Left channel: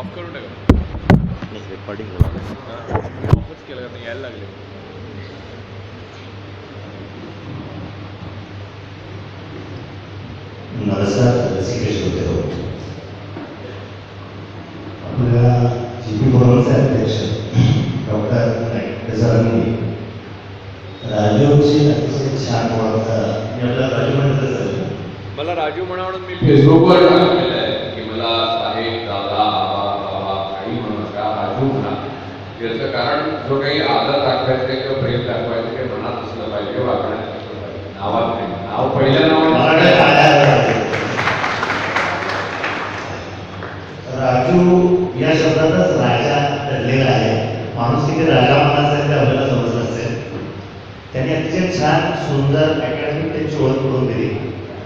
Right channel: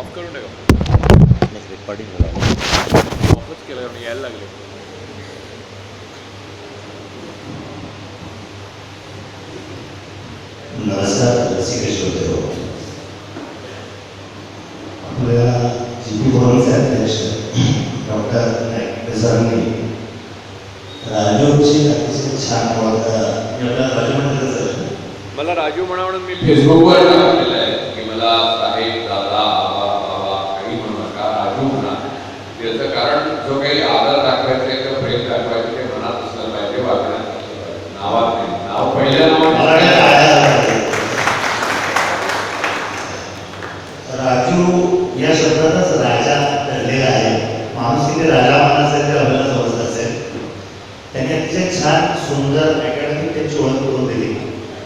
Of करून टाका. नाही रेकॉर्डिंग झाला. ऑफच केलं कारण यायला लागले. नमस्कार रसिक श्रोते हो. आपल्या जीपी भवनचे अध्यक्ष डॉक्टर नाईकसांनी राजूची अतिशय छान मी आपल्या राजूमध्ये मला राजू म्हणा म्हणून मी फेसबुकवर टाकलेलं आहे की मला साहेब दादा आबा बाबा काही म्हणू नका राजू म्हणा. याचं कारण जो काही आदर दाखवायचं आहे किंवा प्रेम दाखवायचं ते मनात असलं पाहिजे, वागण्यात असलं पाहिजे, नावात नाही. नाव पहिल्या राजू या शब्दातच राजा ठरलेला आहे. माणूस तिथे राजा मानासारखे आपल्याला समजत असेल. त्यांनी अतिशय छान सुंदर अकॅडमिक त्यांची ओळख करून दिली.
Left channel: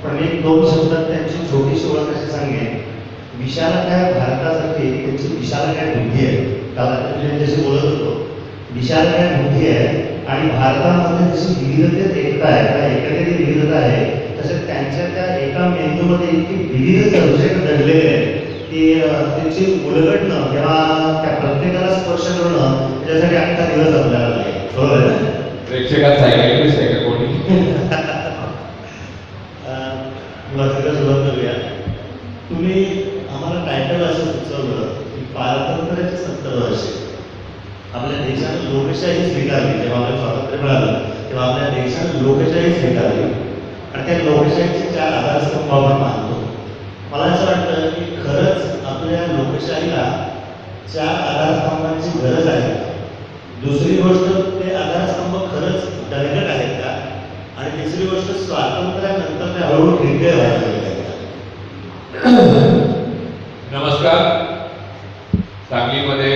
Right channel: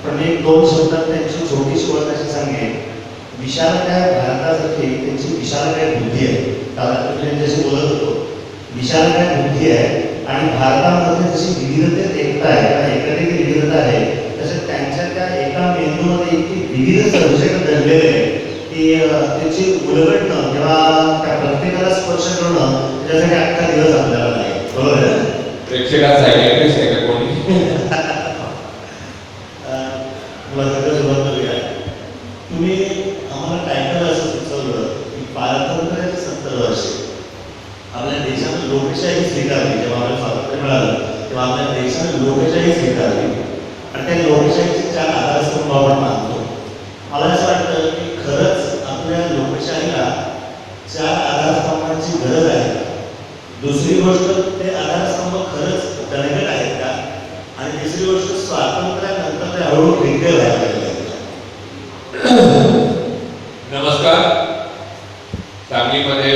पण एक दोन शब्दात त्यांची छोटीशी ओळख अशी सांगेन. विशालकाय भारतासाठी त्यांची विशालकाय बुद्धी आहे. कारण त्यांच्याशी बोलत होतो, विशालकाय बुद्धी आहे आणि भारतामध्ये जशी विविधतेत एकता आहे किंवा एकादेखील विविधता आहे, तसं त्यांच्या त्या एका मेंदूमध्ये इतकी विविध सर्जन घडलेले आहे की त्याची उलगडणं किंवा त्या प्रत्येकाला स्पर्श करणं त्याच्यासाठी अख्खा दिवस आपल्याला नाही. बरोबर आहे. प्रेक्षकाचा कोणी तुला सगळं सुरुवात करूया. तुम्ही आम्हाला टायटल असं सुचवलं की स्वातंत्र्याचे 70 वर्षे आपल्या देशात लोकशाही स्वीकारली. जेव्हा आपल्याला स्वातंत्र्य मिळालं तेव्हा आपल्या देशात लोकशाही स्वीकारली आणि त्या लोकशाहीचे 4 आधारस्तंभ आपण मानतो. मला असं वाटतं की खरंच आपल्या लोकशाहीला 4 आधारस्तंभांची गरज आहे. दुसरी गोष्ट, ते आधारस्तंभ खरंच दणकट आहेत का? आणि तिसरी गोष्ट, स्वातंत्र्यानंतर ते हळूहळू ठिणके व्हायला लागले. नमस्कार. सांगलीमध्ये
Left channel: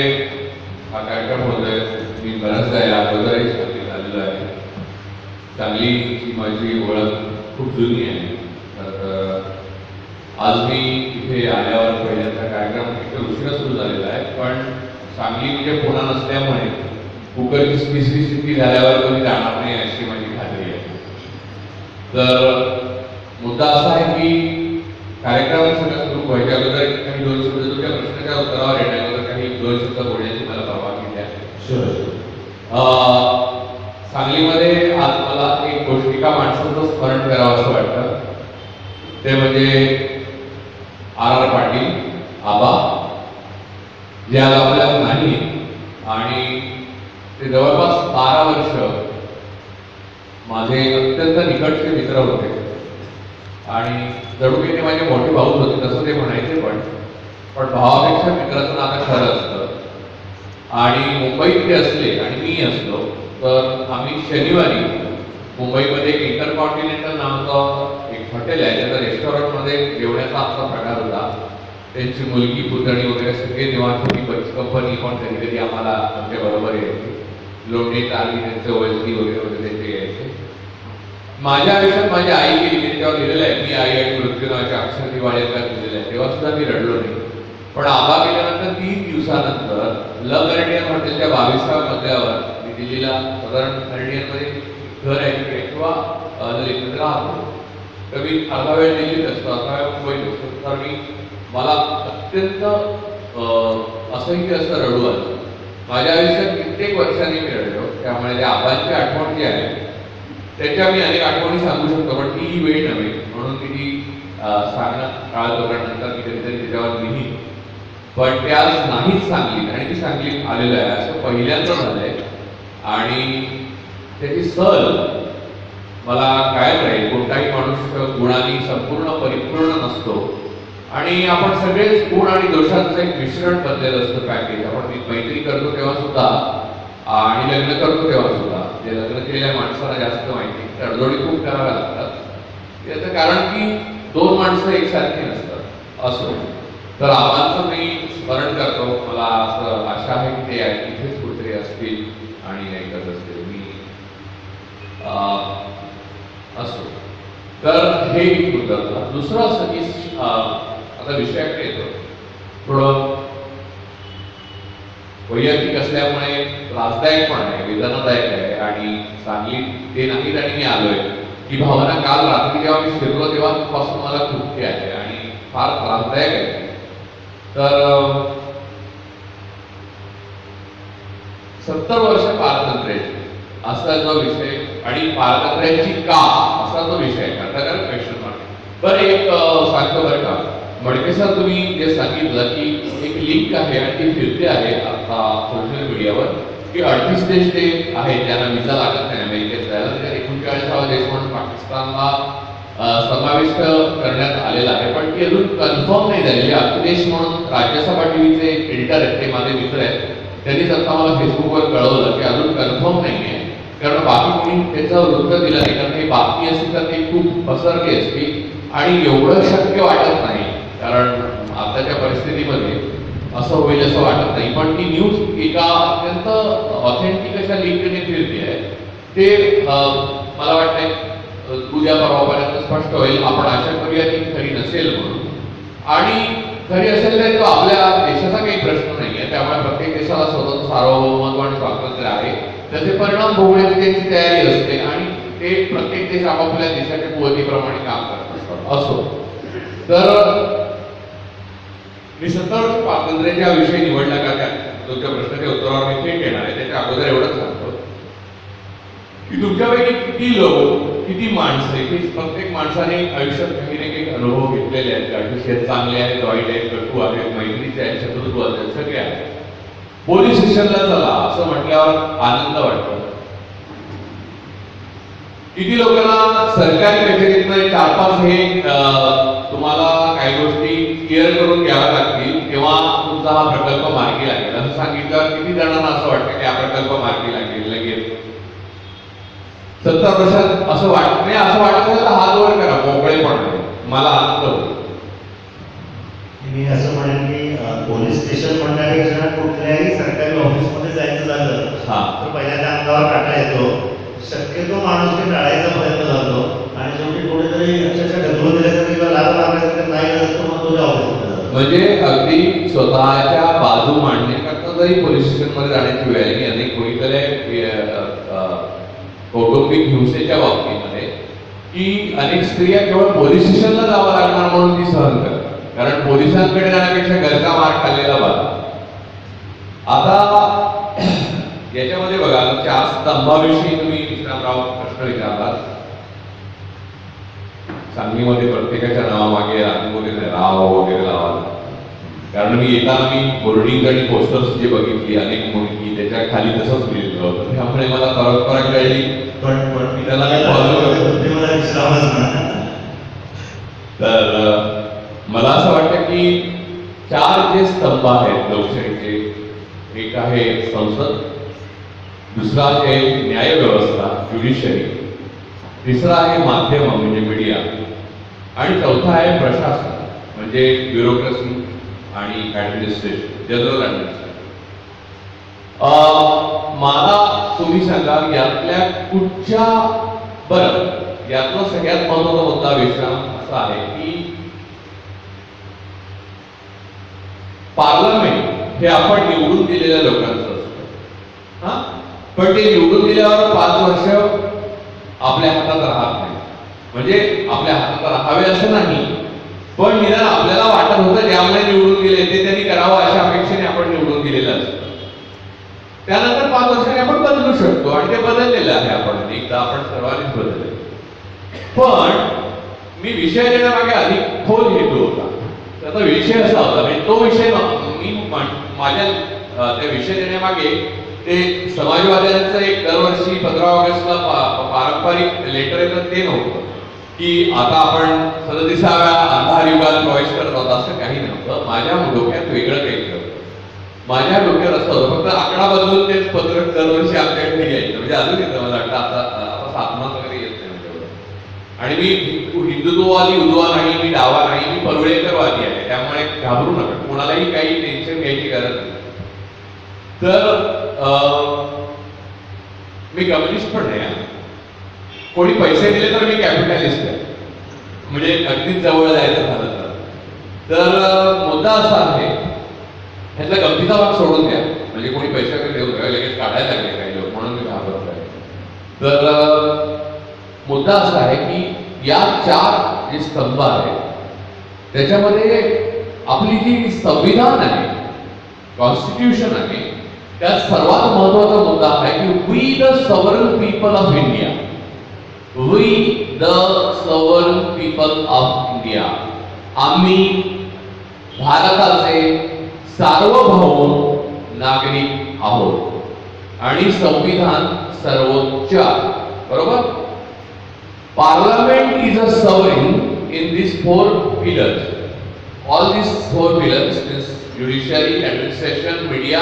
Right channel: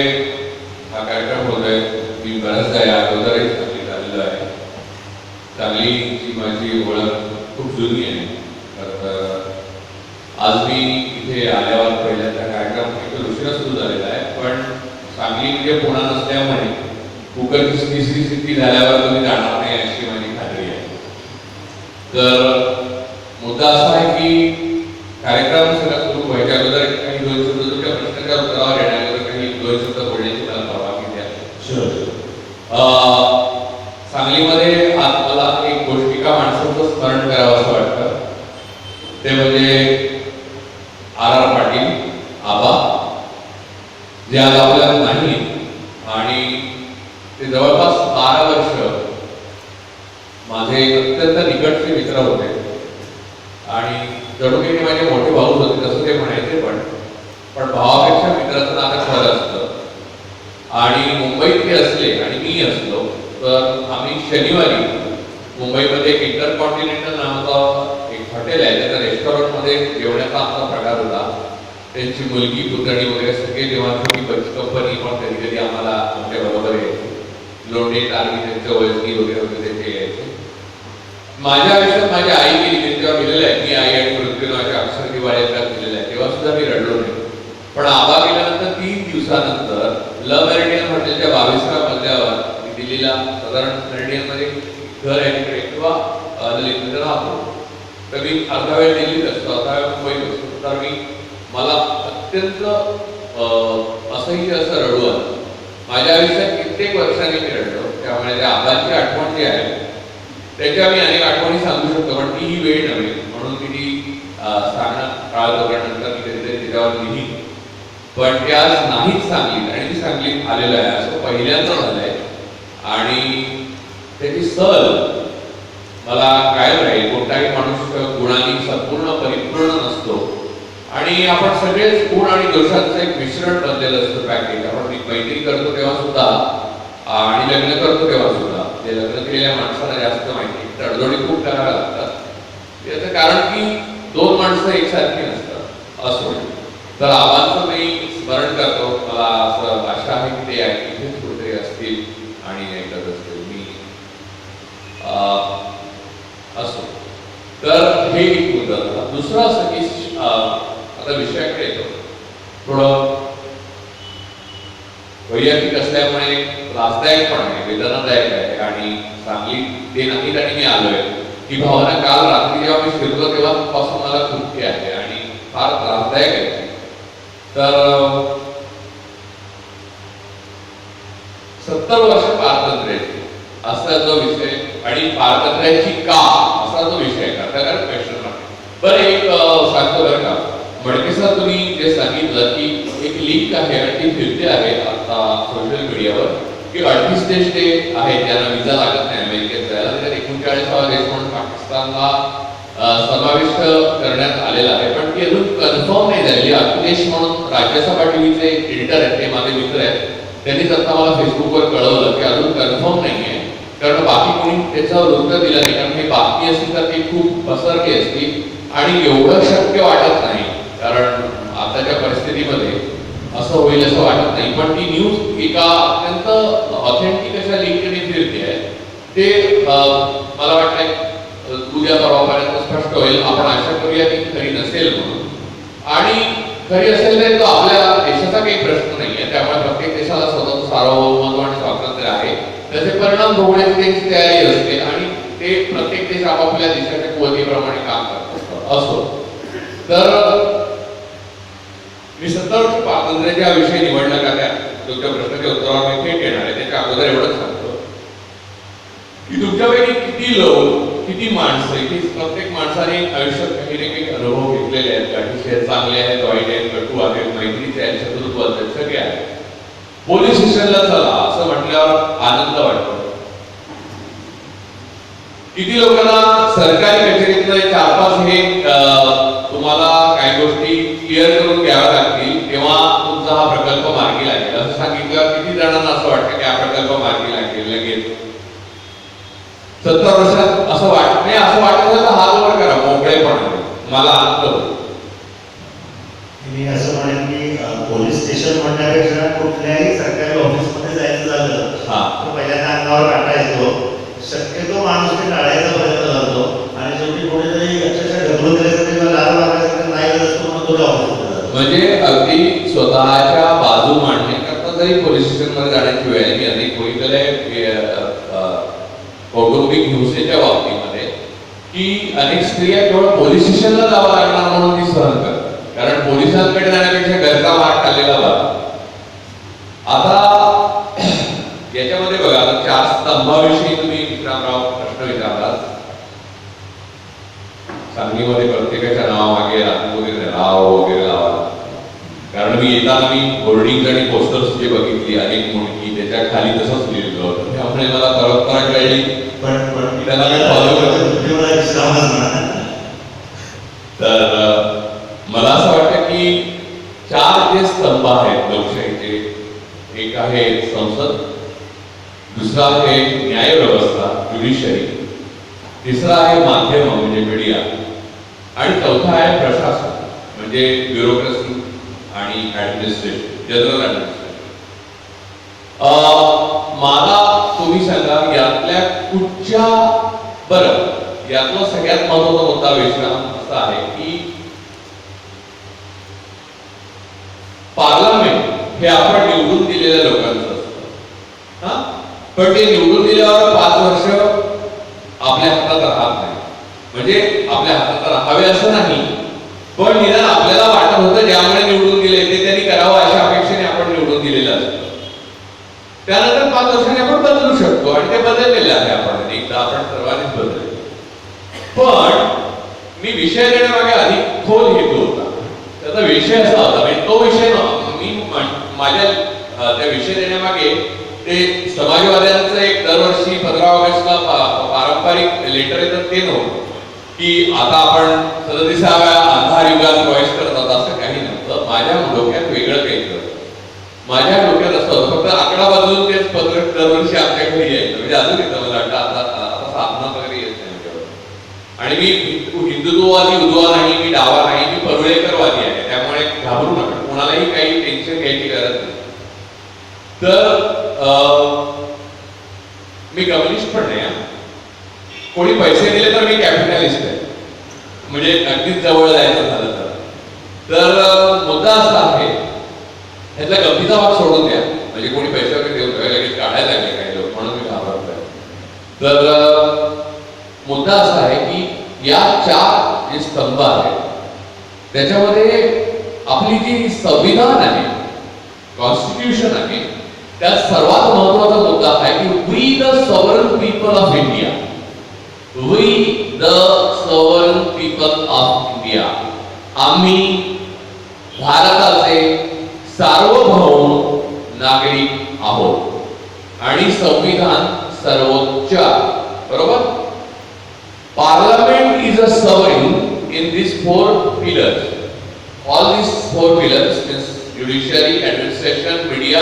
हा कार्यक्रम होतोय. मी बऱ्याचदा या अगोदरही सांगली झालेलो आहे. सांगलीची माझी ओळख खूप जुनी आहे. तर आज मी इथे आल्यावर पहिल्यांदा कार्यक्रम एक उशिरा सुरू झालेला आहे. पण सांगली म्हणजे पुणा नसल्यामुळे कुकर तिसरी स्थिती झाल्यावर तुम्ही जाणार नाही अशी माझी खात्री आहे. तर मुद्दा असा आहे की कार्यक्रम सगळा सुरू व्हायच्या अगोदर काही 2 शब्द तुमच्या प्रश्नाच्या उत्तरावर येण्यावर काही 2 शब्द बोलण्याची मला परवानगी द्या. सांगलीमध्ये आज मला एक गोष्टिका माणसाचं स्मरण करावं असं वाटतं. ते म्हणजे आर पाटील आबा, जे आज आपल्याला नाही आणि ते जवळपास 12 वर्ष माझे अत्यंत निकटचे मित्र होते आणि जणू की ते माझे मोठे भाऊ होते तसं ते म्हणायचे. पण भावापेक्षा मित्राचं नातं खरं असतं. आणि मुंबईत ते असले आणि मी असलो तर आम्ही शनिवारी मुंबईमध्ये एक इंटरकॉन्टिनेंटल नावाचं एक हॉटेल आहे, त्याच्या रेस्टॉरंटमध्ये जेवण्याचा आमचा प्रकार होता. त्यांची मुलगी पुतणी वगैरे सगळे तेव्हा छोटी कंपनी पण कधी कधी आम्हाला आमच्या बरोबर यायची. लोणी टांगी त्यांचं वजनी वगैरे वगैरे ते यायचे. माझ्या आयुष्यात माझ्या आईने जेव्हा दिलेलं आहे, मी आई आणि मृत्यूनाच्या अक्षर दिवाळीला दिलेलं आहे, तेव्हा सुद्धा मी रडलो नाही. पण आबा गेल्यानंतर 3 दिवसानंतर लव्ह मेरिडियन हॉटेलच्या 22व्या मजल्यावर मी दिल्लीला साधारण मेरिडियनमध्ये घर आहे तिकडे किंवा ललितमध्ये राहतो. तर मी अर्धा वेळ दिल्लीत असतो, अर्धा वेळ मुंबईत असतो. तर मला अत्यंत असह्य असं रडू आलं. माझ्या आयुष्यात कित्येक वर्षांनी मी रडलो. त्यामुळे त्या आबांची आठवण जी आहे त्याच्या मी अनेक आठवणी सांगू शकतो, पण ती ही वेळ नव्हे. म्हणून ती सांगणं काळ दोघांनंतर मी कधीतरी त्याच्यावर लिहिली. पण ते आज नाहीच सांगलीत आणि ती सांगलीत आलेलं आहे असं पहिल्यांदा झालंय. आणि त्याची सहल मला कायम राहील. कोणताही माणूस गुणांनी संपूर्ण परिपूर्ण नसतो आणि आपण सगळेच गुण आणि दोषांचं एक मिश्रण बनलेलं असतं पॅकेज. आपण मैत्री करतो तेव्हा सुद्धा आणि लग्न करतो तेव्हा सुद्धा ते लग्न केलेल्या माणसाला जास्त माहिती तडजोडी खूप कराव्या लागतात. याचं कारण की 2 माणसं एकसारखी नसतात असो. तर आबांचं मी स्मरण करतो. मला असं आशा आहे की ते इथेच कुठेतरी असतील आणि ऐकत असतील. मी असो. तर हे एक मुद्दा होता. दुसरं असं की आता विषयाकडे येतो. थोडं वैयक्तिक असल्यामुळे त्रासदायक पण आहे, वेदनादायक आहे आणि सांगली ते नाहीत आणि मी आलोय. ही भावना काल रात्री जेव्हा मी फिरलो तेव्हापासून मला खूप आहे आणि फार त्रासदायक आहे. तर 70 वर्ष पारतंत्र्याची असा जो विषय आणि पारतंत्र्याची का असा जो विषय आहे त्याला क्वेश्चन मार्क. बरं एक सांगतो बरं का मडके सर, तुम्ही जे सांगितलं की एक लिंक आहे आणि ती फिरते आहे आता सोशल मीडियावर की 38 देश जे आहे ज्यांना विजा लागत नाही अमेरिकेत जायला, त्याच्यात 39वा देश म्हणून पाकिस्तानला समाविष्ट करण्यात आलेला आहे, पण ती अजून कन्फर्म नाही झालेली. अखिलेश म्हणून राज्यसभा टीव्हीचे एडिटर आहेत, ते माझे मित्र आहेत, त्यांनीच आता मला फेसबुकवर कळवलं की अजून कन्फर्म नाही आहे, कारण बाकी कोणी त्याचं वृत्त दिलं नाही, कारण ही बातमी असती तर ती खूप पसरली असती आणि एवढं शक्य वाटत नाही, कारण आताच्या परिस्थितीमध्ये असं होईल असं वाटत नाही. पण ती न्यूज एका अत्यंत ऑथेंटिक अशा लिंकने फिरते आहे, ते मला वाटतंय उद्या परवापर्यंत स्पष्ट होईल. आपण आशा करूया की खरी नसेल म्हणून, आणि खरी असेल तर तो आपल्या देशाचा काही प्रश्न नाही आहे, त्यामुळे प्रत्येक देशाला स्वतंत्र सार्वभौमत्व आणि स्वातंत्र्य आहे, त्याचे परिणाम भोगण्याची त्यांची तयारी असते आणि ते प्रत्येक देश आपापल्या देशाच्या कुवतीप्रमाणे काम करत असतात. असो तर मी 70 वर्ष स्वातंत्र्याच्या विषयी निवडला का त्या तुमच्या प्रश्नाच्या उत्तरावर मी थेट येणार आहे. त्याच्या अगोदर एवढंच सांगतो की तुमच्यापैकी किती लोक, किती माणसं, की प्रत्येक माणसाने आयुष्यात काही ना काही अनुभव घेतलेले आहेत, काही चांगले आहेत, वाईट आहेत, कटू आहेत, मैत्रीचे आहेत, शत्रुत्व आहेत, सगळे आहेत. पोलीस स्टेशनला चला असं म्हटल्यावर आनंद वाटतो. किती लोकांना सरकारी कचेरीतनं 4-5 हे तुम्हाला काही गोष्टी क्लिअर करून घ्याव्या लागतील तेव्हा तुमचा हा प्रकल्प मार्गी लागेल असं सांगितलं. किती जणांना असं वाटतं की हा प्रकल्प मार्गी लागेल लगेच 70 वर्षात असं वाटत नाही? असं वाटतं तर हात वर करा मोकळेपणाने, मला आनंद होतो. मी असं म्हणेन की पोलीस स्टेशन म्हणण्यापेक्षा कुठल्याही सरकारी ऑफिसमध्ये जायचं झालं तर पहिल्यांदा अंगावर काटा येतो, शक्यतो माणूस ते टाळायचा प्रयत्न करतो आणि शेवटी कुठेतरी अक्षरशः ढकलून दिल्यासाठी किंवा लाल मारण्यासाठी नाही असतो म्हणून तो ऑफिसमध्ये. म्हणजे अगदी स्वतःच्या बाजू मांडण्याकरता जरी पोलीस स्टेशनमध्ये जाण्याची वेळ आहे. अनेक बघितलेल्या कौटुंबिक हिंसेच्या बाबतीमध्ये की अनेक स्त्रिया केवळ पोलीस स्टेशनला जावं लागणार म्हणून ती सहन करतात, कारण पोलिसांकडे जाण्यापेक्षा घरचा मार खाल्लेला बरा. आता याच्यामध्ये बघा 4 स्तंभाविषयी तुम्ही विक्रमराव प्रश्न विचारलात. सांगलीमध्ये प्रत्येकाच्या नावामागे वगैरे राव वगैरे लावा, कारण मी येताना मी बोर्डिंग आणि पोस्टर्स जे बघितली अनेक मुलगी त्याच्या खाली तसंच लिहिलेलं होतं, त्यामुळे मला परंपरा कळली. पण त्याला मी फॉलो करतो. तर मला असं वाटतं की 4 जे स्तंभ आहेत लोकशाहीचे, एक आहे संसद, दुसरा आहे न्याय व्यवस्था ज्युडिशरी, तिसरा आहे माध्यम म्हणजे मीडिया, आणि चौथा आहे प्रशासन म्हणजे ब्युरोक्रेसी आणि ऍडमिनिस्ट्रेशन, जनरल ऍडमिनिस्ट्रेशन. मला तुम्ही सांगा यातल्या कुठच्या, बरं यातला सगळ्यात महत्त्वाचा मुद्दा विश्राम असा आहे की पार्लमेंट हे आपण निवडून दिलेल्या लोकांचं असतं, हा, पण ते निवडून दिल्यावर 5 वर्ष आपल्या हातात राहत नाही. म्हणजे आपल्या हातात राहावे असं नाही, पण निदान आपल्याला वाटत होतं ज्यामुळे निवडून दिले ते त्यांनी करावं अशा अपेक्षेने आपण निवडून दिलेलं असतं. त्यानंतर 5 वर्षांनी आपण बदलू शकतो आणि ते बदललेलं आहे. एकदा आपण सर्वांनीच बदलले. पण मी विषय देण्यामागे अधिक खोल हेतू होता. त्याचा विषय असा होता, म्हणजे तो विषय मी माझ्या त्या विषय देण्यामागे ते समाजवाद्यांचं एक दरवर्षी 15 ऑगस्टला पारंपरिक लेटर येतं ते नव्हतं की आता आपण 37व्या अंधार युगात प्रवेश करत होतो, असं काही नव्हतं. माझ्या डोक्यात वेगळं काही होतं. माझ्या डोक्यात असं होतं फक्त आकडा बदलून तेच पत्र दरवर्षी आमच्या घरी यायचं, म्हणजे अजून येतं मला वाटतं आता साधना वगैरे येत नाही माझ्याकडं. आणि मी हिंदुत्ववादी उजवा नाही, मी डावा नाही, मी परुळेकरवादी आहे, त्यामुळे घाबरू नका, कोणालाही काही टेन्शन घ्यायची गरज नाही. तर मी कम्युनिस्ट पण नाही, कोणी पैसे दिले तर मी कॅपिटलिस्ट आहे, म्हणजे अगदीच जवळ जायचं झालं तर मुद्दा असा आहे, ह्यातला गमतीचा भाग सोडून द्या, म्हणजे कोणी पैसे वगैरे देऊन लगेच काढायला लागले काही लोक म्हणून मी घाबरत आहे. तर मुद्दा असा आहे की या 4 जे स्तंभ आहेत त्याच्यामध्ये आपली जी संविधान आहे, कॉन्स्टिट्यूशन आहे, त्यात सर्वात महत्त्वाचा मुद्दा आहे की we the sovereign people of India, we the sovereign people of India, आम्ही भारताचे सार्वभौम नागरिक आहोत आणि संविधान सर्वोच्च, बरोबर. Parliament is a sovereign in these four pillars. All these four pillars is judiciary, administration, media,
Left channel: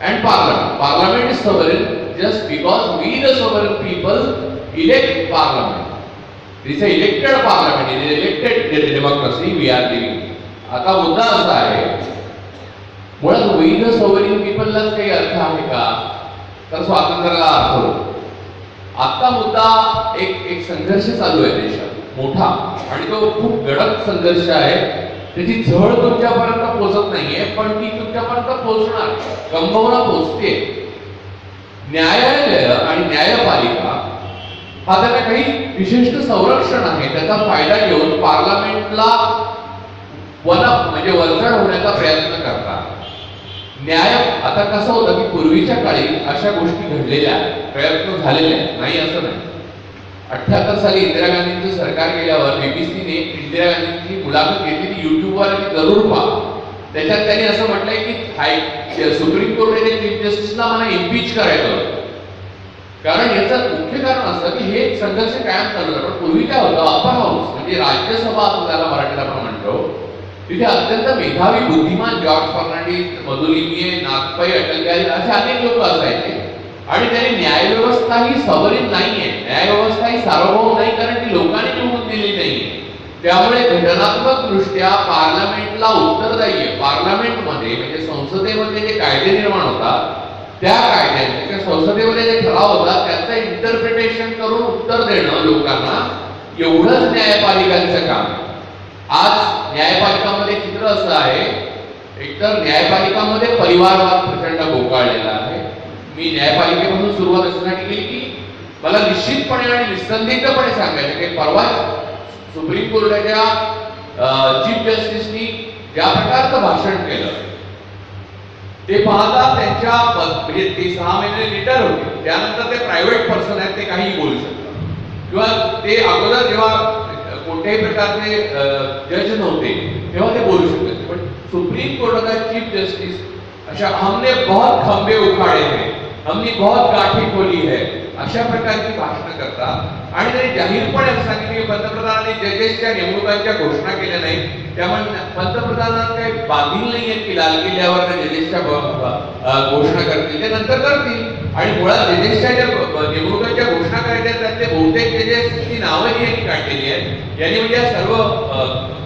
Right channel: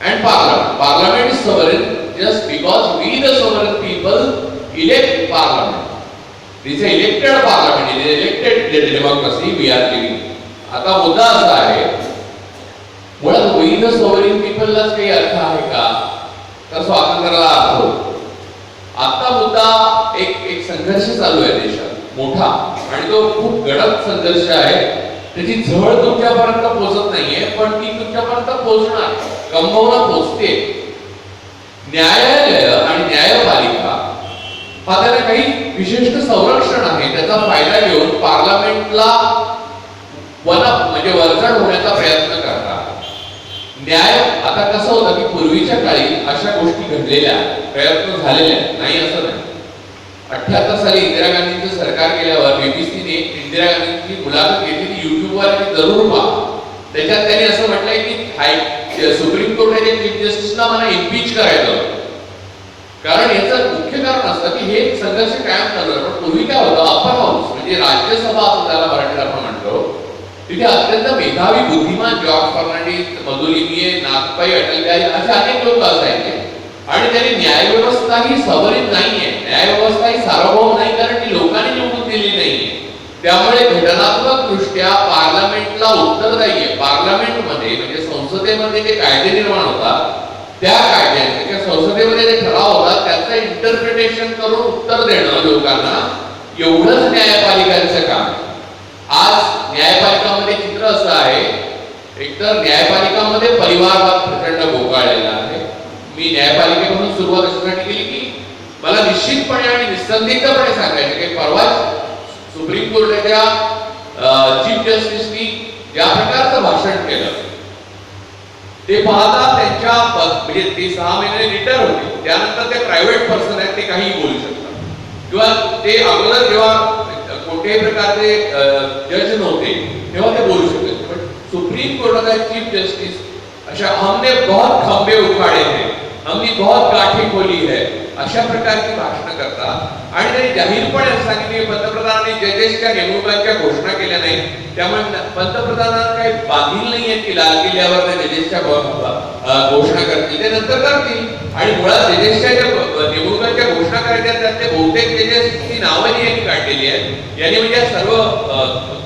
and parliament. Parliament is sovereign just because we, the sovereign people, elect parliament. This is elected parliament. It is elected democracy we are living. आता मुद्दा असा आहे, मुळात we the sovereign people लाच काही अर्थ आहे का, तर स्वातंत्र्याला अर्थ होतो. आता मुद्दा एक संघर्ष चालू आहे देशात मोठा, आणि तो खूप गडद संघर्ष आहे. त्याची झळ तुमच्यापर्यंत पोहोचत नाहीये, पण ती तुमच्यापर्यंत पोहोचणार, कंगोरा पोहोचते. न्यायालय आणि न्यायपालिका हा त्याला काही विशिष्ट संरक्षण आहे, त्याचा फायदा घेऊन पार्लमेंटला म्हणजे वरचढ होण्याचा प्रयत्न करतात. न्याय आता कसं होतं की पूर्वीच्या काळी अशा गोष्टी घडलेल्या, प्रयत्न झालेले नाही असं नाही. 78 साली इंदिरा गांधींचं सरकार गेल्यावर बीबीसीने इंदिरा गांधींची मुलाखत घेतली, युट्यूबवर जरूर पहा. त्याच्यात त्यांनी असं म्हटलंय की सुप्रीम कोर्टाचे चीफ जस्टिसला मला इम्पीच करायचं होतं. कारण याचं मुख्य कारण असतं की हे संघर्ष कायम चालू आहे. पण पूर्वी काय होतं, अपर हाऊस म्हणजे राज्यसभा असं त्याला मराठीत आपण म्हणतो, तिथे अत्यंत मेधावी बुद्धिमान जॉर्ज फर्नांडिस, मधुलिमीये, नागपाई, अटल बिहारी असे अनेक लोक असायचे. आणि त्यांनी न्यायव्यवस्था ही सॉव्हरेन नाहीये, न्यायव्यवस्था ही सार्वभौम नाही, कारण ती लोकांनी निवडून दिली नाहीये. त्यामुळे घटनात्मक दृष्ट्या पार्लमेंटला उत्तरदायी आहे. पार्लमेंटमध्ये म्हणजे संसदेमध्ये जे कायदे निर्माण होतात, त्या कायद्यांचे किंवा संसदेमध्ये जे ठराव होतात त्याचं इंटरप्रिटेशन करून उत्तर देणं लोकांना, एवढंच न्यायपालिकांचं काम आहे. आज न्यायपालिकामध्ये चित्र असं आहे, एकतर न्यायपालिकामध्ये परिवारवाद प्रचंड बोकाळलेला आहे. मी न्यायपालिकेपासून सुरुवात अशासाठी केली की मला निश्चितपणे आणि निसंदिग्धपणे सांगायचे की परवा सुप्रीम कोर्टाच्या चीफ जस्टिसनी ज्या प्रकारचं भाषण केलं ते पाहता त्यांच्या म्हणजे ते 6 महिने रिटायर होते, त्यानंतर ते प्रायव्हेट पर्सन आहेत, ते काही बोलू शकतात. किंवा ते अगोदर जेव्हा कोणत्याही प्रकारचे जज नव्हते तेव्हा ते बोलू शकले. पण सुप्रीम कोर्टाचा चीफ जस्टिस अशा हमने बहुत खंबे उखाड़े हैं, हमने बहुत गाठी खोली है, अशा प्रकारची भाषणं करतात. आणि त्यांनी जाहीरपणे असं सांगितले की पंतप्रधानांनी जजेसच्या नेमणुकांच्या घोषणा केल्या नाही, त्यामुळे पंतप्रधानांना काही बांधील नाहीये की लाल किल्ल्यावर ते जजेसच्या घोषणा करतील, ते नंतर करतील. आणि मुळात जजेसच्या ज्या नेमणुकांच्या घोषणा करायच्या त्यातले बहुतेक जजेसची नावं जी यांनी काढलेली आहेत, यांनी म्हणजे सर्व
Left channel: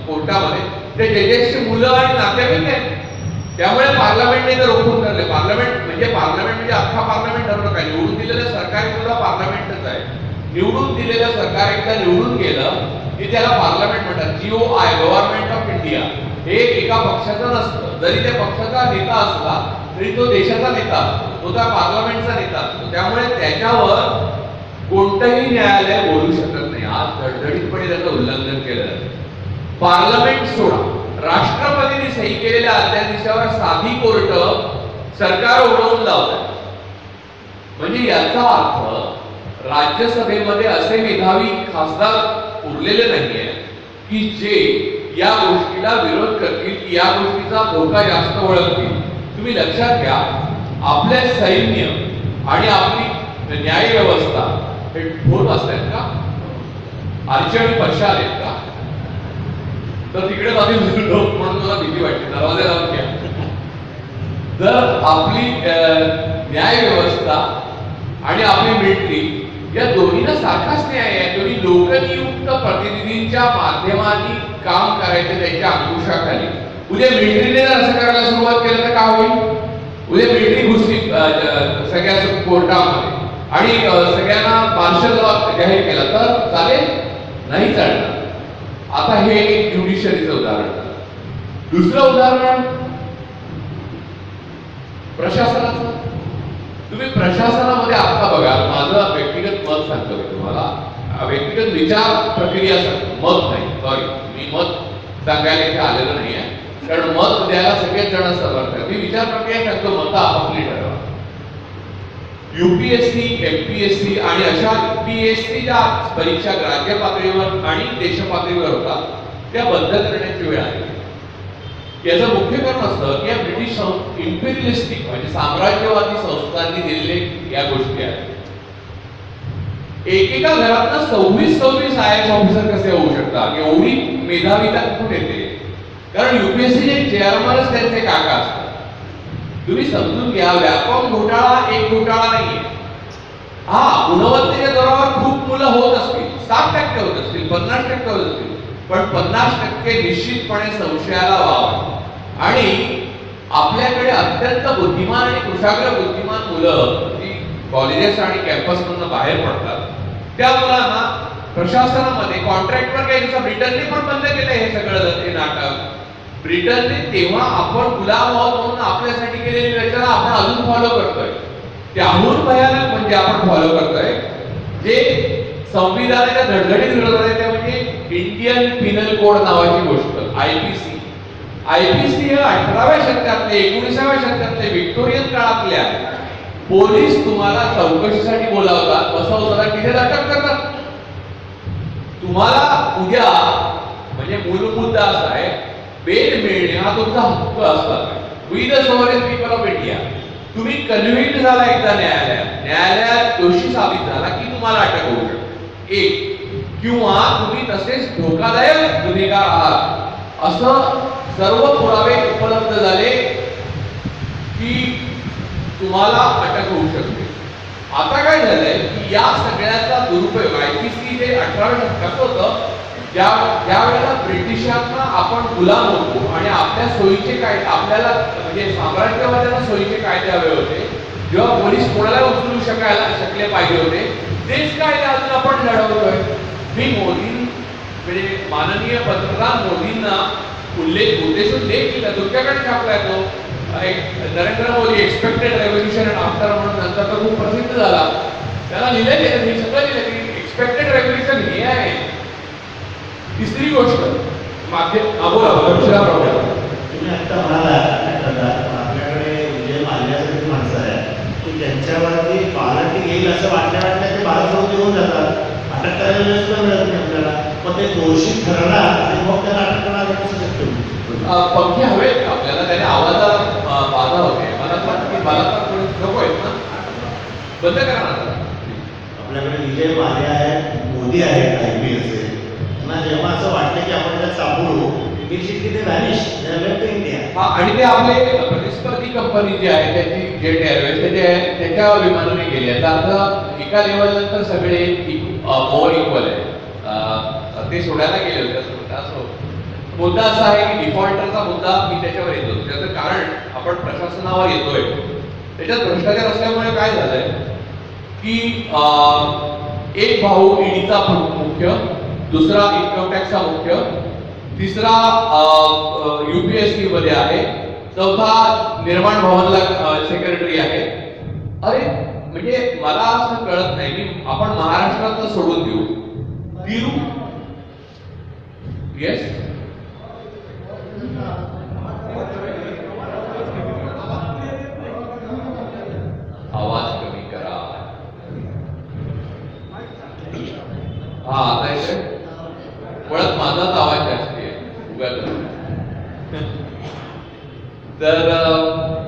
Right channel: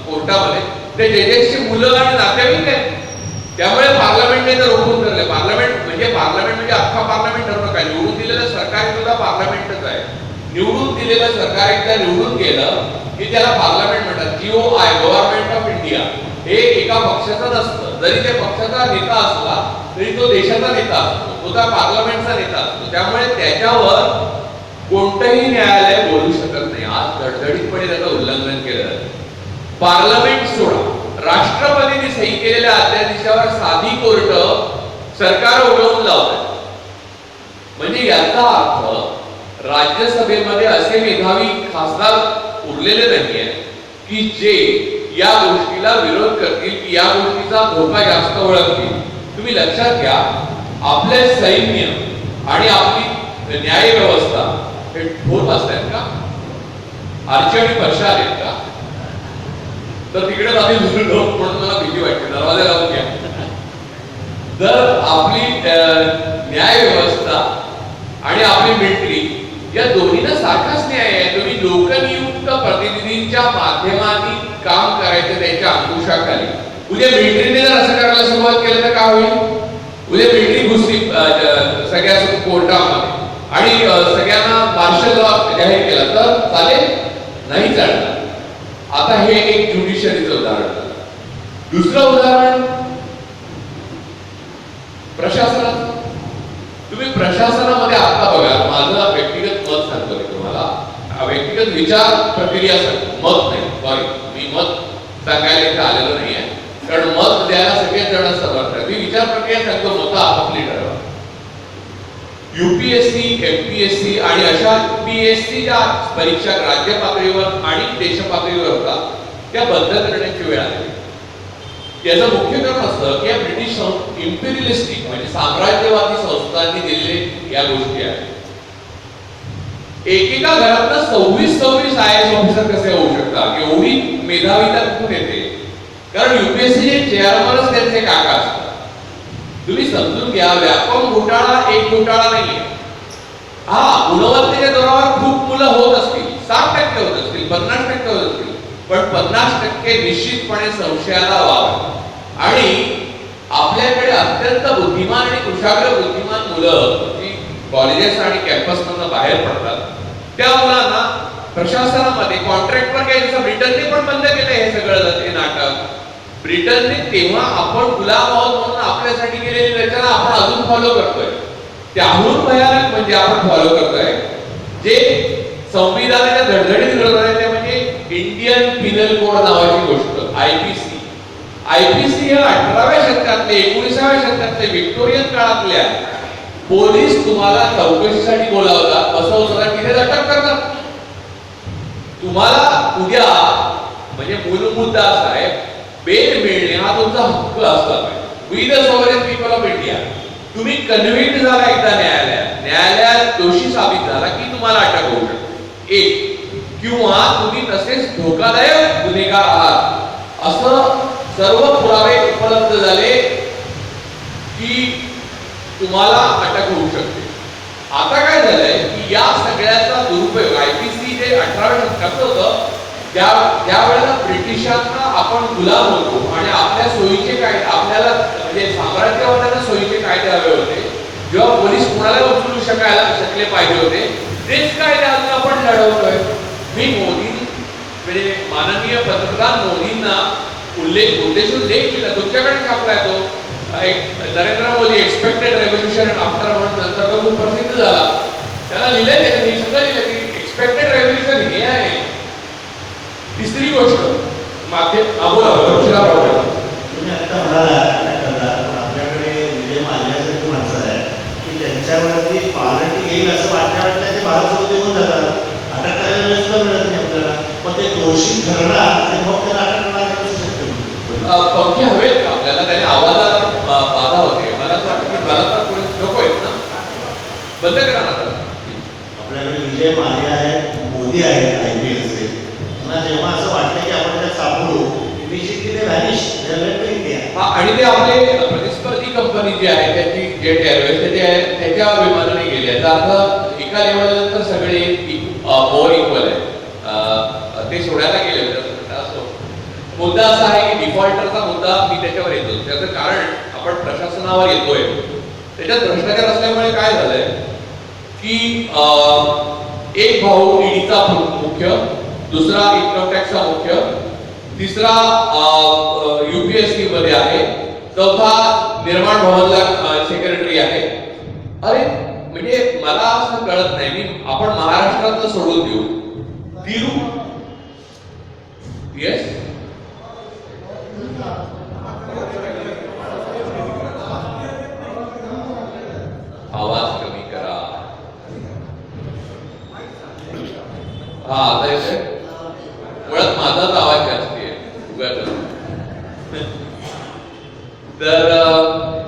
कोर्टामध्ये ते जजेसची मुलं आणि नातेवाईक आहेत. त्यामुळे पार्लमेंटने तर रोखून धरले. पार्लमेंट म्हणजे अख्खा पार्लमेंट ठरवलं काय, निवडून दिलेलं सरकार सुद्धा पार्लमेंटच आहे. निवडून दिलेलं सरकार एकदा निवडून गेलं की त्याला पार्लमेंट म्हणतात. GOI गव्हर्नमेंट ऑफ इंडिया हे एका पक्षाचं नसतं. जरी त्या पक्षाचा नेता असला तरी तो देशाचा नेता असतो, तो त्या पार्लमेंटचा नेता असतो. त्यामुळे त्याच्यावर कोणतंही न्यायालय बोलू शकत नाही. आज धडधडीतपणे त्याचं उल्लंघन केलं. पार्लमेंट सोडा, राष्ट्रपतींनी सही केलेल्या अध्यादेशावर साधी कोर्ट सरकार उडवून लावतात. म्हणजे याचा अर्थ राज्यसभेमध्ये असे मेधावी खासदार उरलेले नाहीये की जे या गोष्टीला विरोध करतील, की या गोष्टीचा धोका जास्त ओळखतील. तुम्ही लक्षात घ्या, आपले सैन्य आणि आपली न्याय व्यवस्था हे ठोर असतात का? आरची आणि पक्षा आलेत का? तर तिकडे आधी म्हणून मला भीती वाटते, दरवाजा लावून घ्या. जर आपली न्याय व्यवस्था आणि आपली मिलिटरी या दोन्हीला सारखाच न्याय आहे, तुम्ही लोकनियुक्त प्रतिनिधींच्या माध्यमाने काम करायचं त्यांच्या अंकुशाखाली. उद्या मिलिटरीने जर असं करायला सुरुवात केलं तर काय होईल? उद्या मिलिटरी घुसली सगळ्या कोर्टामध्ये आणि सगळ्यांना मार्शल लॉ जाहीर केला तर चालेल? नाही चालणार. आता हे एक ज्युडिशरीचं उदाहरण झालं. दुसरं उदाहरण प्रशासनाचं. तुम्ही प्रशासनामध्ये आता बघा, माझं व्यक्तिगत मत सांगतो तुम्हाला, व्यक्तिगत विचार प्रक्रिया सांगतो, मत नाही, सॉरी मी मत सांगायला इथे आलेलं नाही आहे, कारण मत द्यायला सगळेच जण समर्थ आहेत. मी विचार प्रक्रिया सांगतो, मत आपापली ठरवा. UPSC, MPSC आणि अशा PSC ज्या परीक्षा राज्य पातळीवर आणि देश पातळीवर होतात त्या बंद करण्याची वेळ आली. याचं मुख्य कारण असं की या ब्रिटिश इम्पेरियलिस्टिक म्हणजे साम्राज्यवादी संस्थांनी दिलेले या गोष्टी आहेत. एकेका घरातनं 26 IAS ऑफिसर कसे होऊ शकतात, एवढी मेधावीता कुठून येते? कारण UPSC चेअरमनच त्यांचे काका असतात. तुम्ही समजून घ्या, व्यापक घोटाळा एक घोटाळा नाहीये. हा, गुणवत्तेच्या जोरावर खूप मुलं होत असतील, 60% होत असतील, 50% होत असतील, पण 50% निश्चितपणे संशयाला वाव आहे. आणि आपल्याकडे अत्यंत बुद्धिमान आणि कुशाग्र बुद्धिमान मुलं जी कॉलेजेस आणि कॅम्पसमधून बाहेर पडतात, त्या मुलांना प्रशासनामध्ये कॉन्ट्रॅक्टवर काय, जसं ब्रिटनने पण बंद केलं हे सगळं ते नाटक. ब्रिटनने तेव्हा आपण गुलाम आहोत म्हणून आपल्यासाठी केलेली रचना आपण अजून फॉलो करतोय. त्याहून भयानक म्हणजे आपण फॉलो करतोय जे संविधानाच्या धडधडीत विरोधात आहे, ते म्हणजे इंडियन पिनल कोड नावाची गोष्ट, IPC. IPC हे 18व्या शतकातले 19व्या शतकातले व्हिक्टोरियन काळातल्या पोलीस तुम्हाला चौकशीसाठी बोलावतात, बसवतात, तिथे अटक करतात. तुम्हाला उद्या म्हणजे मूल मुद्दा असा आहे, बेल मिळणे हा तुमचा हक्क असला पाहिजे. We the sovereign people of India. तुम्ही कन्व्हिक्ट झाला एकदा न्यायालयात दोषी साबित झाला की तुम्हाला अटक होऊ शकते, एक, किंवा तुम्ही तसेच धोकादायक गुन्हेगार आहात असं सर्व पुरावे उपलब्ध झाले की तुम्हाला अटक होऊ शकते. आता काय झालंय की या सगळ्याचा दुरुपयोग IPC जे 18व्या शतकात होतं, ज्या वेळेला ब्रिटिशांना आपण गुलाम होतो आणि आपल्या सोयीचे कायदे, आपल्याला म्हणजे साम्राज्यवाद्यांना सोयीचे कायदे हवे होते, जेव्हा पोलीस कुणाला उचलू शकले पाहिजे होते, तेच कायदे अजून आपण लढवतोय. मी मोदी म्हणजे माननीय पंतप्रधान मोदींना उद्देशून लेख केला, तुमच्याकडे छापलाय तो, Narendra Modi expected revolution and after म्हणून नंतर तो खूप प्रसिद्ध झाला. त्याला लिहिलं गेलं, मी सगळं लिहिलं की एक्सपेक्टेड रेव्होल्युशन हे आहे. तिसरी गोष्ट माध्यम बोला तुम्ही आता म्हणाला आपल्याकडे विजय माल्यासारखी माणसं आहे की त्यांच्यावरती पॉलिटिक येईल असं वाटल्यावर ते भारत येऊन जातात, अटक करायला पण मिळत नाही आपल्याला, पण ते दोषी ठरणार ते मग त्याला अटक करणार कसं शकतो? पंखे हवेत का आपल्याला? त्याने आवाजाला बाधा होते. मला असं वाटतं की मला तर नको आहेत ना, बंद करा ना. आपल्याकडे विजय माल्या आहेत, मोदी आहेत, IPS जेव्हा असं वाटतं की आपण त्यात सापडू, ते व्हॅनिश हा, आणि ते आपले प्रतिस्पर्धी कंपनी जी आहे त्याची जेट एअरवेज त्याच्या विमानाने गेली आहे. आता एका लेवलनंतर सगळे मोर इक्वल आहे, ते सोडायला गेले होते असं म्हणतात. असो, मुद्दा असा आहे की डिफॉल्टरचा मुद्दा मी त्याच्यावर येतो. त्याचं कारण आपण प्रशासनावर येतोय, त्याच्यात भ्रष्टाचार असल्यामुळे काय झालंय की एक भाऊ ईडीचा मुख्य, दुसरा इन्कम टॅक्सचा मुख्य, तिसरा UPSC मध्ये आहे, चौथा निर्माण भवनला सेक्रेटरी आहे. अरे म्हणजे मला असं कळत नाही, आपण महाराष्ट्रात सोडून देऊ येस आवाज कमी करा. हा, आता येतोय. मुळात माझाच आवाज जास्ती आहे तर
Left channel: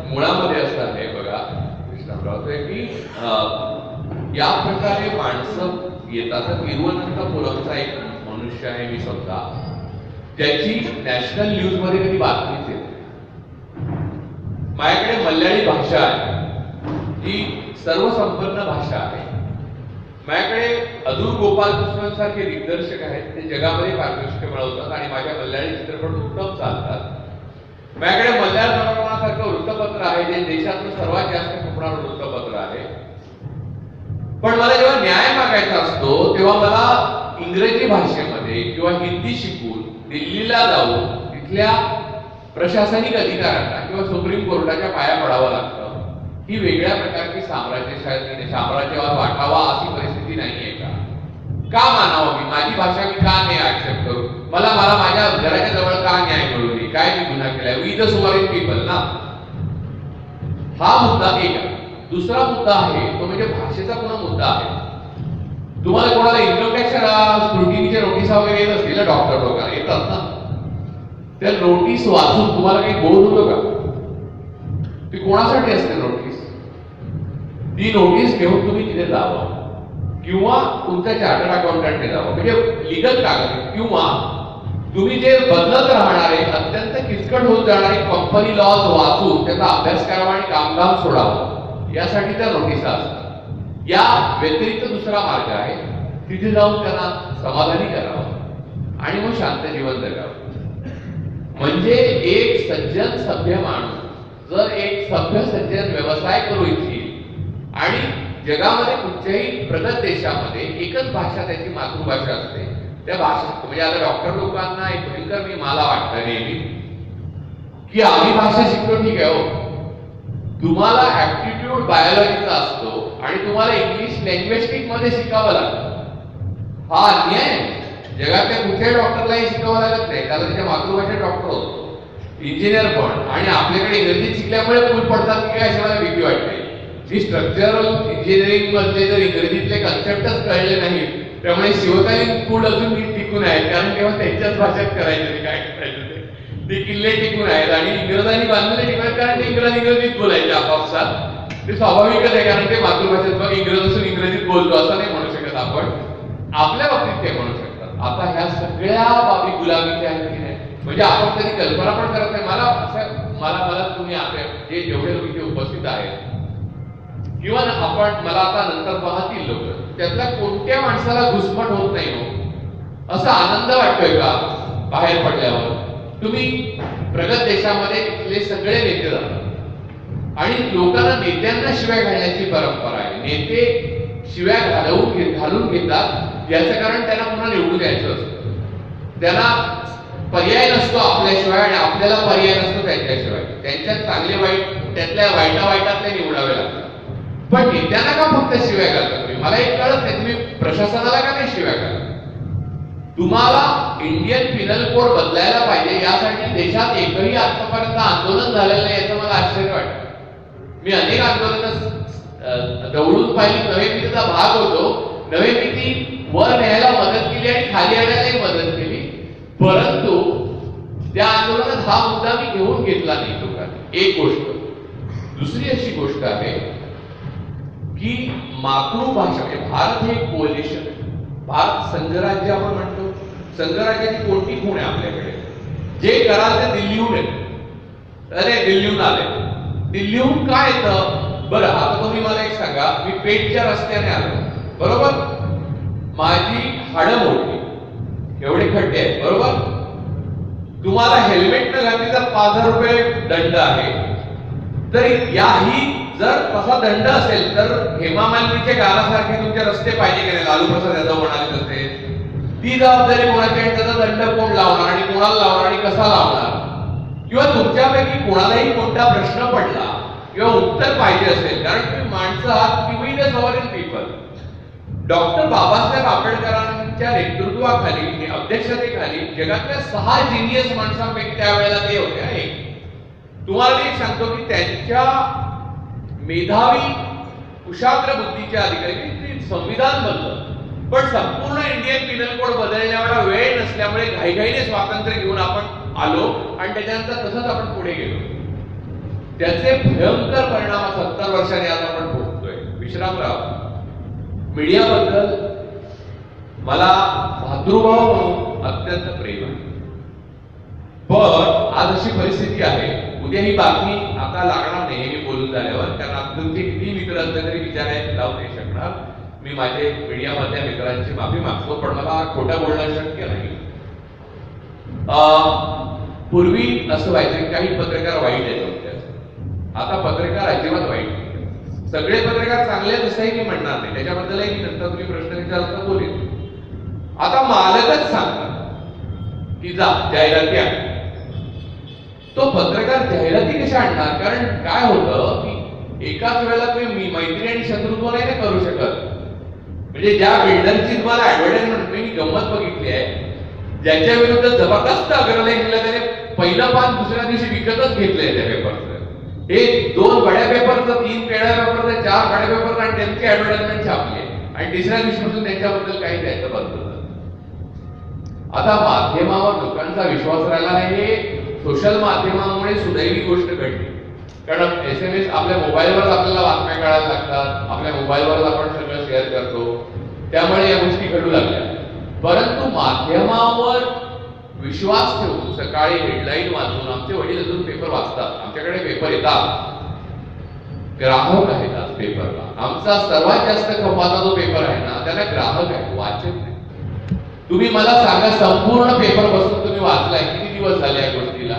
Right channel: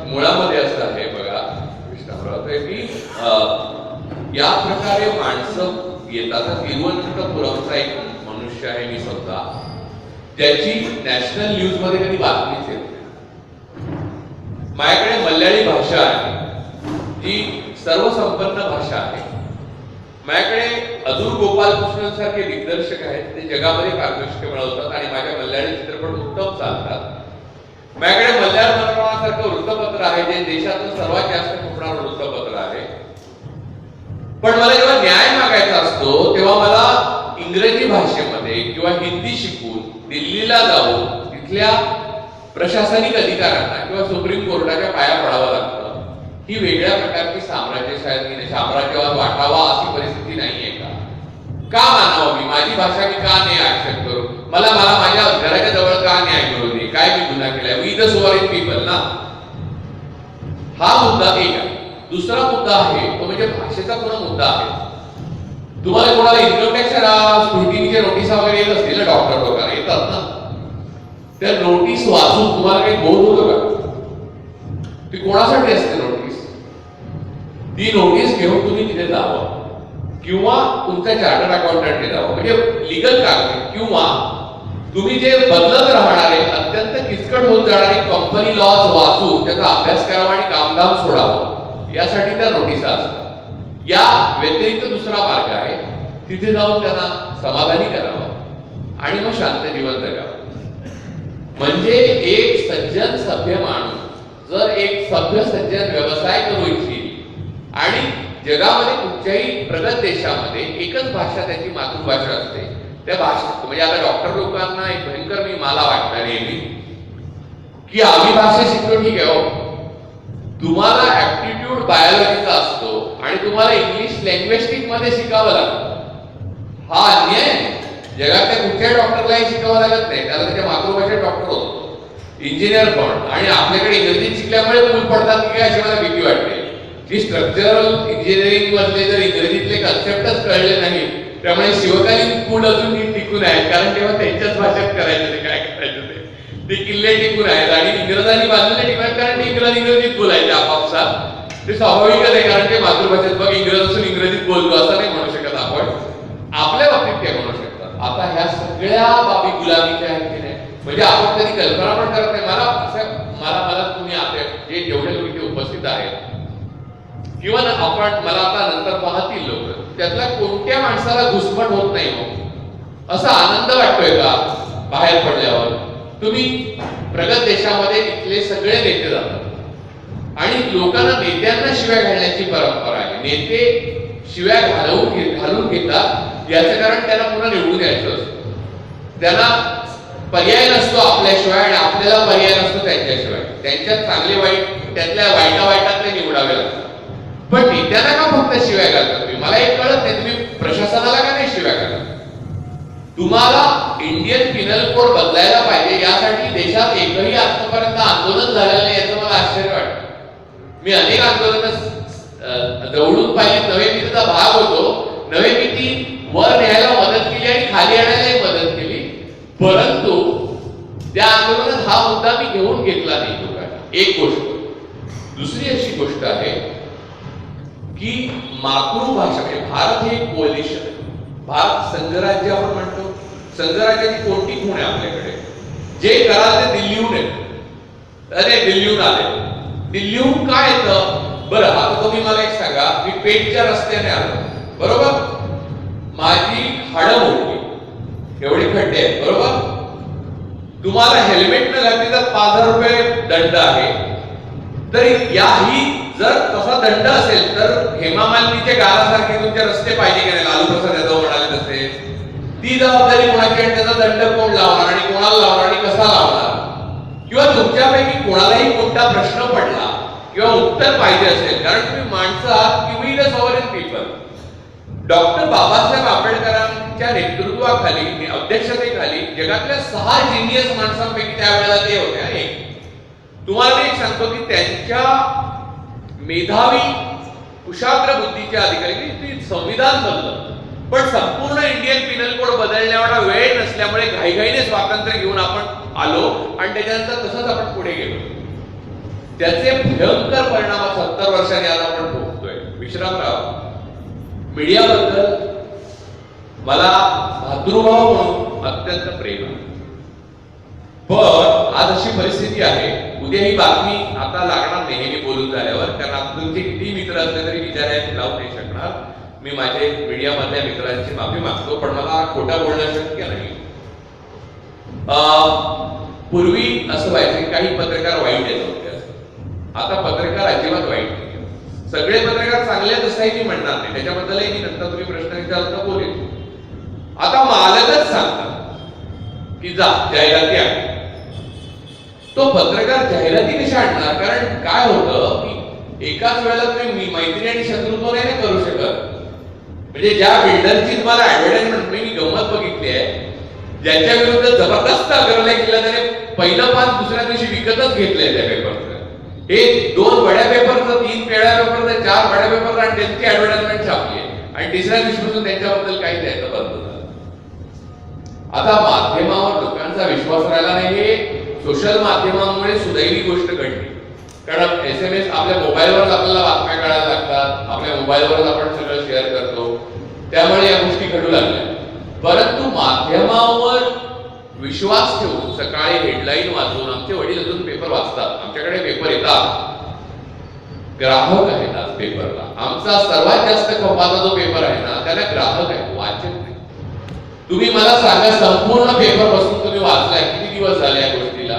मुळामध्ये असं आहे बघा विश्रामराव की या प्रकारे माणसं येतात. तिरुवनंतपुरमचा एक मनुष्य आहे मी स्वतः, ज्याची नॅशनल न्यूज मध्ये कधी बातमीच येत नाही. माझ्याकडे मल्याळी भाषा आहे जी सर्वसंपन्न भाषा आहे. माझ्याकडे अदूर गोपालकृष्णन सारखे दिग्दर्शक आहेत, ते जगामध्ये पारितोषिके मिळवतात आणि माझ्या मल्याळी चित्रपट उत्तम चालतात. माझ्याकडे मल्याळ मनोरमा सारखं वृत्तपत्र आहे जे देशातून सर्वात जास्त खपणारं वृत्तपत्र आहे. पण मला जेव्हा न्याय मागायचा असतो तेव्हा मला इंग्रजी भाषेमध्ये किंवा हिंदी शिकून दिल्लीला जाऊन तिथल्या प्रशासनिक अधिकाऱ्यांना किंवा सुप्रीम कोर्टाच्या पाया पडावं लागतं. ही वेगळ्या प्रकारची साम्राज्यवाद वाटावा अशी परिस्थिती नाहीये का मानावं मी? माझी भाषा मी का नाही ऍक्सेप्ट करू? मला माझ्या घराच्या जवळ का न्याय करू दे? काय मी गुन्हा केलाय? वी द सॉव्हरेन पीपल ना. हा मुद्दा एक आहे. दुसरा मुद्दा आहे तो म्हणजे भाषेचा पुन्हा मुद्दा आहे. तुम्हाला कोणाला इन्कम टॅक्सच्या स्क्रुटिनीच्या नोटीस वगैरे येत असतील ना, डॉक्टर लोकांना येतात ना, त्या नोटीस वाचून तुम्हाला काही बोध होतं का? ती कोणासाठी असते नोटीस? ती नोटीस घेऊन तुम्ही तिथे जावं किंवा तुमच्या चार्टर्ड अकाउंटंटने जावं, म्हणजे लिगल कागद, किंवा तुम्ही जे बदलत राहणारे अत्यंत किचकट होत जाणारे कंपनी लॉज वाचून त्याचा अभ्यास करावा आणि कामधाम सोडावं, यासाठी त्या नोटिसा असतात. या व्यतिरिक्त दुसरा मार्ग आहे, तिथे जाऊन त्यांना समाधानी करावं आणि मग शांत जीवन जगावं. म्हणजे एक सज्जन सभ्य माणूस जर एक सभ्य सज्जन व्यवसाय करू इच्छित आणि जगामध्ये कुठच्याही प्रगत देशामध्ये एकच भाषा त्याची मातृभाषा असते, त्या भाषेत म्हणजे आता डॉक्टर लोकांना एक भयंकर मी मला वाटतं नेहमी की आम्ही भाषा शिकलो, ठीक आहे हो, तुम्हाला ऍप्टिट्यूड बायोलॉजीचा असतो आणि तुम्हाला इंग्लिश लँग्वेस्टिक मध्ये शिकावं लागतं. हा अन्याय आहे. जगातल्या कुठल्याही डॉक्टरलाही शिकावं लागत नाही, त्याला त्याच्या मातृभाषेत डॉक्टर होतो, इंजिनियर पण. आणि आपल्याकडे इंग्रजी शिकल्यामुळे मूल पडतात की काय अशी मला भीती वाटते की स्ट्रक्चरल इंजिनिअरिंग मधले जर इंग्रजीतले कन्सेप्टच कळले नाही, त्यामुळे शिवकालीन पूल अजून नीट टिकून आहेत, कारण तेव्हा त्यांच्याच भाषेत करायचे ते काय करायचं ते किल्ले टिकून आहेत. आणि इंग्रजांनी बांधलेले टिकून, कारण ते इंग्रजीत बोलायचे आपापसात, ते स्वाभाविकच आहे, कारण ते मातृभाषेत मग इंग्रज असून इंग्रजीत बोलतो असं नाही म्हणू शकत आपण. आपल्या बाबतीत ते म्हणू शकतात. आता ह्या सगळ्या बाबी गुलामीच्या आहेत की नाही, म्हणजे आपण कधी कल्पना पण करत नाही. मला तुम्ही आता जे जेवढे लोक इथे उपस्थित आहेत किंवा मला आता नंतर पाहतील लोक, त्यातल्या कोणत्या माणसाला घुसमट होत नाही हो असा आनंद वाटतोय का बाहेर पडल्यावर? तुम्ही प्रगत देशामध्ये इथले सगळे नेते जातात आणि लोकांना नेत्यांना शिव्या घालण्याची परंपरा आहे. नेते शिव्या घालून घेतात, याचं कारण त्यांना पुन्हा निवडून यायचं असतं. त्यांना पर्याय नसतो आपल्याशिवाय आणि आपल्याला पर्याय नसतो त्यांच्याशिवाय. त्यांच्यात चांगले वाईट, त्यातल्या वाईटातले निवडावे लागतात. पण नेत्यांना का फक्त शिव्या घालतात तुम्ही? मला एक कळत नाही, तुम्ही प्रशासनाला का नाही शिव्या घालत? तुम्हाला इंडियन पिनल कोड बदलायला पाहिजे, यासाठी देशात एकही आतापर्यंत आंदोलन झालेलं नाही, याचं मला आश्चर्य वाटतं. मी अनेक आंदोलन दौडून पाहिली, नवे नीतीचा भाग होतो. नवे नीती वर न्यायला मदत केली आणि खाली आणायलाही मदत केली, परंतु त्या आंदोलनात हा मुद्दा मी घेऊन घेतला नाही लोकांनी. एक गोष्ट. दुसरी अशी गोष्ट आहे की मातृभाषा म्हणजे भारत हे कोलिशन आहे. भारत संघराज्य आपण म्हणतो. संघराज्याची कोणती खूण आहे आपल्याकडे? जे कराल ते दिल्लीहून येत. अरे दिल्लीहून आले, दिल्लीहून काय येतं बरं? आता तुम्ही मला एक सांगा, मी पेठच्या रस्त्याने आलो बरोबर, माझी हाडं मोडली, एवढे खड्डे आहेत बरोबर, तुम्हाला हेल्मेट न घातली तर 5,000 रुपये दंड आहे. तर याही जर तसा दंड असेल तर हेमा मालिनीच्या गाण्यासारखे तुमचे रस्ते पाहिजे की नाही? लालू प्रसाद यादव म्हणाले तसे. ती जबाबदारी कोणाची आणि त्याचा दंड कोण लावणार आणि कोणाला लावणार आणि कसा लावणार? किंवा तुमच्यापैकी कोणालाही कोणता प्रश्न पडला किंवा उत्तर पाहिजे असेल, कारण तुम्ही माणसं आहात की we the sovereign people. Doctor Babasaheb आंबेडकरांच्या नेतृत्वाखाली, अध्यक्षतेखाली जगातल्या 6 जिनियस माणसांपैकी त्यावेळेला ते होते. तुम्हाला मी एक सांगतो की त्यांच्या मेधावी कुशाग्र बुद्धीच्या अधिकारी संविधान बनलं, पण संपूर्ण इंडियन पिनल कोड बदलण्याएवढा वेळ नसल्यामुळे घाईघाईने स्वातंत्र्य घेऊन आपण आलो आणि त्याच्यानंतर तसंच आपण पुढे गेलो. त्याचे भयंकर परिणाम 70 वर्षांनी आज आपण भोगतोय. विश्रामराव, मीडियाबद्दल मला भातृभाव म्हणून अत्यंत प्रेम आहे, पण आज अशी परिस्थिती आहे, उद्या ही बातमी आता लागणार नाही मी बोलून झाल्यावर, कारण आता तुमचे किती मित्र असले तरी विचारायला लावू नाही शकणार. मी माझे मीडियामधल्या मित्रांची माफी मागतो, पण मला खोटं बोलणं शक्य नाही. पूर्वी असं व्हायचं की काही पत्रकार वाईट येत होते, आता पत्रकार अजिबात वाईट नाही. सगळे पत्रकार चांगले तसंही मी म्हणणार नाही, त्याच्याबद्दलही मी नंतर तुम्ही प्रश्न विचारला तर बोलेन. आता मालकच सांगतात की जा जाहिराती आहे. तो पत्रकार जाहिराती कशा आणणार? कारण काय होतं की एकाच वेळेला तुम्ही मैत्री आणि शत्रुत्व नाही करू शकत. म्हणजे ज्या बिल्डरची तुम्हाला ऍडव्हर्टाइजमेंट मी गंमत बघितली आहे, ज्याच्या विरुद्ध जबरदस्त अग्रलेख दिला त्याने पहिलं पान दुसऱ्या दिवशी विकतच घेतलंय त्या पेपरचं. हे 2 बड्या पेपरचं, 3 पेड्या पेपरचं, साड्या पेपर आणि त्यांची ऍडव्हर्टाइजमेंट छापली आहे आणि तिसऱ्या दिवशीपासून त्यांच्याबद्दल काही द्यायचं बंद झालं. आता माध्यमावर लोकांचा विश्वास राहिला नाहीये. सोशल माध्यमामुळे सुदैवी गोष्ट घडली, कारण SMS आपल्या मोबाईलवर आपल्याला बातम्या कळायला लागतात, आपल्या मोबाईलवर आपण सगळं शेअर करतो, त्यामुळे या गोष्टी घडू लागल्या. परंतु माध्यमावर विश्वास ठेवून सकाळी हेडलाईन वाचून आमचे वडील अजून पेपर वाचतात, आमच्याकडे पेपर येतात, ग्राहक आहेत आज पेपरला. आमचा सर्वात जास्त खपाचा जो पेपर आहे ना त्याला ग्राहक आहे, वाचक नाही. तुम्ही मला सांगा, संपूर्ण पेपर बसून तुम्ही वाचलाय किती दिवस झाले या गोष्टीला?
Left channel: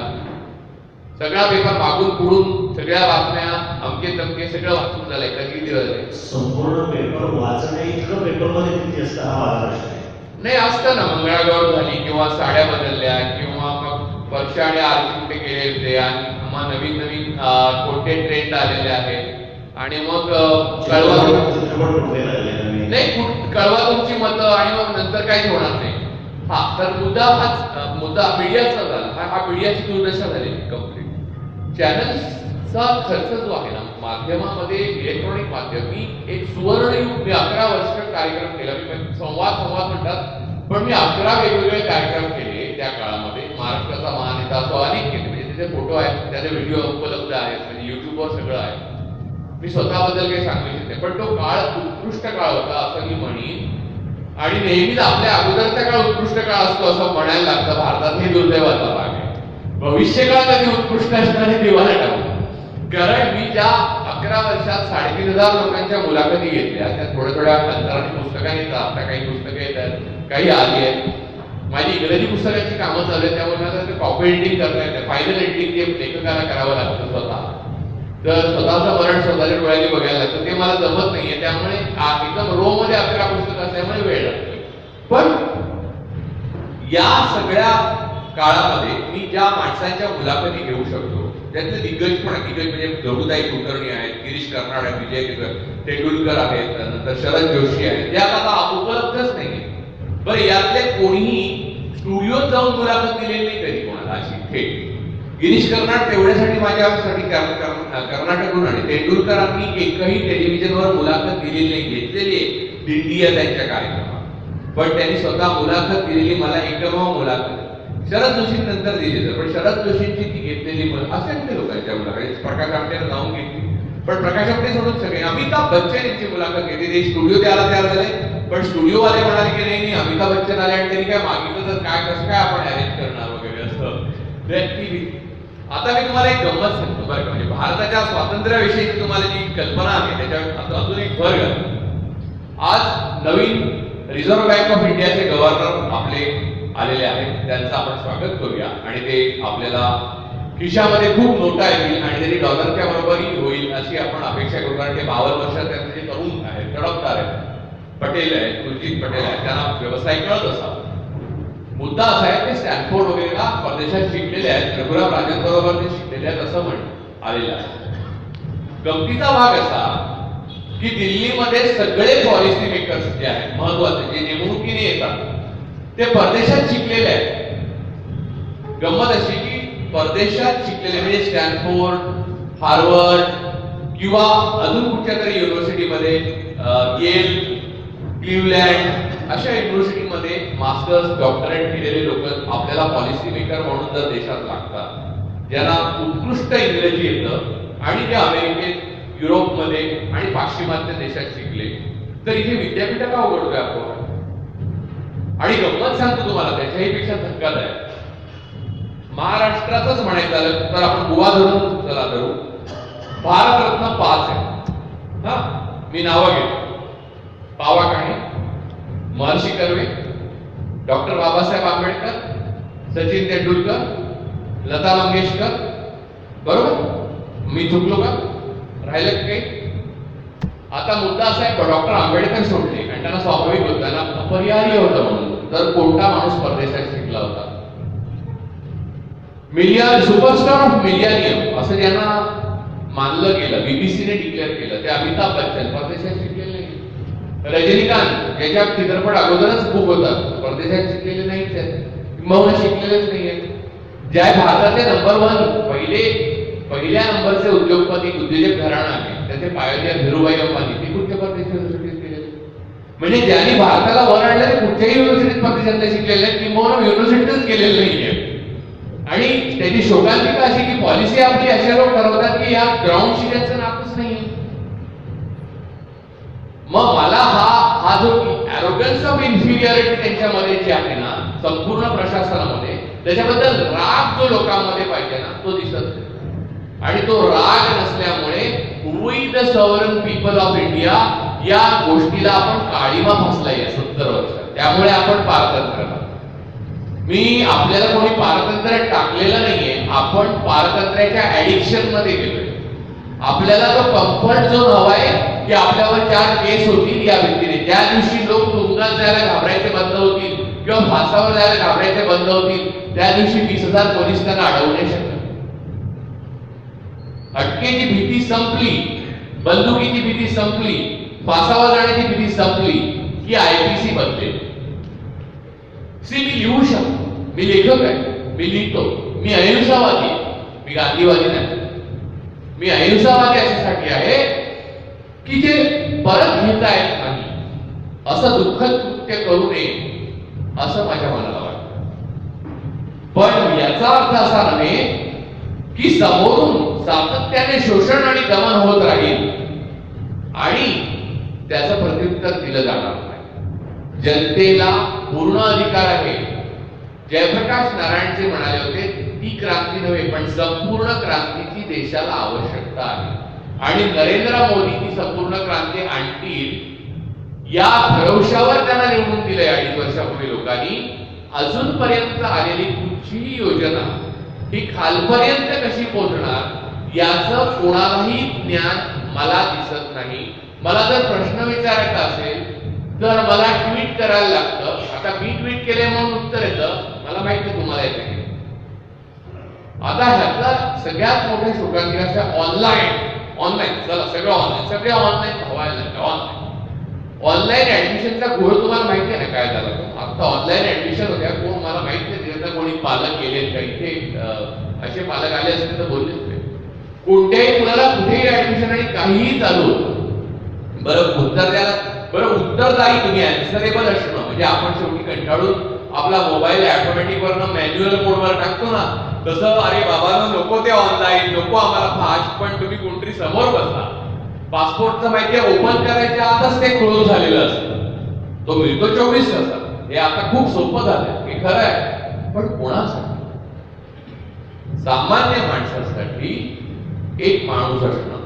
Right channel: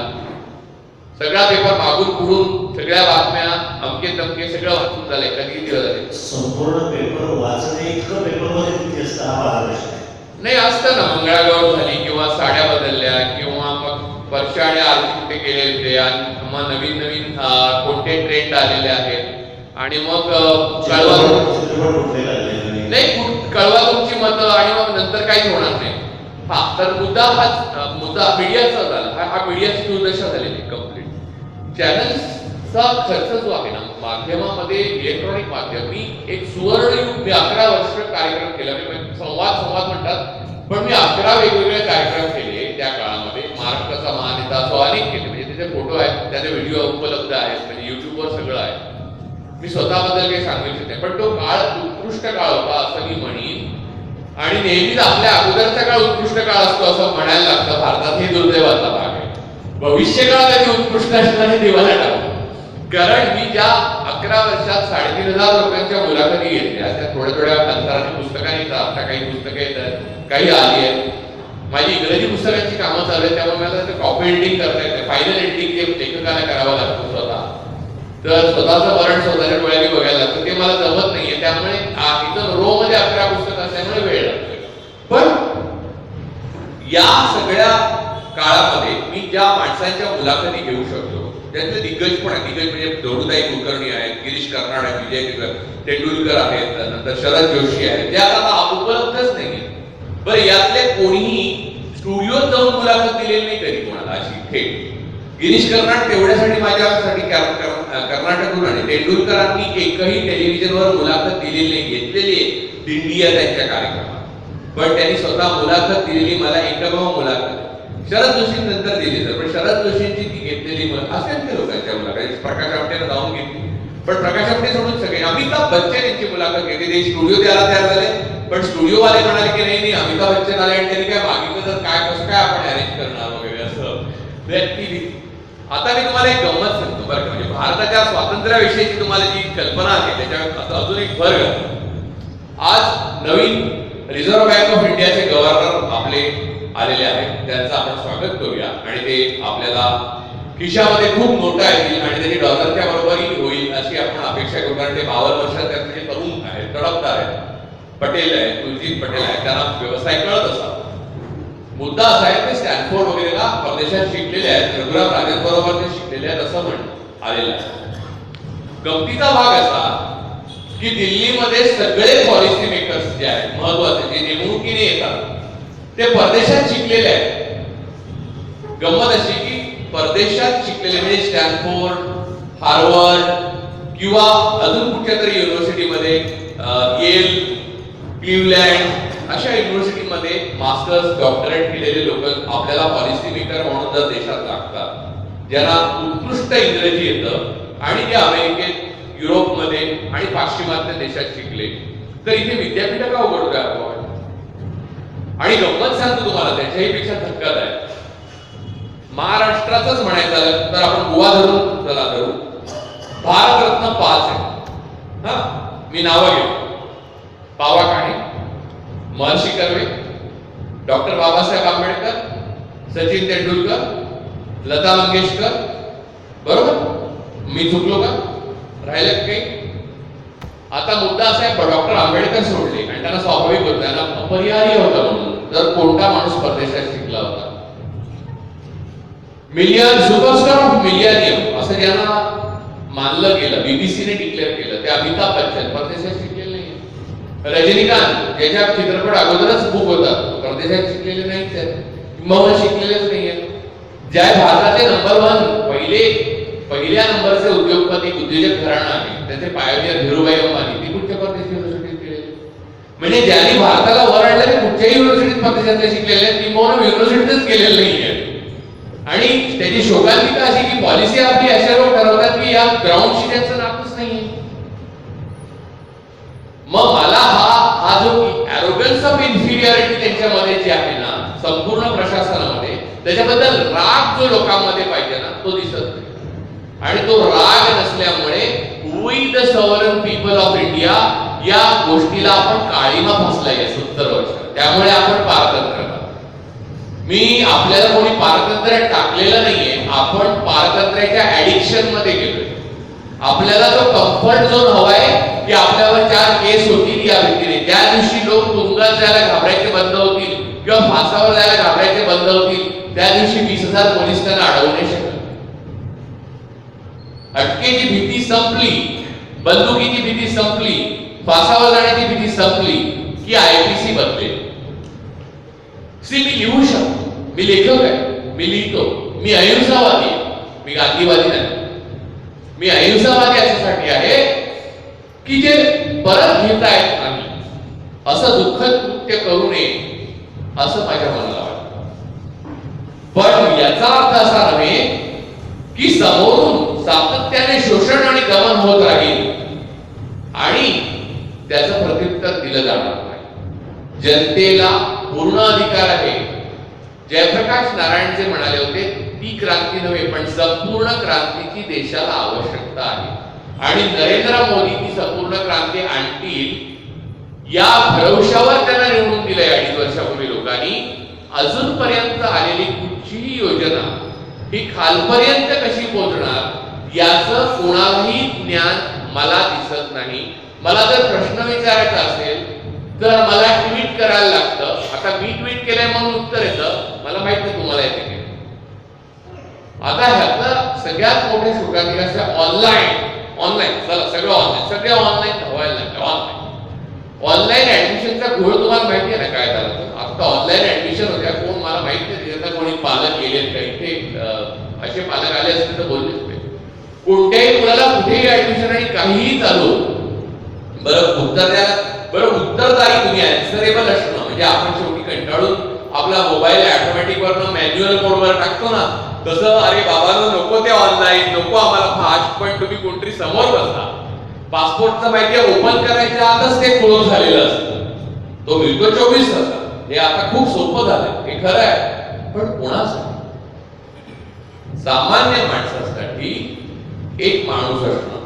सगळा पेपर मागून पुढून सगळ्या बातम्या अमके तमके सगळं वाचून झालंय का? किती दिवस झाले? संपूर्ण पेपर वाचणे इतकं पेपरमध्ये किती असतं हा वाद प्रश्न आहे. नाही, असतं ना, मंगळागौर झाली किंवा साड्या बदलल्या किंवा मग वर्षा आणि आरती कुठे गेले होते आणि मग नवीन नवीन कोणते ट्रेंड आलेले आहेत आणि मग कळवा तुमची मतं आणि मग नंतर काहीच होणार नाही. हा तर मुद्दा मीडियाचा झाला. हा मीडियाची दुर्दशा झालेली कंप्लीट. चॅनल्सचा खर्च जो आहे ना माध्यमामध्ये, इलेक्ट्रॉनिक माध्यम, मी एक सुवर्णयुग, मी 11 वर्ष कार्यक्रम केला. मी संवाद म्हणतात, पण मी 11 वेगवेगळे कार्यक्रम केले त्या काळामध्ये. महाराष्ट्राचा महानेता असं अनेक केले, म्हणजे त्याचे फोटो आहेत, त्याचे व्हिडिओ उपलब्ध आहेत, म्हणजे युट्यूबवर सगळं आहे. मी स्वतःबद्दल काही सांगू इच्छित नाही, पण तो काळ उत्कृष्ट काळ होता असं मी म्हणीन. आणि नेहमीच आपल्या अगोदरचा काळ उत्कृष्ट काळ असतो असं म्हणायला लागतं भारतात, हे दुर्दैवाचा भाग आहे. भविष्य काळ कधी उत्कृष्ट असणार हे देवाला टाकू. कारण मी ज्या 11 वर्षात 3,500 लोकांच्या मुलाखती घेतल्या, त्या थोड्या अंतराने पुस्तकांनी येतात, आता काही पुस्तकं येतात, काही आली आहेत. माझी इंग्रजी पुस्तकांची कामं चालू आहेत, त्यामुळे मला त्याचं कॉपी एडिटिंग करता येते. फायनल एडिटिंग हे लेखकाला करावं लागतं स्वतः. तर स्वतःचं वरण स्वतःच्या डोळ्यांनी बघायला लागतं, ते मला जमत नाहीये. त्यामुळे एकदम रो मध्ये 11 पुस्तकं असल्यामुळे वेळ लागतो. पण या सगळ्या काळामध्ये मी ज्या माणसांच्या मुलाखती घेऊ शकतो त्यातले दिग्गज पण आहेत. दिग्गज म्हणजे धोरुताई कुलकर्णी आहेत, गिरीश कर्नाड आहेत, विजय तेंडुलकर आहेत, नंतर शरद जोशी आहेत, त्या आता उपलब्धच नाही. बरं, यातले कोणीही स्टुडिओत जाऊन मुलाखत दिलेली नाही कधी कोणाला अशी थेट. गिरीश कर्नाड तेवढ्यासाठी माझ्यासाठी कर्नाटकहून आणि तेंडुलकरांनी एकही टेलिव्हिजनवर मुलाखत दिलेली नाही. घेतलेली आहे दिंडी या त्यांच्या कार्यक्रमात, पण त्यांनी स्वतः मुलाखत दिलेली मला एकमेव मुलाखत. शरद जोशी नंतर दिली तर, पण शरद जोशींची ती घेतलेली असंख्य लोकांच्या मुलाखत. प्रकाश आमटेला जाऊन घेतली, पण प्रकाश आमटे सोडून सगळे. अमिताभ बच्चन यांची मुलाखत घेतली, ते स्टुडिओ द्यायला तयार झाले, पण स्टुडिओवाले म्हणाले की नाही अमिताभ बच्चन आले आणि त्यांनी काय मागितलं तर काय कसं काय आपण अरेंज करणार वगैरे असं. आता मी तुम्हाला एक गंमत सांगतो बरं का, म्हणजे भारताच्या स्वातंत्र्याविषयीची तुम्हाला जी कल्पना आहे त्याच्यावर अजून एक भर घालतो. आज नवीन रिझर्व्ह बँक ऑफ इंडियाचे गव्हर्नर आपले आलेले आहेत, त्यांचं आपण स्वागत करूया आणि ते आपल्याला खिशामध्ये खूप नोटा येतील आणि त्यांनी डॉलरच्या बरोबरी होईल अशी आपण अपेक्षा करू. कारण ते 52 वर्षात त्यांचे जे तरुण आहेत, तडफदार आहेत, पटेल आहेत, तुलजीत पटेल आहेत, त्यांना व्यवसाय कळत असावा. मुद्दा असा आहे ते स्टॅनफोर्ड वगैरेला परदेशात शिकलेले आहेत, रघुराम राजन बरोबर ते शिकलेले आहेत असं म्हणून आलेलं आहे. गमतीचा भाग असा की दिल्लीमध्ये सगळे पॉलिसी मेकर्स जे आहेत महत्वाचे, जे नेमणुकीने येतात, ते परदेशात शिकलेले आहेत. गंमत अशी की परदेशात शिकलेले म्हणजे स्टॅनफोर्ड, हार्वर्ड किंवा अजून कुठच्या तरी युनिव्हर्सिटीमध्ये, येल, क्लिव्हलँड अशा युनिव्हर्सिटीमध्ये मास्टर्स डॉक्टरेट केलेले लोक आपल्याला पॉलिसी मेकर म्हणून जर देशात लागतात, ज्यांना उत्कृष्ट इंग्रजी येतं आणि जे अमेरिकेत, युरोपमध्ये आणि पाश्चिमात्य देशात शिकले, तर इथे विद्यापीठ का उघडतोय आपण? आणि गंमत सांगतो तुम्हाला, त्याच्याही पेक्षा धक्कादायक, महाराष्ट्रातच म्हणायचं तर आपण गोवा धरून चला धरू, भारतरत्न 5 आहेत. हा, मी नावं घेतो: पावा काणे, महर्षी कर्वे, डॉक्टर बाबासाहेब आंबेडकर, सचिन तेंडुलकर, लता मंगेशकर. बरोबर? मी चुकलो का? राहिले काही? आता मुद्दा असा आहे, डॉक्टर आंबेडकर सोडले आणि त्यांना स्वाभाविक होतं, त्यांना अपरिहार्य होतं म्हणून तर कोणता माणूस परदेशात शिकला होता? सुपरस्टार ऑफ मिलियनियम असं ज्यांना मानलं गेलं, बीबीसीने डिक्लेअर केलं, ते अमिताभ बच्चन परदेशात शिकलेले नाही. रजनीकांत ज्याच्या चित्रपट अगोदरच खूप होतात, परदेशात शिकलेले नाहीच आहेत, मग शिकलेलेच नाहीये. ज्या भारताचे नंबर 1 पहिल्या नंबरचे उद्योजक घराणा आहे त्याचे पायनियर धीरूभाई अंबानी ती कुठच्या परदेशी युनिव्हर्सिटीत केलेले? म्हणजे ज्यांनी भारताला वर आणलं ते कुठच्याही युनिव्हर्सिटीत परदेशातले शिकलेले आहेत किंवा युनिव्हर्सिटीतच केलेलं नाहीये. आणि त्याची शोकांतिका अशी की पॉलिसी आपली अशा लोक ठरवतात की या ग्राउंडशी त्यांचं नातच नाहीये. मग मला हा जो ॲरोगन्स ऑफ इन्फिरियरिटी त्यांच्यामध्ये जी आहे ना संपूर्ण प्रशासनामध्ये, त्याच्याबद्दल राग जो लोकांमध्ये पाहिजे ना तो दिसत नाही. आणि तो राग नसल्यामुळे we the sovereign people of India या गोष्टीला आपण काळीमा फसलाय 70 वर्षात. त्यामुळे आपण पारतंत्र्य, मी आपल्याला कोणी पारतंत्र्यात टाकलेलं नाहीये, आपण पारतंत्र्याच्या ऍडिक्शन मध्ये गेलोय. आपल्याला जो कम्फर्ट झोन हवाय की आपल्यावर 4 केस होतील या व्यक्तीने, ज्या दिवशी लोक तुरुंगात जायला घाबरायचे बंद होतील किंवा फासावर जायला घाबरायचे बंद होतील त्या दिवशी 20,000 पोलीस त्यांना अडवू नाही शकत. अटकेची भीती संपली, बंदुकीची भीती संपली, फासावर जाण्याची भीती संपली की आयपीसी बनते. मी लिहू शकतो, मी लेखक आहे, मी लिहितो, मी अहिंसावादी, मी गांधीवादी नाही. मी अहिंसावादी याच्यासाठी आहे की जे परत घेता येत नाही असं दुःखद कृत्य करू नये असं माझ्या मनाला वाटतं. पण याचा अर्थ असा नव्हे की समोरून सातत्याने शोषण आणि दमन होत राहील आणि त्याचं प्रत्युत्तर दिलं जाणार नाही. जनतेला पूर्ण अधिकार आहे. जयप्रकाश नारायण जे म्हणाले होते ती क्रांती नव्हे पण संपूर्ण क्रांतीची देशाला आवश्यकता आहे. आणि नरेंद्र मोदी ती संपूर्ण क्रांती आणतील या भरवशावर त्यांना निवडून दिलंय 2.5 वर्षापूर्वी लोकांनी. अजूनपर्यंत आलेली कुठचीही योजना ही खालपर्यंत कशी पोहोचणार याचं कोणालाही ज्ञान मला दिसत नाही. मला जर प्रश्न विचारायचा असेल तर मला ट्विट करायला लागतं. आता मी ट्विट केलंय म्हणून उत्तर येतं, मला माहित नाही तुम्हाला येते की. आता ह्यातला सगळ्यात मोठे शोकांतिका ऑनलाईन चला सगळं ऑनलाईन धावायला लागलं. ऑनलाईन ऍडमिशनचा घोळ तुम्हाला माहिती आहे ना काय झाला तो. आता ऑनलाईन ऍडमिशन होत्या, कोण मला माहित नाही ज्यांना कोणी पालक गेले का इथे असे पालक आले असते तर बोललेच नाही. कोणत्याही मुलाला कुठेही ऍडमिशन आणि काहीही चालू बरं उत्तरदायी तुम्ही अँसरेबल असणं म्हणजे आपण शेवटी कंटाळून आपला मोबाईल ऑटोमॅटिक वरनं मॅन्युअल मोडवर टाकतो ना तसं अरे बाबांनो नको ते ऑनलाईन नको आम्हाला फास्ट. पण तुम्ही कोणतरी समोर बसला पासपोर्टचं माहिती ओपन करायच्या आतच ते क्लोज झालेलं असतं. तो मिळतो 24 तासात. हे आता खूप सोपं झालं, हे खरं आहे. पण कोणासाठी? सामान्य माणसासाठी एक माणूस असणं,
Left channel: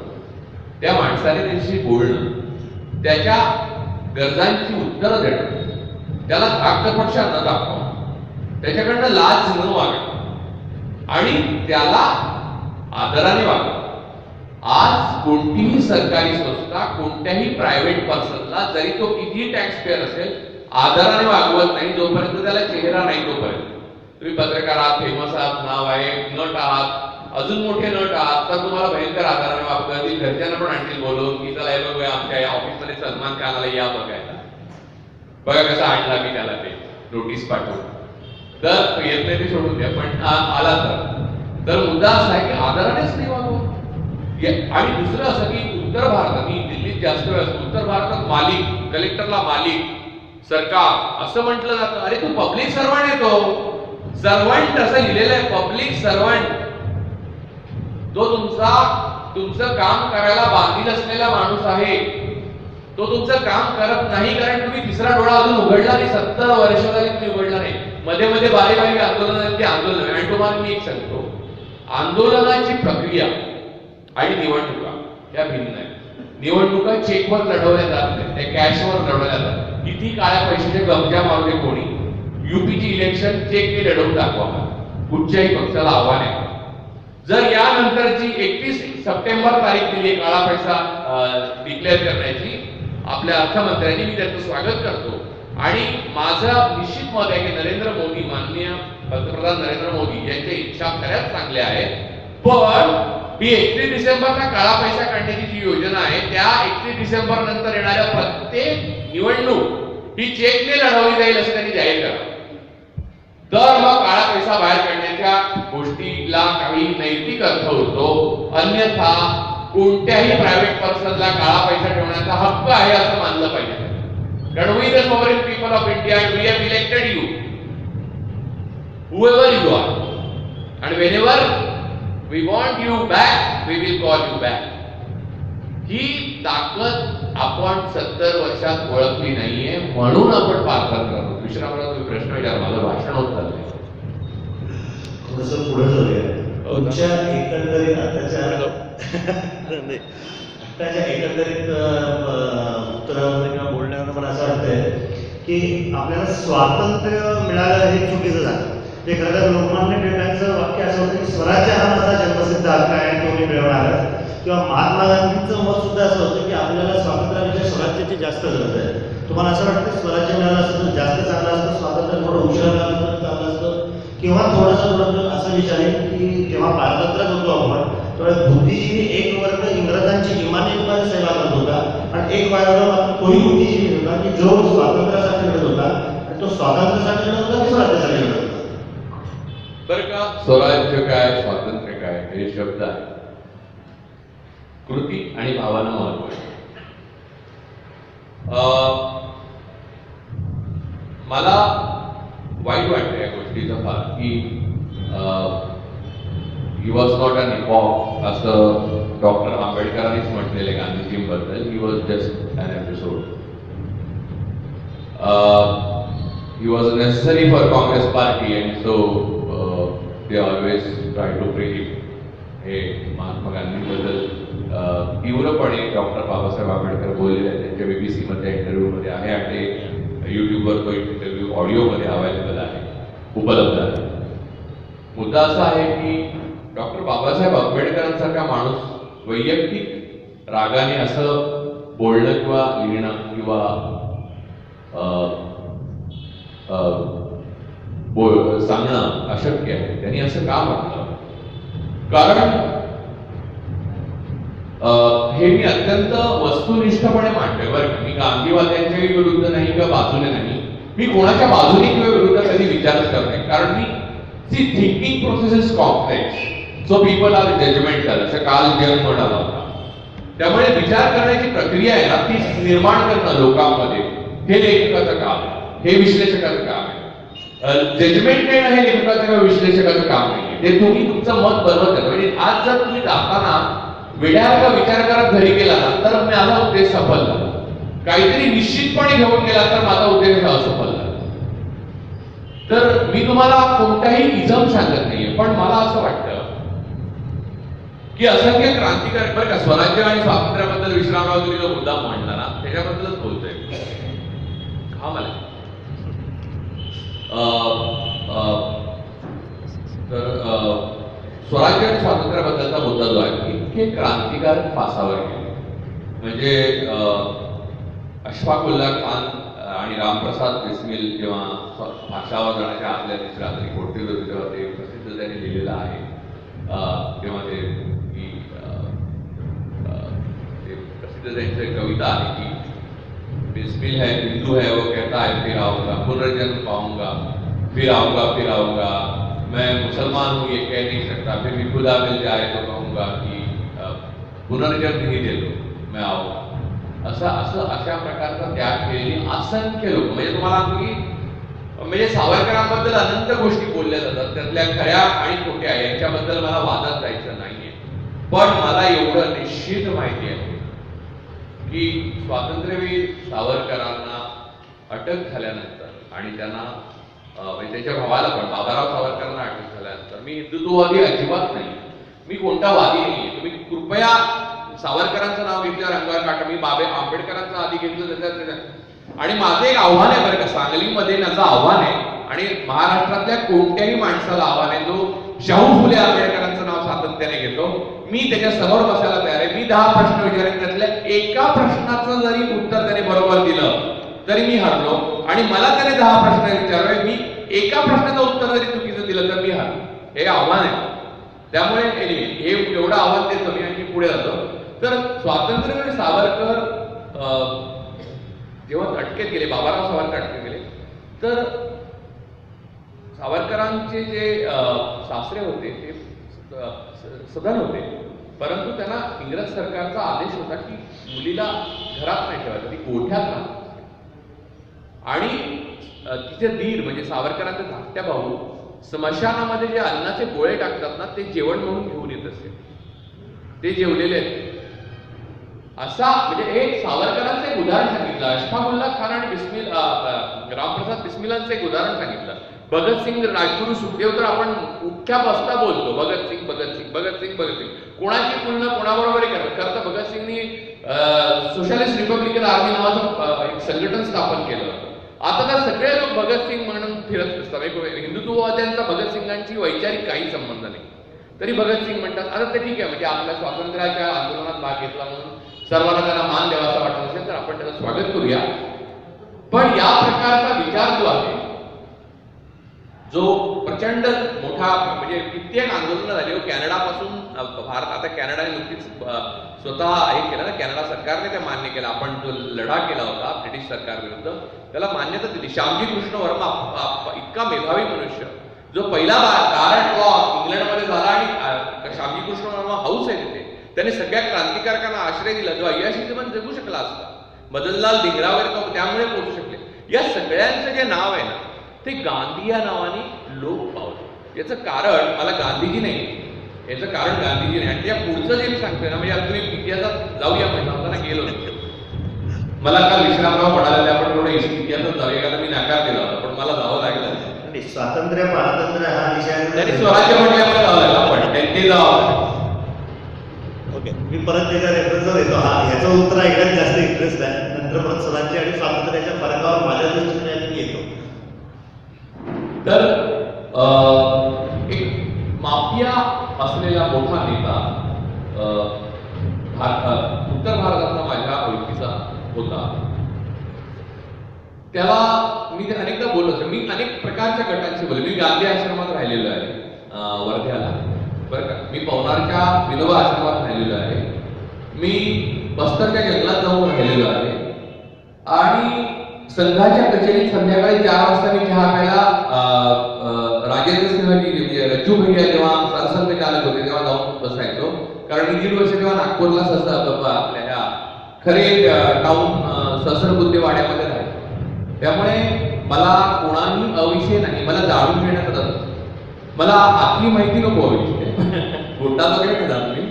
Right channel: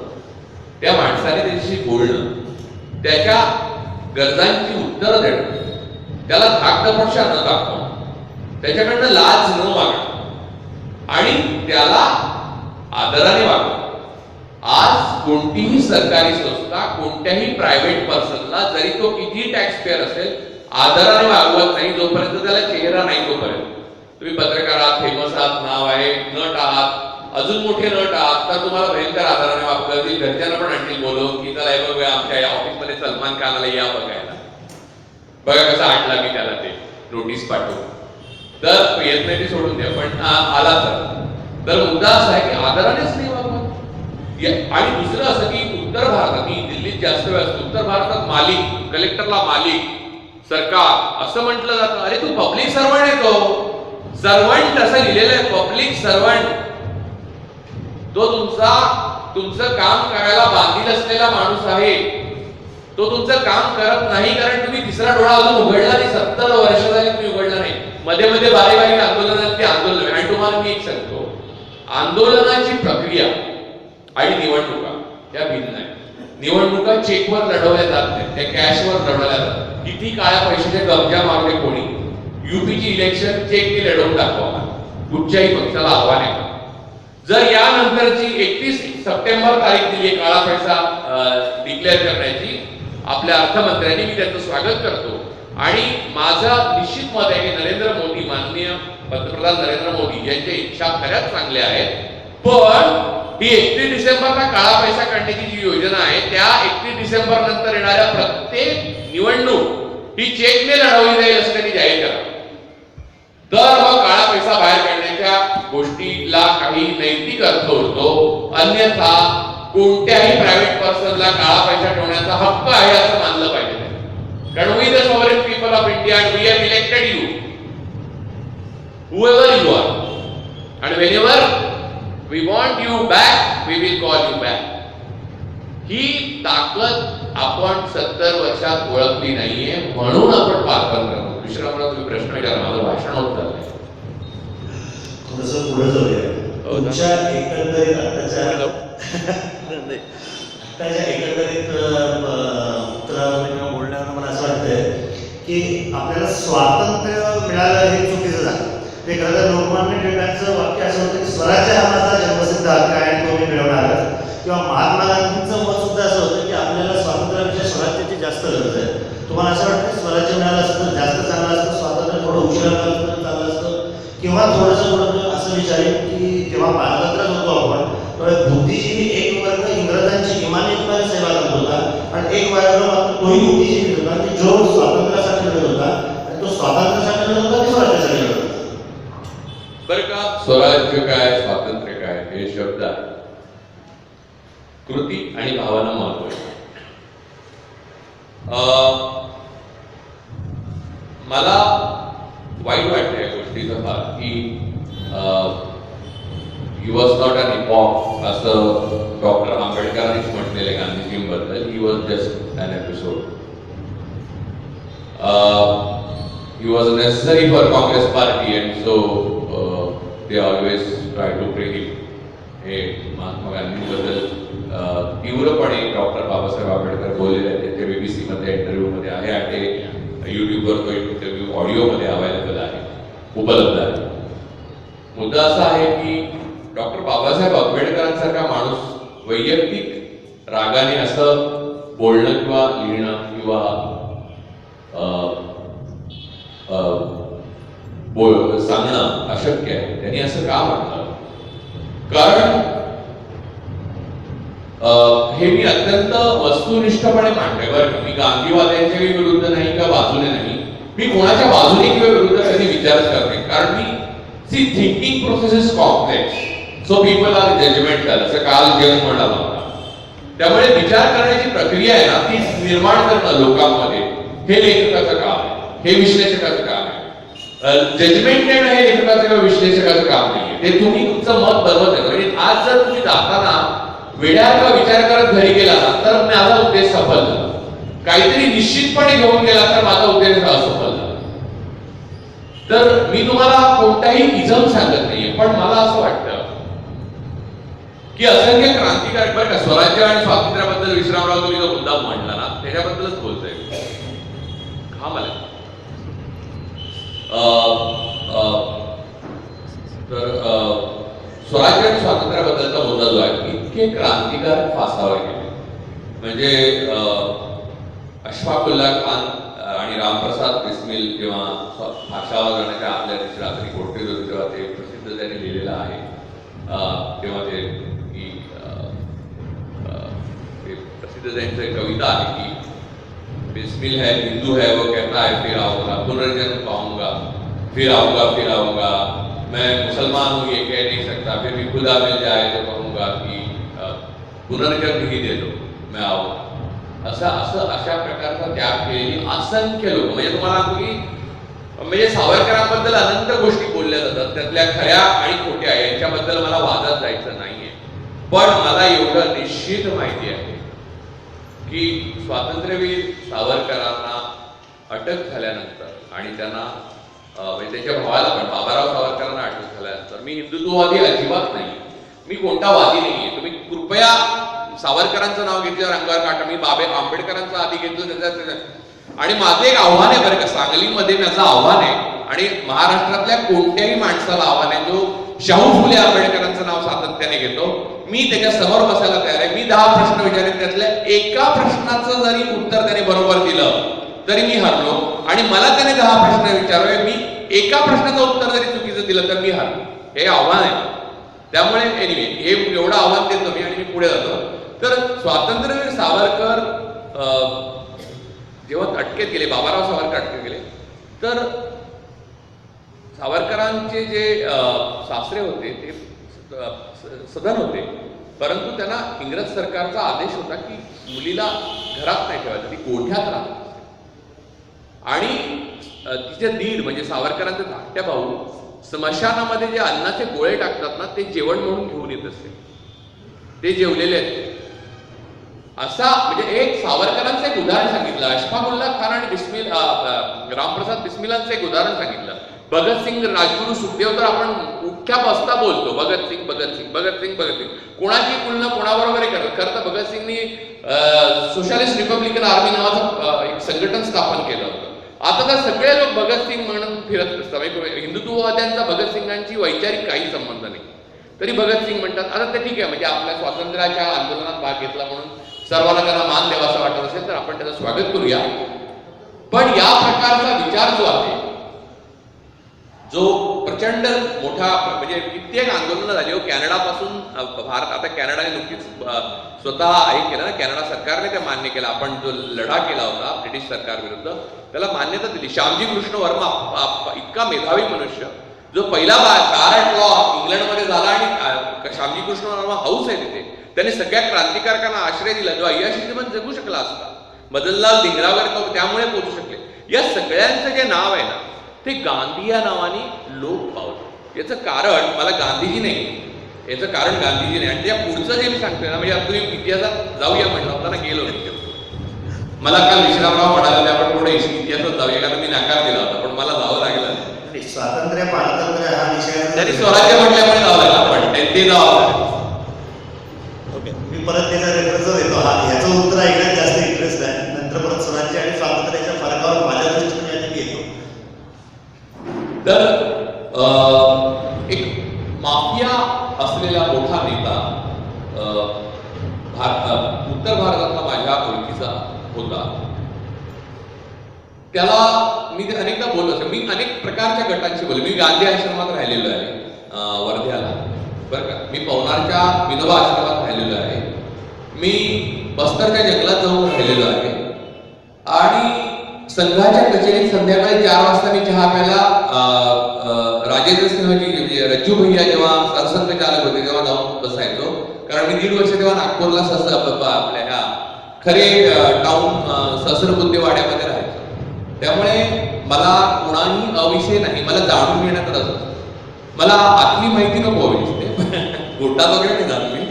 त्या माणसाने त्याच्याशी बोलणं, त्याच्या गरजांची उत्तरं देणं, त्याला धाकटपक्षा न दाखवणं, त्याच्याकडनं लाज न मागणं आणि त्याला आदराने वागणं. आज कोणतीही सरकारी संस्था कोणत्याही प्रायव्हेट पर्सनला जरी तो किती टॅक्स पेअर असेल आदराने वागवत नाही जोपर्यंत त्याला चेहरा नाही तोपर्यंत. तुम्ही पत्रकार आहात, फेमस आहात, नाव आहे, नट आहात, अजून मोठे नट आहात तर तुम्हाला भयंकर आदराने वागतील. घरच्यांना पण आणतील बोलून की चला हे बघूया आमच्या या ऑफिसमध्ये सलमान खान आला या बघायला, बघा कसं आणला मी त्याला ते नोटीस पाठवून. तर येत नाही ते सोडून द्या पण आला तर मुद्दा असा आहे की आदरानेच नाही वागवत. आणि दुसरं असं की उत्तर भारतात, मी दिल्लीत जास्त वेळ असतो, उत्तर भारतात मालिक, कलेक्टरला मालिक, सरकार असं म्हटलं जातं. अरे तू पब्लिक सर्वंट आहे, तो सर्वंट असं लिहिलेलं आहे, पब्लिक सर्वंट. तो तुमचं काम करायला बांधील असलेला माणूस आहे. तो तुमचं काम करत नाही कारण तुम्ही तिसरा डोळा अजून उघडला नाही. 70 वर्ष झाली तुम्ही उघडला नाही. मध्ये मध्ये बारीक आंदोलनाची आंदोलन. आणि तुम्हाला मी एक सांगतो, आंदोलनाची प्रक्रिया आणि निवडणुका या भिन्न आहेत. निवडणुका चेकवर लढवल्या जात नाहीत, त्या कॅशवर लढवल्या जातात. किती काळ्या पैशाचे गमजा मारले कोणी, यूपीची इलेक्शन चेकने लढवून दाखवा. कुठच्याही पक्षाला आव्हान आहे. जर यानंतरची 31 सप्टेंबर तारीख दिली काळा पैसा डिक्लेअर करण्याची आपल्या अर्थमंत्र्यांनी, मी त्याचं स्वागत करतो. आणि माझं निश्चित मत आहे की नरेंद्र मोदी, माननीय पंतप्रधान नरेंद्र मोदी यांच्या इच्छा खऱ्याच चांगल्या आहेत. पण ही 31 डिसेंबरला काळा पैसा काढण्याची जी योजना आहे त्या 31 डिसेंबर नंतर येणाऱ्या प्रत्येक निवडणूक ही चेकने लढवली जाईल असं त्यांनी जाहीर करा. तर मग काळा पैसा बाहेर काढण्याच्या गोष्टीला काही नैतिक अर्थ होतो. अन्यथा कोणत्याही प्रायव्हेट पर्सनला काळा पैसा ठेवण्याचा हक्क आहे असं मानलं पाहिजे त्यांनी. कारण we the sovereign people of India we have elected you whoever you are and whenever we want you back we will call you back. ही ताकद आपण 70 वर्षात ओळखली नाहीये म्हणून आपण पारखण करतो. विश्रामराव तुम्ही प्रश्न विचारा, माझं भाषण होत चाललंय. थोडंसं पुढे जाऊया. हो, तुमच्या एकंदरीत आताच्या नाही. एकंदरीत उत्तरावरून बोलण्यानं मला असं वाटतंय की आपल्याला स्वातंत्र्य मिळालं हे चुकीचं झालं. हे खरं तर लोकमान्य टिळकांचं वाक्य असं होतं की स्वराज्य हा माझा जन्मसिद्ध हक्क आहे आणि तो मी मिळवणारच. किंवा महात्मा गांधींचं मत सुद्धा असं होतं की आपल्याला स्वातंत्र्यापेक्षा स्वराज्याची जास्त गरज आहे. तुम्हाला असं वाटतं स्वराज्य मिळालं असतं तर जास्त चांगलं असतं, स्वातंत्र्य थोडं उशिरा मिळालं तर चांगलं असतं, किंवा थोडंसं थोडं असं विचारेल की जेव्हा पारतंत्र्यात होतो आपण तेव्हा बुद्धिजीवी एक वर्ग इंग्रजांची इमानीत सेवा करत होता आणि एक वर्ग मात्र तोही बुद्धिजीवी होता की जो स्वातंत्र्यासाठी लढत होता आणि तो स्वातंत्र्यासाठी लढत होता की स्वराज्यासाठी लढत होता. बरं का, स्वराज्य काय स्वातंत्र्य काय हे शब्द आहे, कृती आणि भावना महत्वाची. मला वाईट वाटतं या गोष्टीचं फार की he was not an epoch असं डॉक्टर आंबेडकरांनीच म्हटलेलं गांधीजींबद्दल. He was just an episode. He was necessary for Congress party and so they always try to bring it. हे महात्मा गांधींबद्दल तीव्रपणे डॉक्टर बाबासाहेब आंबेडकर बोललेले आहेत. त्यांच्या BBC मध्ये इंटरव्ह्यूमध्ये आहे आणि ते युट्यूबवर तो इंटरव्ह्यू ऑडिओमध्ये अवेलेबल आहे, उपलब्ध आहे. मुद्दा असा आहे की डॉक्टर बाबासाहेब आंबेडकरांसारखा माणूस वैयक्तिक रागाने असं बोलणं किंवा लिहिणं किंवा सांगणं अशक्य आहे. त्यांनी असं का म्हटलं? कारण हे मी अत्यंत वस्तुनिष्ठपणे मांडतोय बरं का. मी गांधीवाद्यांच्याही विरुद्ध नाही किंवा बाजूने नाही. मी कोणाच्या बाजूने किंवा विरुद्ध कधी विचारच करते. कारण मी thinking process is complex, so people are judgemental, असं काल जग म्हणाला होता. त्यामुळे विचार करण्याची प्रक्रिया आहे ना ती निर्माण करणं लोकांमध्ये हे लेखकाचं काम आहे, हे विश्लेषकाचं काम आहे. जजमेंट देणं हे लेखकाचं किंवा विश्लेषकाचं काम नाही. ते तुम्ही तुमचं मत बनवत आहे. म्हणजे आज जर तुम्ही जाताना वेड्यासारखा विचार करत घरी गेला तर माझा उद्देश सफल झाला. काहीतरी निश्चितपणे घेऊन गेला तर माझा उद्देश असफल झाला. तर मी तुम्हाला कोणताही इजम सांगत नाहीये, पण मला असं वाटतं की असंख्य क्रांतिकारक बरं का, स्वराज्य आणि स्वातंत्र्याबद्दल विश्रामराव तुम्ही जो मुद्दा मांडला ना त्याच्याबद्दलच बोलतोय. हा मला तर स्वराज्य आणि स्वातंत्र्याबद्दलचा मुद्दा जो आहे की इतके क्रांतिकारक फासावर गेले. म्हणजे अशफाकुल्ला खान आणि रामप्रसाद बिस्मिल जेव्हा फाशावर जाण्याच्या आदल्या दिवशी रात्री कोठे होते तेव्हा ते प्रसिद्ध त्यांनी लिहिलेलं आहे. तेव्हा ते की प्रसिद्ध त्यांची कविता आहे की बिस्मिल है हिंदू है वो कहता है फिर आऊंगा, पुनर्जन्म पाऊंगा, फिर आऊंगा, मैं मुसलमान हूँ ये कह नहीं सकता, फिर भी खुदा मिल जाए तो कहूंगा कि पुनर्जन्म ही दे दो, मैं आऊंगा. अशा प्रकारचा त्याग केलेली असंख्य लोक, म्हणजे तुम्हाला तुम्ही म्हणजे सावरकरांबद्दल अनंत गोष्टी बोलल्या जातात, त्यातल्या खऱ्या आणि खोट्या यांच्याबद्दल मला वादात जायचं नाहीये. पण मला एवढं निश्चित माहिती आहे की स्वातंत्र्यवीर सावरकरांना अटक झाल्यानंतर आणि त्यांना म्हणजे त्यांच्या भावाला पण बाबाराव सावरकरांना अटक झाल्यानंतर मी हिंदुत्ववादी अजिबात नाही, मी कोणता वादी नाहीये. तुम्ही कृपया सावरकरांचं नाव घेतल्यावर अंगावर काटा. मी बाबे आंबेडकरांचं आधी घेतलं त्याच्या आणि माझं एक आव्हान आहे बरं का, सांगलीमध्ये माझं आव्हान आहे आणि महाराष्ट्रातल्या कोणत्याही माणसाला आव्हान आहे जो शाहू फुले आंबेडकरांचं नाव सातत्याने घेतो. मी त्याच्या समोर बसायला तयार आहे. मी 10 प्रश्न विचारेन, त्यातल्या एका प्रश्नाचं जरी उत्तर त्याने बरोबर दिलं तरी मी हरलो आणि मला त्याने 10 प्रश्न विचारावे, मी एका प्रश्नाचं उत्तर जरी चुकीचं दिलं तर मी हरलो. हे आव्हान आहे. त्यामुळे एनिवे हे एवढं आव्हान देतो मी आणि मी पुढे जातो. तर स्वातंत्र्यवीर सावरकर जेव्हा अटकेत गेले, बाबाराव सावरकर अटकेत गेले, तर सावरकरांचे जे सासरे होते ते सदन होते परंतु त्यांना इंग्रज सरकारचा आदेश होता की मुलीला घरात नाही ठेवायचं, ती गोठ्यात राहत असते. आणि तिचे दीर म्हणजे सावरकरांचे धाकट्या भाऊ स्मशानामध्ये जे अन्नाचे गोळे टाकतात ना, ते जेवण म्हणून घेऊन येत असते. ते जेवलेले आहेत. असा म्हणजे एक सावरकरांचं एक उदाहरण सांगितलं, अशफाकुल्ला खान आणि रामप्रसाद बिस्मिलांचं एक उदाहरण सांगितलं. भगतसिंग, राजगुरू, सुखदेव तर आपण उठ्या बसता बोलतो भगतसिंग भगतसिंग भगतसिंग भगतसिंग. कोणाची तुलना कोणाबरोबरही करत. खरं तर भगतसिंगनी सोशलिस्ट रिपब्लिकन आर्मी नावाचं एक संघटन स्थापन केलं होतं. आता तर सगळे लोक भगतसिंग म्हणून फिरत असतात. हिंदुत्ववाद्यांचा भगतसिंगांची वैचारिक काही संबंध नाही, तरी भगतसिंग म्हणतात. आता ते ठीक आहे, म्हणजे आपल्या स्वातंत्र्याच्या आंदोलनात भाग घेतला म्हणून सर्वांना त्यांना मान द्यावासा वाटत असेल तर आपण त्याचं स्वागत करूया. पण या प्रकारचा विचार जो आहे, जो प्रचंड मोठा म्हणजे कित्येक आंदोलनं झाली हो कॅनडापासून भारत. आता कॅनडाने नुकतीच स्वतः हे केलं ना, कॅनडा सरकारने ते मान्य केलं. आपण जो लढा केला होता ब्रिटिश सरकार विरुद्ध, त्याला मान्यता दिली. श्यामजी कृष्ण वर्मा इतका मेधावी मनुष्य, जो पहिला बॅरट लॉ इंग्लंडमध्ये झाला, आणि श्यामजी कृष्ण वर्मा हाऊस आहे तिथे, त्याने सगळ्या क्रांतिकारकांना आश्रय दिला. जो अय्याशी जीवन जगू शकला असता, मदनलाल धिंगरा वगैरे तो त्यामुळे पोहोचू शकले. या सगळ्यांचं जे नाव आहे ना, ते गांधी या नावाने लोक पावलं. याचं कारण मला गांधीजी नाही, याचं कारण गांधीजी नाही. आणि त्या पुढचं जे मी सांगतोय ना, म्हणजे आता तुम्ही इतिहासात जाऊया म्हणलं असताना गेलो मी. मला काल विश्रामराव म्हणाले आपण थोडं इतिहासात जाऊया, कारण मी नकार दिला होता, पण मला जावं लागलं. स्वातंत्र्य पारतंत्र्य हा विषय त्यांनी स्वराज्य म्हटल्यामुळे जावं लागलं, पण ते जावं. ओके, मी परत त्याचा रेफरन्स देतो. हा ह्याचं उत्तर ऐकण्यात जास्त इंटरेस्ट आहे. नंतर परत स्वराज्य आणि स्वातंत्र्याच्या फरकावर माझ्या दृष्टीने येतो. तर एक माफिया असलेला मोठा नेता उत्तर भारतातला माझ्या ओळखीचा होता. त्याला मी अनेकदा बोललो असेल. मी अनेक प्रकारच्या गटांशी बोललो. मी गांधी आश्रमात राहिलेलो आहे वर्ध्याला, बरं का. मी पवनारच्या विनोबा आश्रमात राहिलेलो आहे. मी बस्तरच्या जंगलात जाऊन राहिलेलो आहे. आणि संघाच्या कचेरीत संध्याकाळी 4 वाजता मी चहा प्यायला राजेंद्र सिंहजी म्हणजे रज्जू भैया जेव्हा सरसंघ चालक होते तेव्हा जाऊन बसायचो. कारण मी 1.5 वर्ष तेव्हा नागपूरला आपल्या ह्या खरे टाउन सहस्रबुद्धेवाड्यामध्ये राहायचो. त्यामुळे मला कोणाही अविषय नाही, मला जाणून घेण्यात रस असतो. मला आतली माहिती नको हवी, गोटात वगैरे नाही जाणून मी.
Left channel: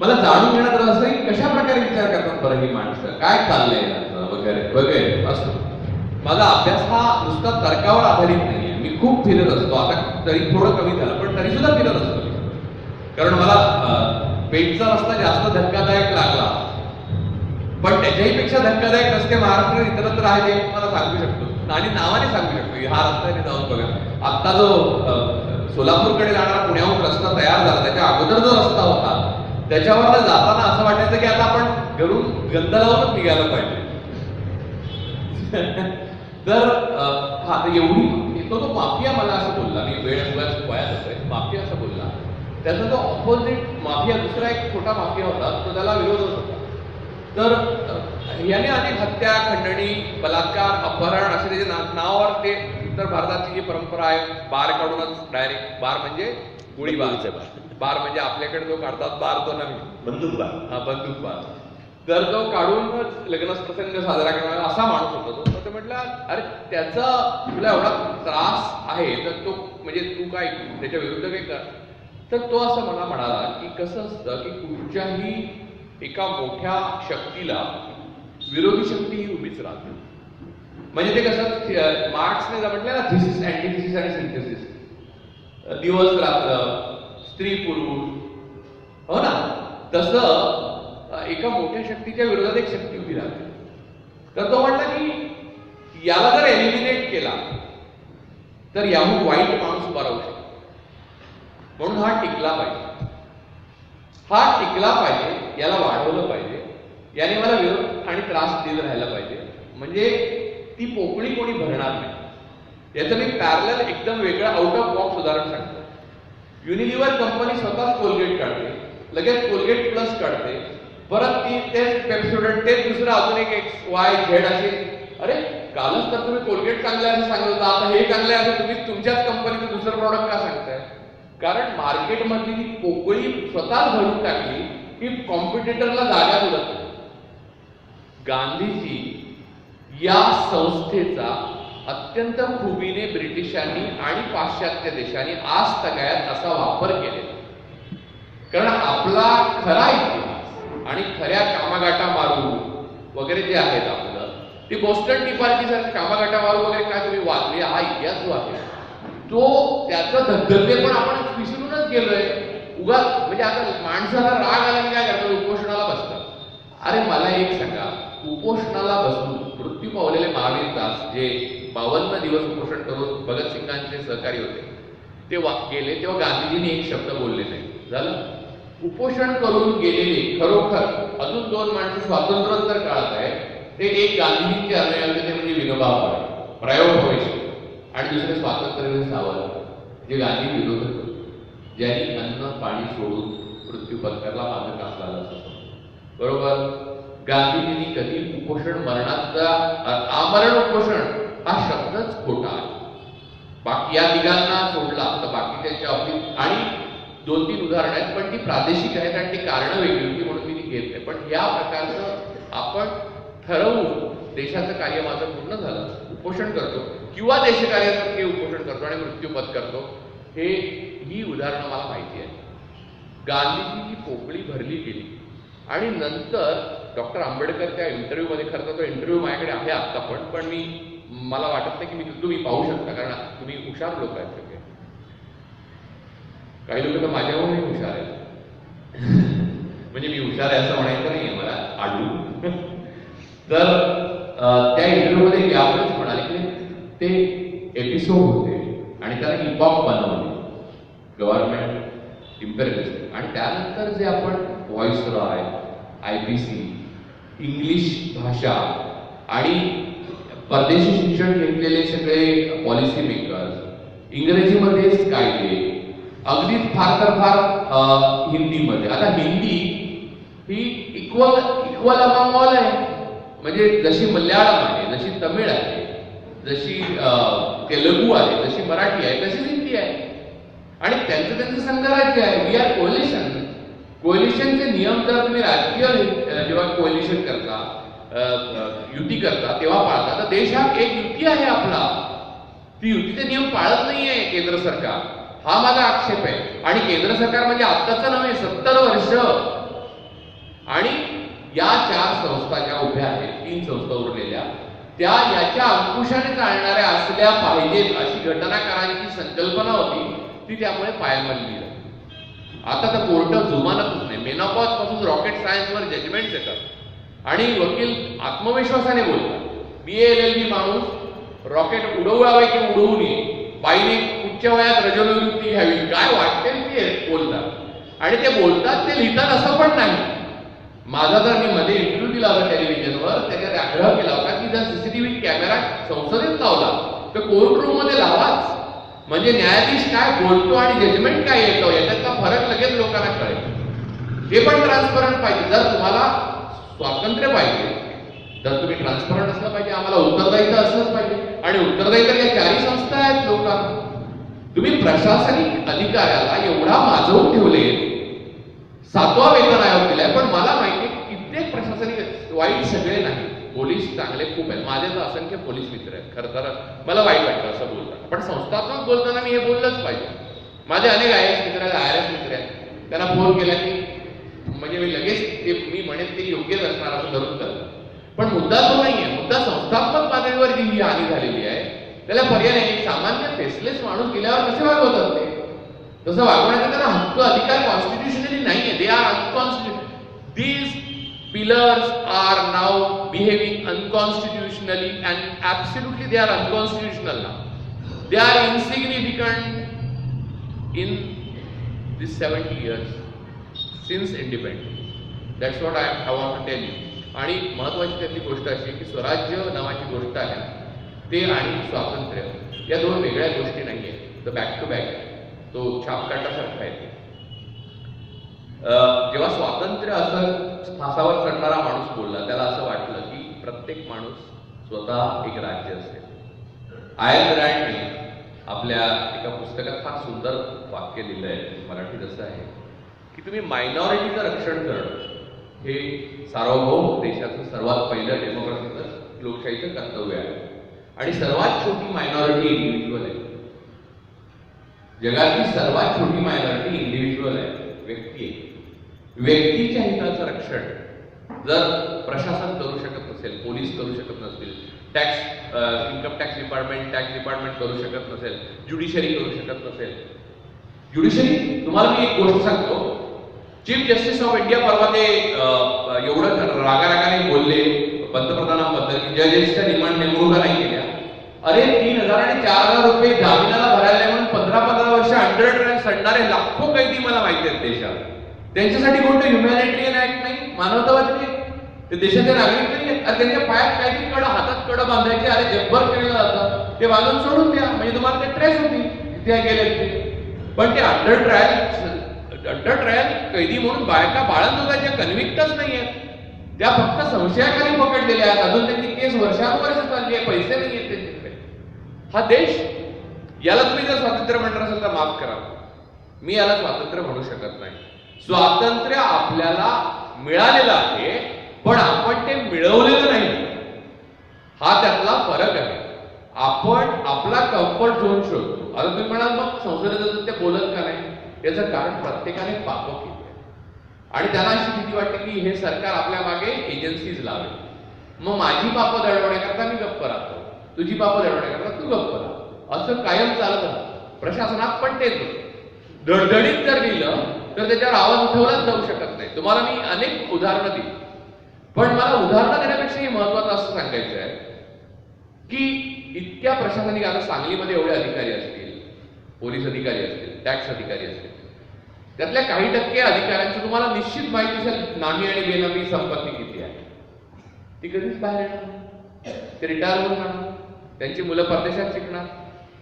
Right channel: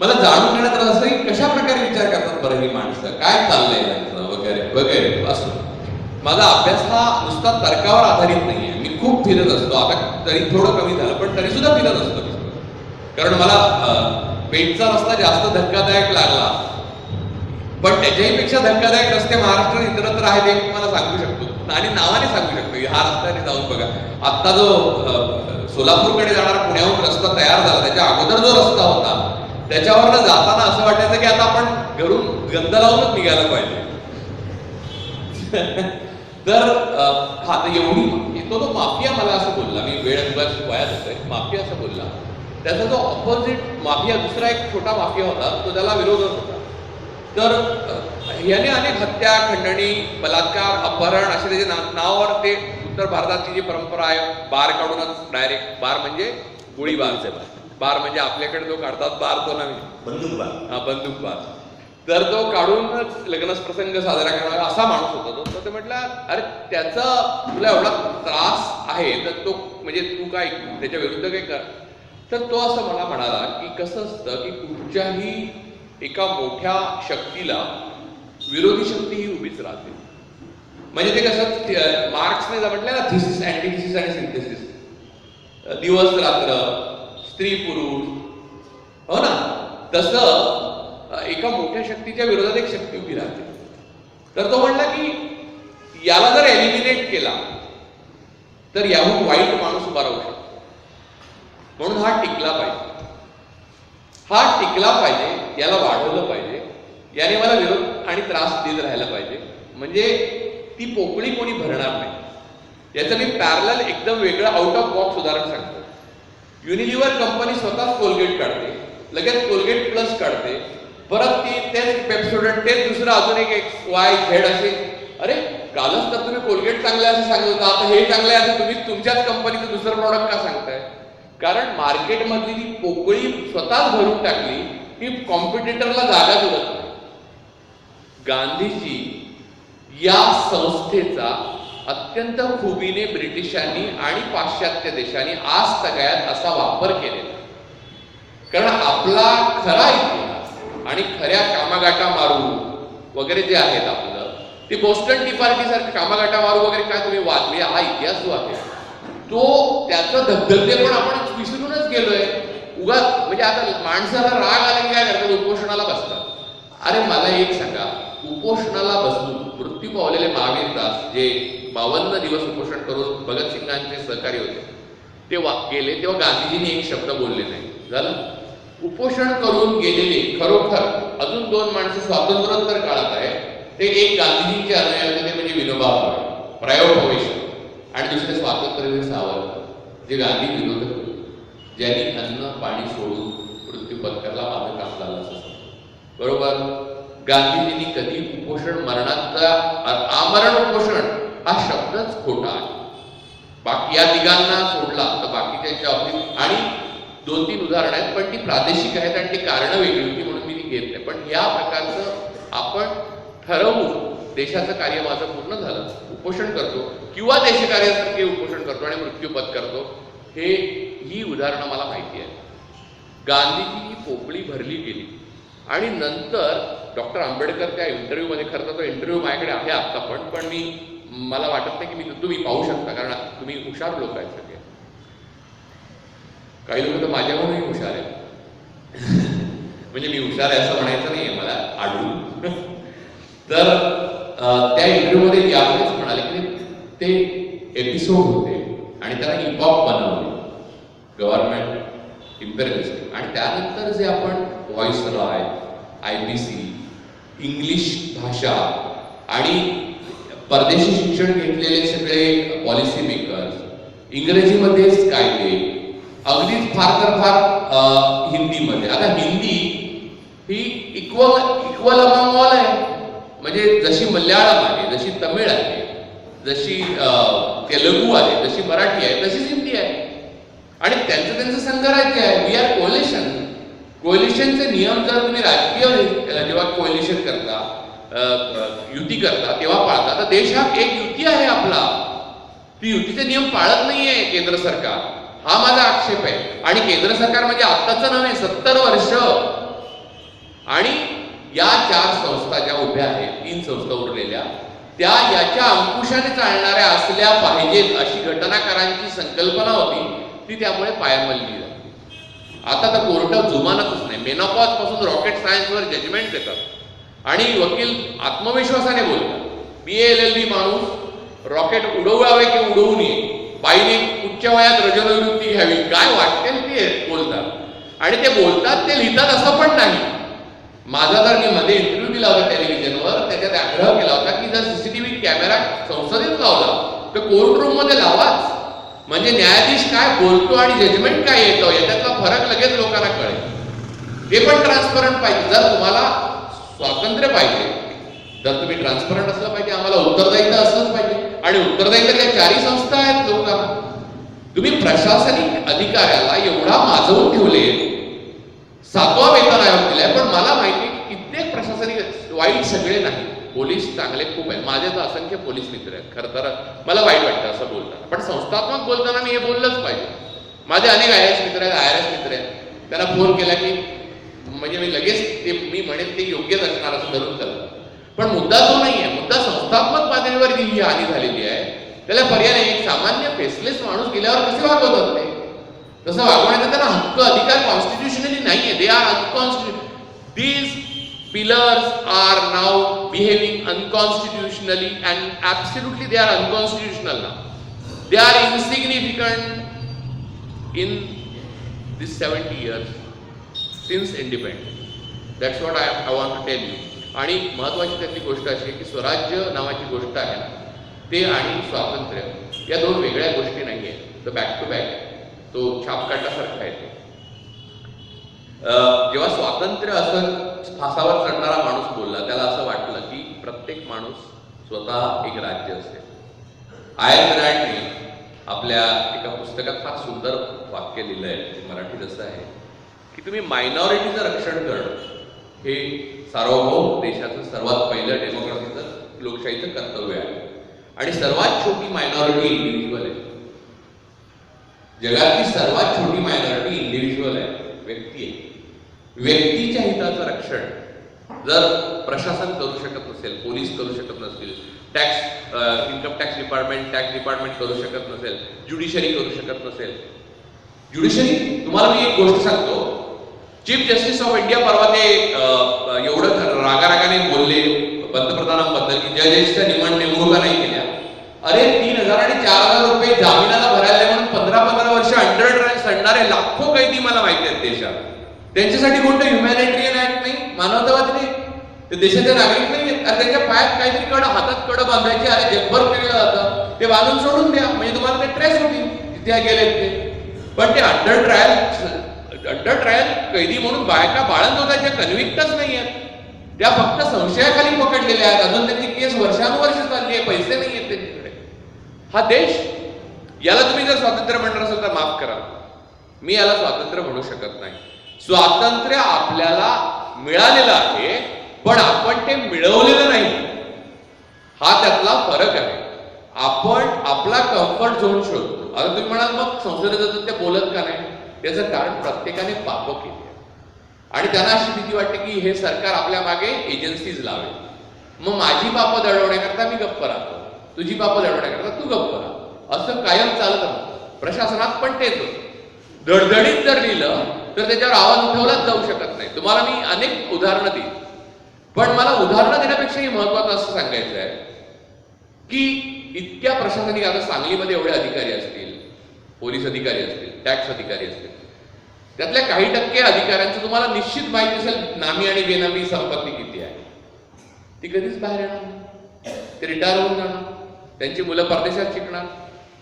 मला जाणून घेण्यात रस आहे, कशा प्रकारे विचार करतात बरं ही माणसं, काय चाललंय वगैरे वगैरे. असं माझा अभ्यास हा नुसता तर्कावर आधारित नाहीये. मी खूप फिरत असतो. आता तरी थोडं कमी झालं, पण तरी सुद्धा फिरत असतो मी. कारण मला पेठचा रस्ता जास्त धक्कादायक लागला, पण त्याच्याही पेक्षा धक्कादायक रस्ते महाराष्ट्रात इतरत्र आहेत हे मी मला सांगू शकतो आणि नावाने सांगू शकतो. हा रस्त्याने जाऊन बघा. आत्ता जो सोलापूरकडे जाणारा पुण्याहून रस्ता तयार झाला, त्याच्या अगोदर जो रस्ता होता त्याच्यावरनं जाताना असं वाटायचं की आता आपण घरून गंध लावूनच निघायला पाहिजे. तर हा तर एवढी तो माफिया मला असं बोलला. मी वेळ वयात होतोय. माफिया असं बोलला. त्याचा जो ऑपोजिट माफिया दुसरा एक छोटा माफिया होता, तो त्याला विरोधक होता. तर याने अनेक हत्या, खंडणी, बलात्कार, अपहरण असे त्याचे नावावर ते उत्तर भारताची जी परंपरा आहे, बार काढूनच डायरेक्ट, बार म्हणजे गोळीबार, बार म्हणजे आपल्याकडे जो काढतात बार तो नव्हे, बंदूक बार. हा बंदूक बार. तर तो काढूनच लग्न प्रसंग साजरा करणारा असा माणूस होता तो. तर ते म्हटलं अरे त्याचा तुला एवढा त्रास आहे तर तो म्हणजे तू काय त्याच्या विरुद्ध काय कर. तर तो असं मला म्हणाला की कसं असतं की कुठच्याही एका मोठ्या शक्तीला विरोधी शक्ती ही उभीच राहते. म्हणजे ते कसं मार्क्सने म्हटलं ना, थिसिस, अँटिथिसिस आणि सिंथेसिस, दिवस रात्र, स्त्री पुरुष, हो ना, तसं एका मोठ्या शक्तीच्या विरोधात एक शक्ती उभी राहते. तर तो म्हणला की याला जर एलिमिनेट केला तर याहून वाईट माणूस उभा राहू शकतो. म्हणून हा टिकला पाहिजे, हा टिकला पाहिजे, याला वाढवलं पाहिजे, याने मला विरोध आणि त्रास देत राहायला पाहिजे, म्हणजे ती पोकळी कोणी भरणार नाही. याचं मी पॅरलल एकदम वेगळं आउट ऑफ बॉक्स उदाहरण सांगतो. युनिलिव्हर कंपनी स्वतःच कोलगेट काढते, लगेच कोलगेट प्लस काढते, परत ती तेच पेप्सोडंट, तेच दुसरं अजून एक XYZ असे. अरे कालच तर तुम्ही कोलगेट चांगलं असं सांगत होता, आता हे चांगलं आहे असं तुम्ही तुमच्याच कंपनीचं दुसरं प्रॉडक्ट का सांगताय? कारण मार्केटमधली ती पोकळी स्वतःच भरून टाकली की कॉम्पिटिटरला जागा उरत नाही. गांधीजी या संस्थेचा अत्यंत खुबीने ब्रिटिशांनी आणि पाश्चात्य देशांनी आज तगायत असा वापर केलेला. कारण आपला खरा इतिहास आणि खऱ्या कामागाटा मारू वगैरे जे आहेत आपलं, ते बोस्टन टी पार्टी सारखं कामागाटा मारू वगैरे काय तुम्ही वाचले, हा इतिहास जो आहे तो त्याचं धगधगते पण आपण विसरूनच गेलोय. उगा म्हणजे आता माणसाला राग आला की काय करतात, उपोषणाला बसतात. अरे मला एक सांगा, उपोषणाला बसून मृत्यू पावलेले महावीर दास जे 52 दिवस उपोषण करून भगतसिंगांचे सहकारी होते, ते गेले तेव्हा गांधीजींनी एक शब्द बोलले नाही. झालं. उपोषण करून गेलेले खरोखर अजून 2 माणसं स्वातंत्र्योत्तर काळात आहे, ते एक गांधीजींचे अनुयायी होते, ते म्हणजे विनोबा भावे, प्रायोपवेश, आणि दुसरे स्वातंत्र्यवीर सावरकर जे गांधी विरोधक होते, ज्यांनी अन्न पाणी सोडून मृत्यू पत्करला मागे टाकला असं. बरोबर. गांधीजींनी कधी उपोषण मरणाचा आमरण उपोषण हा शब्दच खोटा आहे. बाकी या तिघांना सोडला तर बाकीच्या बाबतीत आणि 2-3 उदाहरणं आहेत, पण ती प्रादेशिक आहेत आणि ती कारणं वेगळी होती म्हणून मी ती घेत नाही. पण या प्रकारचं आपण ठरवून देशाचं कार्य माझं पूर्ण झालं, उपोषण करतो किंवा देशकार्यासारखे उपोषण करतो आणि मृत्यू पत्करतो, ही उदाहरणं मला माहिती आहे. गांधीजी ही पोकळी भरली गेली आणि नंतर डॉक्टर आंबेडकर त्या इंटरव्ह्यूमध्ये, खरं तर तो इंटरव्ह्यू माझ्याकडे आहे आत्ता पण मला वाटत नाही की तुम्ही पाहू शकता, कारण तुम्ही हुशार लोक आहेत सगळे. काही लोक तर माझ्याहूनही हुशार आहेत. म्हणजे मी हुशार आहे असं म्हणायचं नाहीये मला आढळून. तर त्या इंटरव्ह्यूमध्ये यावेळेस म्हणाले की ते एपिसोड होते आणि त्याला इपॉक बनवले, गव्हर्नमेंट इम्पेरियलिस्टिक, आणि त्यानंतर जे आपण व्हॉइसरॉय, IBC, इंग्लिश भाषा आणि परदेशी शिक्षण घेतलेले सगळे पॉलिसी मेकर्स, इंग्रजीमध्येच कायदे, अगदीच फार तर फार हिंदीमध्ये. आता हिंदी ही इक्वल अमंग ऑल आहे. म्हणजे जशी मल्याळम आहे, जशी तमिळ आहे, जशी तेलुगू आहे, जशी मराठी आहे, तशीच हिंदी आहे. आणि त्यांचं संघराज्य आहे. We R collision. कोलिशनचे नियम जर तुम्ही राजकीय जेव्हा कोलिशन करता, युती करता, तेव्हा पाळता, तर देश हा एक युती आहे आपला. ती युतीचे नियम पाळत नाहीये केंद्र सरकार, हा माझा आक्षेप आहे. आणि केंद्र सरकार म्हणजे आत्ताचं नव्हे, 70 वर्ष. आणि या 4 संस्था ज्या उभ्या आहेत, 3 संस्था उरलेल्या, त्या याच्या अंकुशाने चालणाऱ्या असल्या पाहिजेत अशी घटनाकारांची संकल्पना होती. ती त्यामुळे पायमल्ली झाली. आता तर कोर्ट जुमानतच नाही. मेनोपॉज पासून रॉकेट सायन्सवर जजमेंट देतात आणि वकील आत्मविश्वासाने बोलतात. BA LLB माणूस रॉकेट उडवावे की उडवू नये, बाईने कुठच्या वयात रजोनिवृत्ती घ्यावी, काय वाटेल ते बोलतात. आणि ते बोलतात, ते लिहितात असं पण नाही. माझा तर मी मध्ये इंटरव्ह्यू दिला होता टेलिव्हिजनवर, त्याच्यात आग्रह केला होता की जर CCTV कॅमेरा संसदेत लावला तर कोर्ट रूम मध्ये लावाच. म्हणजे न्यायाधीश काय बोलतो आणि जजमेंट काय येतो याच्यातला फरक लगेच लोकांना कळेल. ते पण ट्रान्सपरंट पाहिजे. जर तुम्हाला स्वातंत्र्य पाहिजे, जर तुम्ही ट्रान्सपरंट असलं पाहिजे, आम्हाला उत्तरदायित्व असलंच पाहिजे. आणि उत्तरदायित्व या 4ही संस्था आहेत लोकांना. तुम्ही प्रशासनिक अधिकाऱ्याला एवढा माजवून ठेवले, 7वा वेतन आयोग दिलाय, पण मला माहिती आहे की कित्येक प्रशासनिक वाईट सगळे नाही, पोलीस चांगले खूप आहेत. माझे तर असंख्य पोलीस मित्र आहेत. खरं तर मला वाईट वाटतं असं बोलताना, पण संस्थात्मक बोलताना मी हे बोललंच पाहिजे. माझे अनेक IAS मित्र आहेत, IRS मित्र आहेत. त्यांना फोन केला की म्हणजे मी लगेच ते मी म्हणेन ते योग्यच असणार असं धरून चालतं. पण मुद्दा तो नाही आहे. मुद्दा संस्थात्मक पातळीवर जी ही हानी झालेली आहे त्याला पर्याय नाही. एक सामान्य फेसलेस माणूस गेल्यावर कसे वागवतात ते, तसं वागवण्याचा त्यांना हक्क अधिकार कॉन्स्टिट्युशनली नाहीये. They are unconstitutional. These pillars are now behaving unconstitutionally and absolutely they are unconstitutional now. They are insignificant in this 70 years since independence. That's what I want to tell you. आणि महत्वाची त्यातली गोष्ट अशी आहे की स्वराज्य नावाची गोष्ट आहे ना, ते आणि स्वातंत्र्य या 2 वेगळ्या गोष्टी नाही आहेत. तर बॅक टू बॅक आहे. तो छापकाटासारखा आहे. जेव्हा स्वातंत्र्य असं फासावर चढणारा माणूस बोलला, त्याला असं वाटलं की प्रत्येक माणूस स्वतः एक राज्य असेल. आयन रँडने आपल्या एका पुस्तकात फार सुंदर वाक्य लिहिलंय, मराठीत असं आहे की तुम्ही मायनॉरिटीचं रक्षण करणं हे सार्वभौम देशाचं सर्वात पहिलं डेमोक्रेसीचं लोकशाहीचं कर्तव्य आहे. आणि सर्वात छोटी मायनॉरिटी इंडिव्हिज्युअल आहे. जगातली सर्वात छोटी मायनॉरिटी इंडिव्हिज्युअल आहे, व्यक्ती आहे. व्यक्तीच्या हिताचं रक्षण जर प्रशासन करू शकत नसेल, पोलीस करू शकत नसतील, इन्कम टॅक्स डिपार्टमेंट करू शकत नसेल, ज्युडिशरी करू शकत नसेल. ज्युडिशरी, तुम्हाला मी एक गोष्ट सांगतो, चीफ जस्टिस ऑफ इंडिया परवा ते एवढं रागारागाने बोलले पंतप्रधानांबद्दल की जजेसच्या नेमणुका नाही केल्या. अरे 3,000 आणि 4,000 रुपये जामिनाला भरायला म्हणून 15-15 वर्ष अंडर ट्रायल सडणारे लाखो कैदी मला माहिती आहेत देशात. त्यांच्यासाठी कोणतं ह्युमॅनिटेरियन ऍक्ट नाही, मानवतावादी नाही, ते देशाचे नागरिक नाही आहेत. अरे त्यांच्या पायात काहीतरी हातात कडं बांधायचे, अरे जगभर केलं जातं, ते बांधून सोडून द्या, म्हणजे तुम्हाला ते ट्रेस होतील जिथे गेलेत ते. पण ते अंडर ट्रायल कैदी म्हणून बायका बाळंतोताच्या कन्व्हिक्टच नाही आहेत, त्या फक्त संशयाखाली पकडलेल्या आहेत. अजून त्यांची केस वर्षानुवर्ष चालली आहे, पैसे नाही आहेत त्यांच्याकडे. हा देश, याला तुम्ही जर स्वातंत्र्य म्हणणार असेल तर माफ करा, मी याला स्वातंत्र्य म्हणू शकत नाही. स्वातंत्र्य आपल्याला मिळालेलं आहे, पण आपण ते मिळवलेलं नाही, हा त्यातला फरक आहे. आपण आपला कम्फर्ट झोन शोधतो. आता तुम्ही म्हणाल मग संसदेत ते बोलत का नाही, त्याचं कारण प्रत्येकाने पापं केली आहे आणि त्यांना अशी भीती वाटते की हे सरकार आपल्या मागे एजन्सीज लावेल, मग माझी पापं दडवण्याकरता मी गप्प राहतो, तुझी पापं दडवण्याकरता तू गप्प राहा, असं कायम चालत राहतं. प्रशासनात पण तेच होतं. धडधडीत जर लिहिलं तर त्याच्यावर आवाज उठवलाच जाऊ शकत नाही. तुम्हाला मी अनेक उदाहरणं दिली, पण मला उदाहरणं देण्यापेक्षाही महत्वाचं असं सांगायचं आहे की इतक्या प्रशासनिक, आता सांगलीमध्ये एवढे अधिकारी असतील, पोलीस अधिकारी असतील, टॅक्स अधिकारी असतील, त्यातल्या काही टक्के अधिकाऱ्यांचं तुम्हाला निश्चित माहिती असेल नामी आणि बेनामी संपत्ती किती आहे. ती कधीच बाहेर येणार नाही, ते रिटायर होऊन जाणार, त्यांची मुलं परदेशात शिकणार,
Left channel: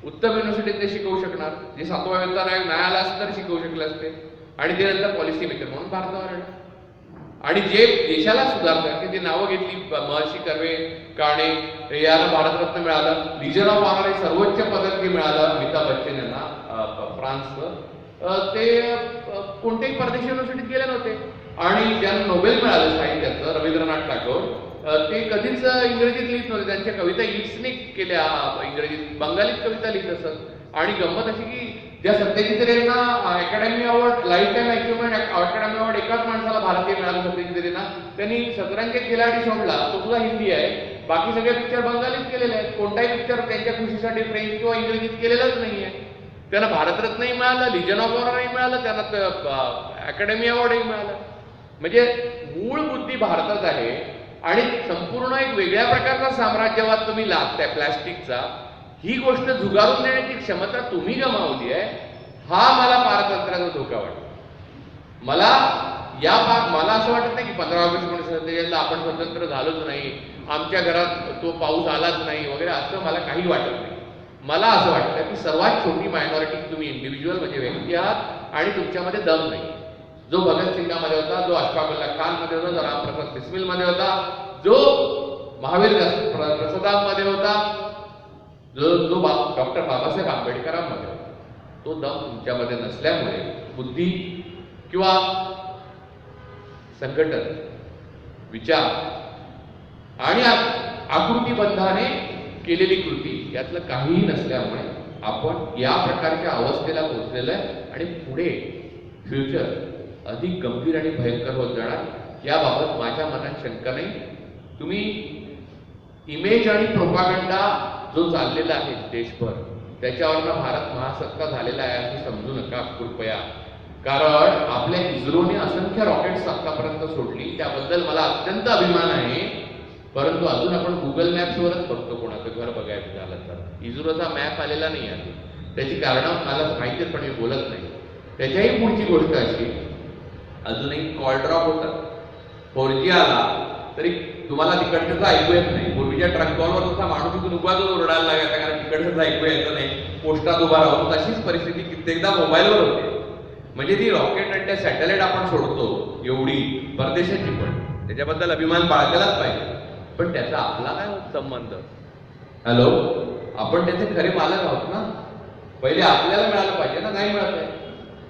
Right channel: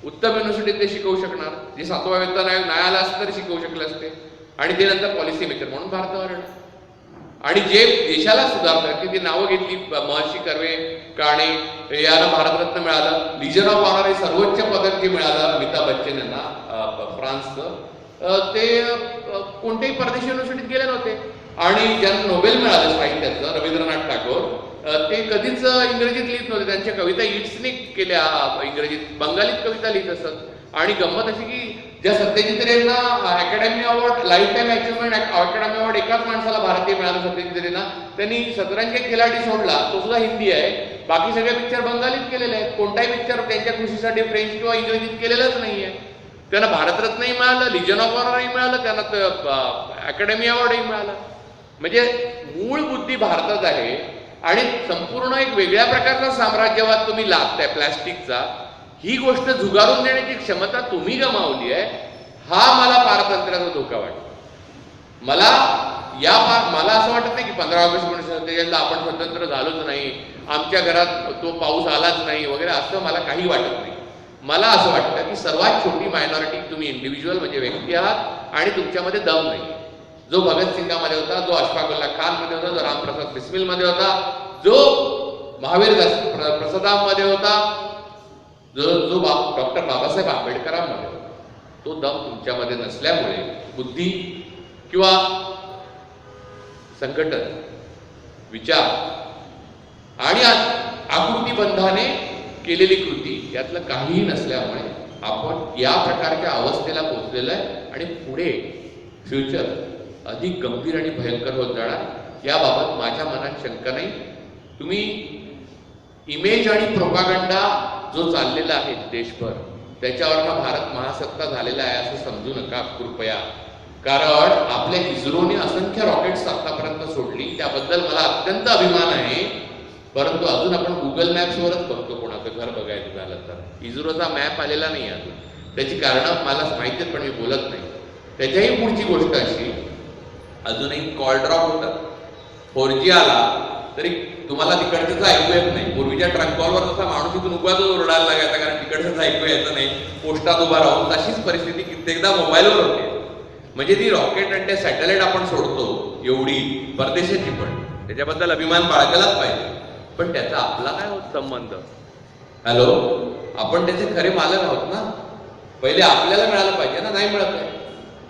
उत्तम युनिव्हर्सिटीत ते शिकवू शकणार, जे 7वा वेतन आयोग नाही आला असं तरी शिकवू शकले असते, आणि ते नंतर पॉलिसी मेकर म्हणून भारतावर येणार. आणि जे देशाला सुधारतात ते नावं घेतली, महर्षी कर्वे, काणे, यांना भारतरत्न मिळालं, लिजन ऑफ ऑनर हे सर्वोच्च पदक जे मिळालं अमिताभ बच्चन यांना फ्रान्सचं, ते कोणत्याही परदेशी युनिव्हर्सिटीत गेले नव्हते. आणि ज्यांना नोबेल मिळालं साहित्याचं, रवींद्रनाथ टागोर, ते कधीच इंग्रजीत लिहित नव्हते, त्यांच्या कविता इट्सने केल्या इंग्रजीत, बंगालीत कविता लिहित असत. आणि गंमत अशी की ज्या सत्यजित रे यांना academy award, life time achievement academy award एकाच माणसाला भारतीय मिळालं सत्यजित रेंना, त्यांनी शतरंज एक खिलाडी सोडला, तो सुद्धा हिंदी आहे, बाकी सगळे पिक्चर बंगालीत केलेले आहेत. कोणताही पिक्चर त्यांच्या खुशीसाठी फ्रेंच किंवा इंग्रजीत केलेलाच नाहीये. त्यांना भारतरत्नही मिळालं, लिजन ऑफ ऑनरही मिळालं, त्यांना अकॅडमी अवॉर्डही मिळालं. म्हणजे मूळ बुद्धी भारतात आहे आणि संपूर्ण एक वेगळ्या प्रकारचा साम्राज्यवाद तुम्ही लादताय प्लॅस्टिकचा. ही गोष्ट झुगारून देण्याची क्षमता तुम्ही गमावली आहे. हा मला पारतंत्र्याचा धोका वाटतो. मला असं वाटत नाही की 15 ऑगस्ट 1947 आपण स्वतंत्र झालोच नाही, आमच्या घरात तो पाऊस आलाच नाही वगैरे, असं मला काही वाटत नाही. मला असं वाटतं की सर्वात छोटी मायनॉरिटी तुम्ही इंडिव्हिज्युअल म्हणजे व्यक्ती आहात आणि तुमच्यामध्ये दम नाही. जो भगतसिंगामध्ये होता, जो अशफाकुल्ला खानमध्ये होता, जो रामप्रसाद बिस्मिलमध्ये होता, जो महावीर प्रसादामध्ये होता, जो डॉक्टर बाबासाहेब आंबेडकरांमध्ये होता, तो दम तुमच्यामध्ये नसल्यामुळे बुद्धी किंवा संघटन, विचार आणि आकृतीबंधाने केलेली कृती यातलं काहीही नसल्यामुळे आपण या प्रकारच्या अवस्थेला पोहोचलेलं आहे आणि पुढे फ्युचर अधिक गंभीर आणि भयंकर होत जाणार. याबाबत माझ्या मनात शंका नाही. तुम्ही इमेज आणि प्रोपागंडा जो चाललेला आहे देशभर, त्याच्यावरनं भारत महासत्ता झालेला आहे असं समजू नका कृपया. कारण आपल्या इस्रोने असंख्य रॉकेट्स आतापर्यंत सोडली, त्याबद्दल मला अत्यंत अभिमान आहे. परंतु अजून आपण गुगल मॅप्सवरच बघतो कोणाचं घर बघायचं झालं तर. इस्रोचा मॅप आलेला नाही अजून. त्याची कारणं मला माहिती आहेत पण मी बोलत नाही. त्याच्याही पुढची गोष्ट अशी, अजूनही कॉल ड्रॉप होतात. 4G आला तरी तुम्हाला तिकडचं ऐकू येत नाही. पूर्वीच्या ट्रंक कॉलवर जसा माणूस इथून उगाच ओरडायला लागायचा कारण तिकडचं ऐकू यायचं नाही, पोस्टात उभा राहून, तशीच परिस्थिती कित्येकदा मोबाईलवर होते. म्हणजे ती रॉकेट आणि त्या सॅटेलाइट आपण सोडतो एवढी परदेशाची, पण त्याच्याबद्दल अभिमान बाळगलाच पाहिजे. पण त्याचा आपला काय होत संबंध? हॅलो, आपण त्याचे खरे मालक आहोत ना. पहिले आपल्याला मिळालं पाहिजे ना, नाही मिळत आहे.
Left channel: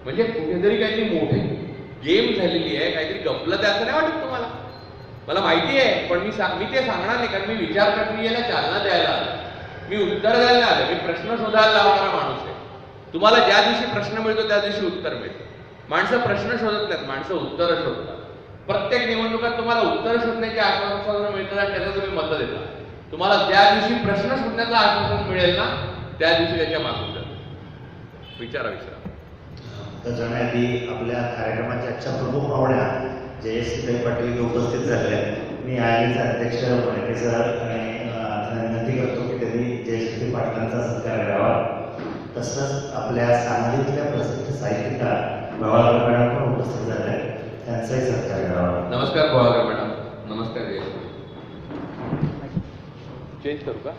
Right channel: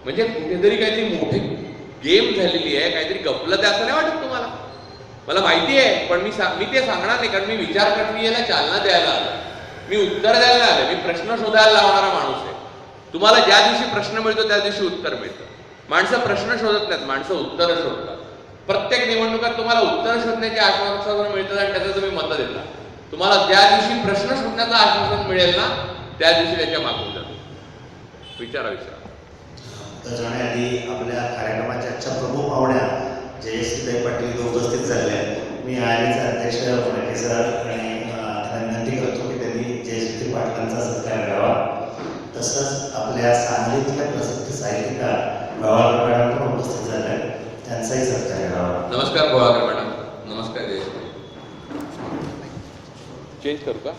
म्हणजे कुठेतरी काहीतरी मोठे गेम झालेली आहे, काहीतरी गपलं आहे असं नाही वाटत तुम्हाला? मला माहिती आहे, पण मी ते सांगणार नाही, कारण मी विचार प्रक्रियेला चालना द्यायला आलो, मी उत्तर द्यायला आलो, मी प्रश्न शोधायला लावणारा माणूस आहे. तुम्हाला ज्या दिवशी प्रश्न मिळतो त्या दिवशी उत्तर मिळतं. माणसं प्रश्न शोधत नाहीत, माणसं उत्तरं शोधतात. प्रत्येक निवडणुकात तुम्हाला उत्तर शोधण्याचे आश्वासन मिळतात आणि त्याचं तुम्ही मतं देता. तुम्हाला ज्या दिवशी प्रश्न शोधण्याचं आश्वासन मिळेल ना, त्या दिवशी त्याच्या मागून जातो. विचारा. तर जाण्याआधी आपल्या कार्यक्रमाच्या आजच्या प्रमुख पाहुण्या जयश्रीताई पाटील उपस्थित झालेल्या आहेत. मी आलीचे अध्यक्ष वडके सर आणि त्यांना विनंती करतो की त्यांनी जयश्री पाटलांचा सत्कार करावा. तसंच आपल्या सांगलीतल्या प्रसिद्ध साहित्यिका गोवाळकर मॅडम पण उपस्थित झाल्या आहेत, त्यांचाही सत्कार करावा. नमस्कार गोवाळकर मॅडम. नमस्कार जयश्री. चेंज करू का?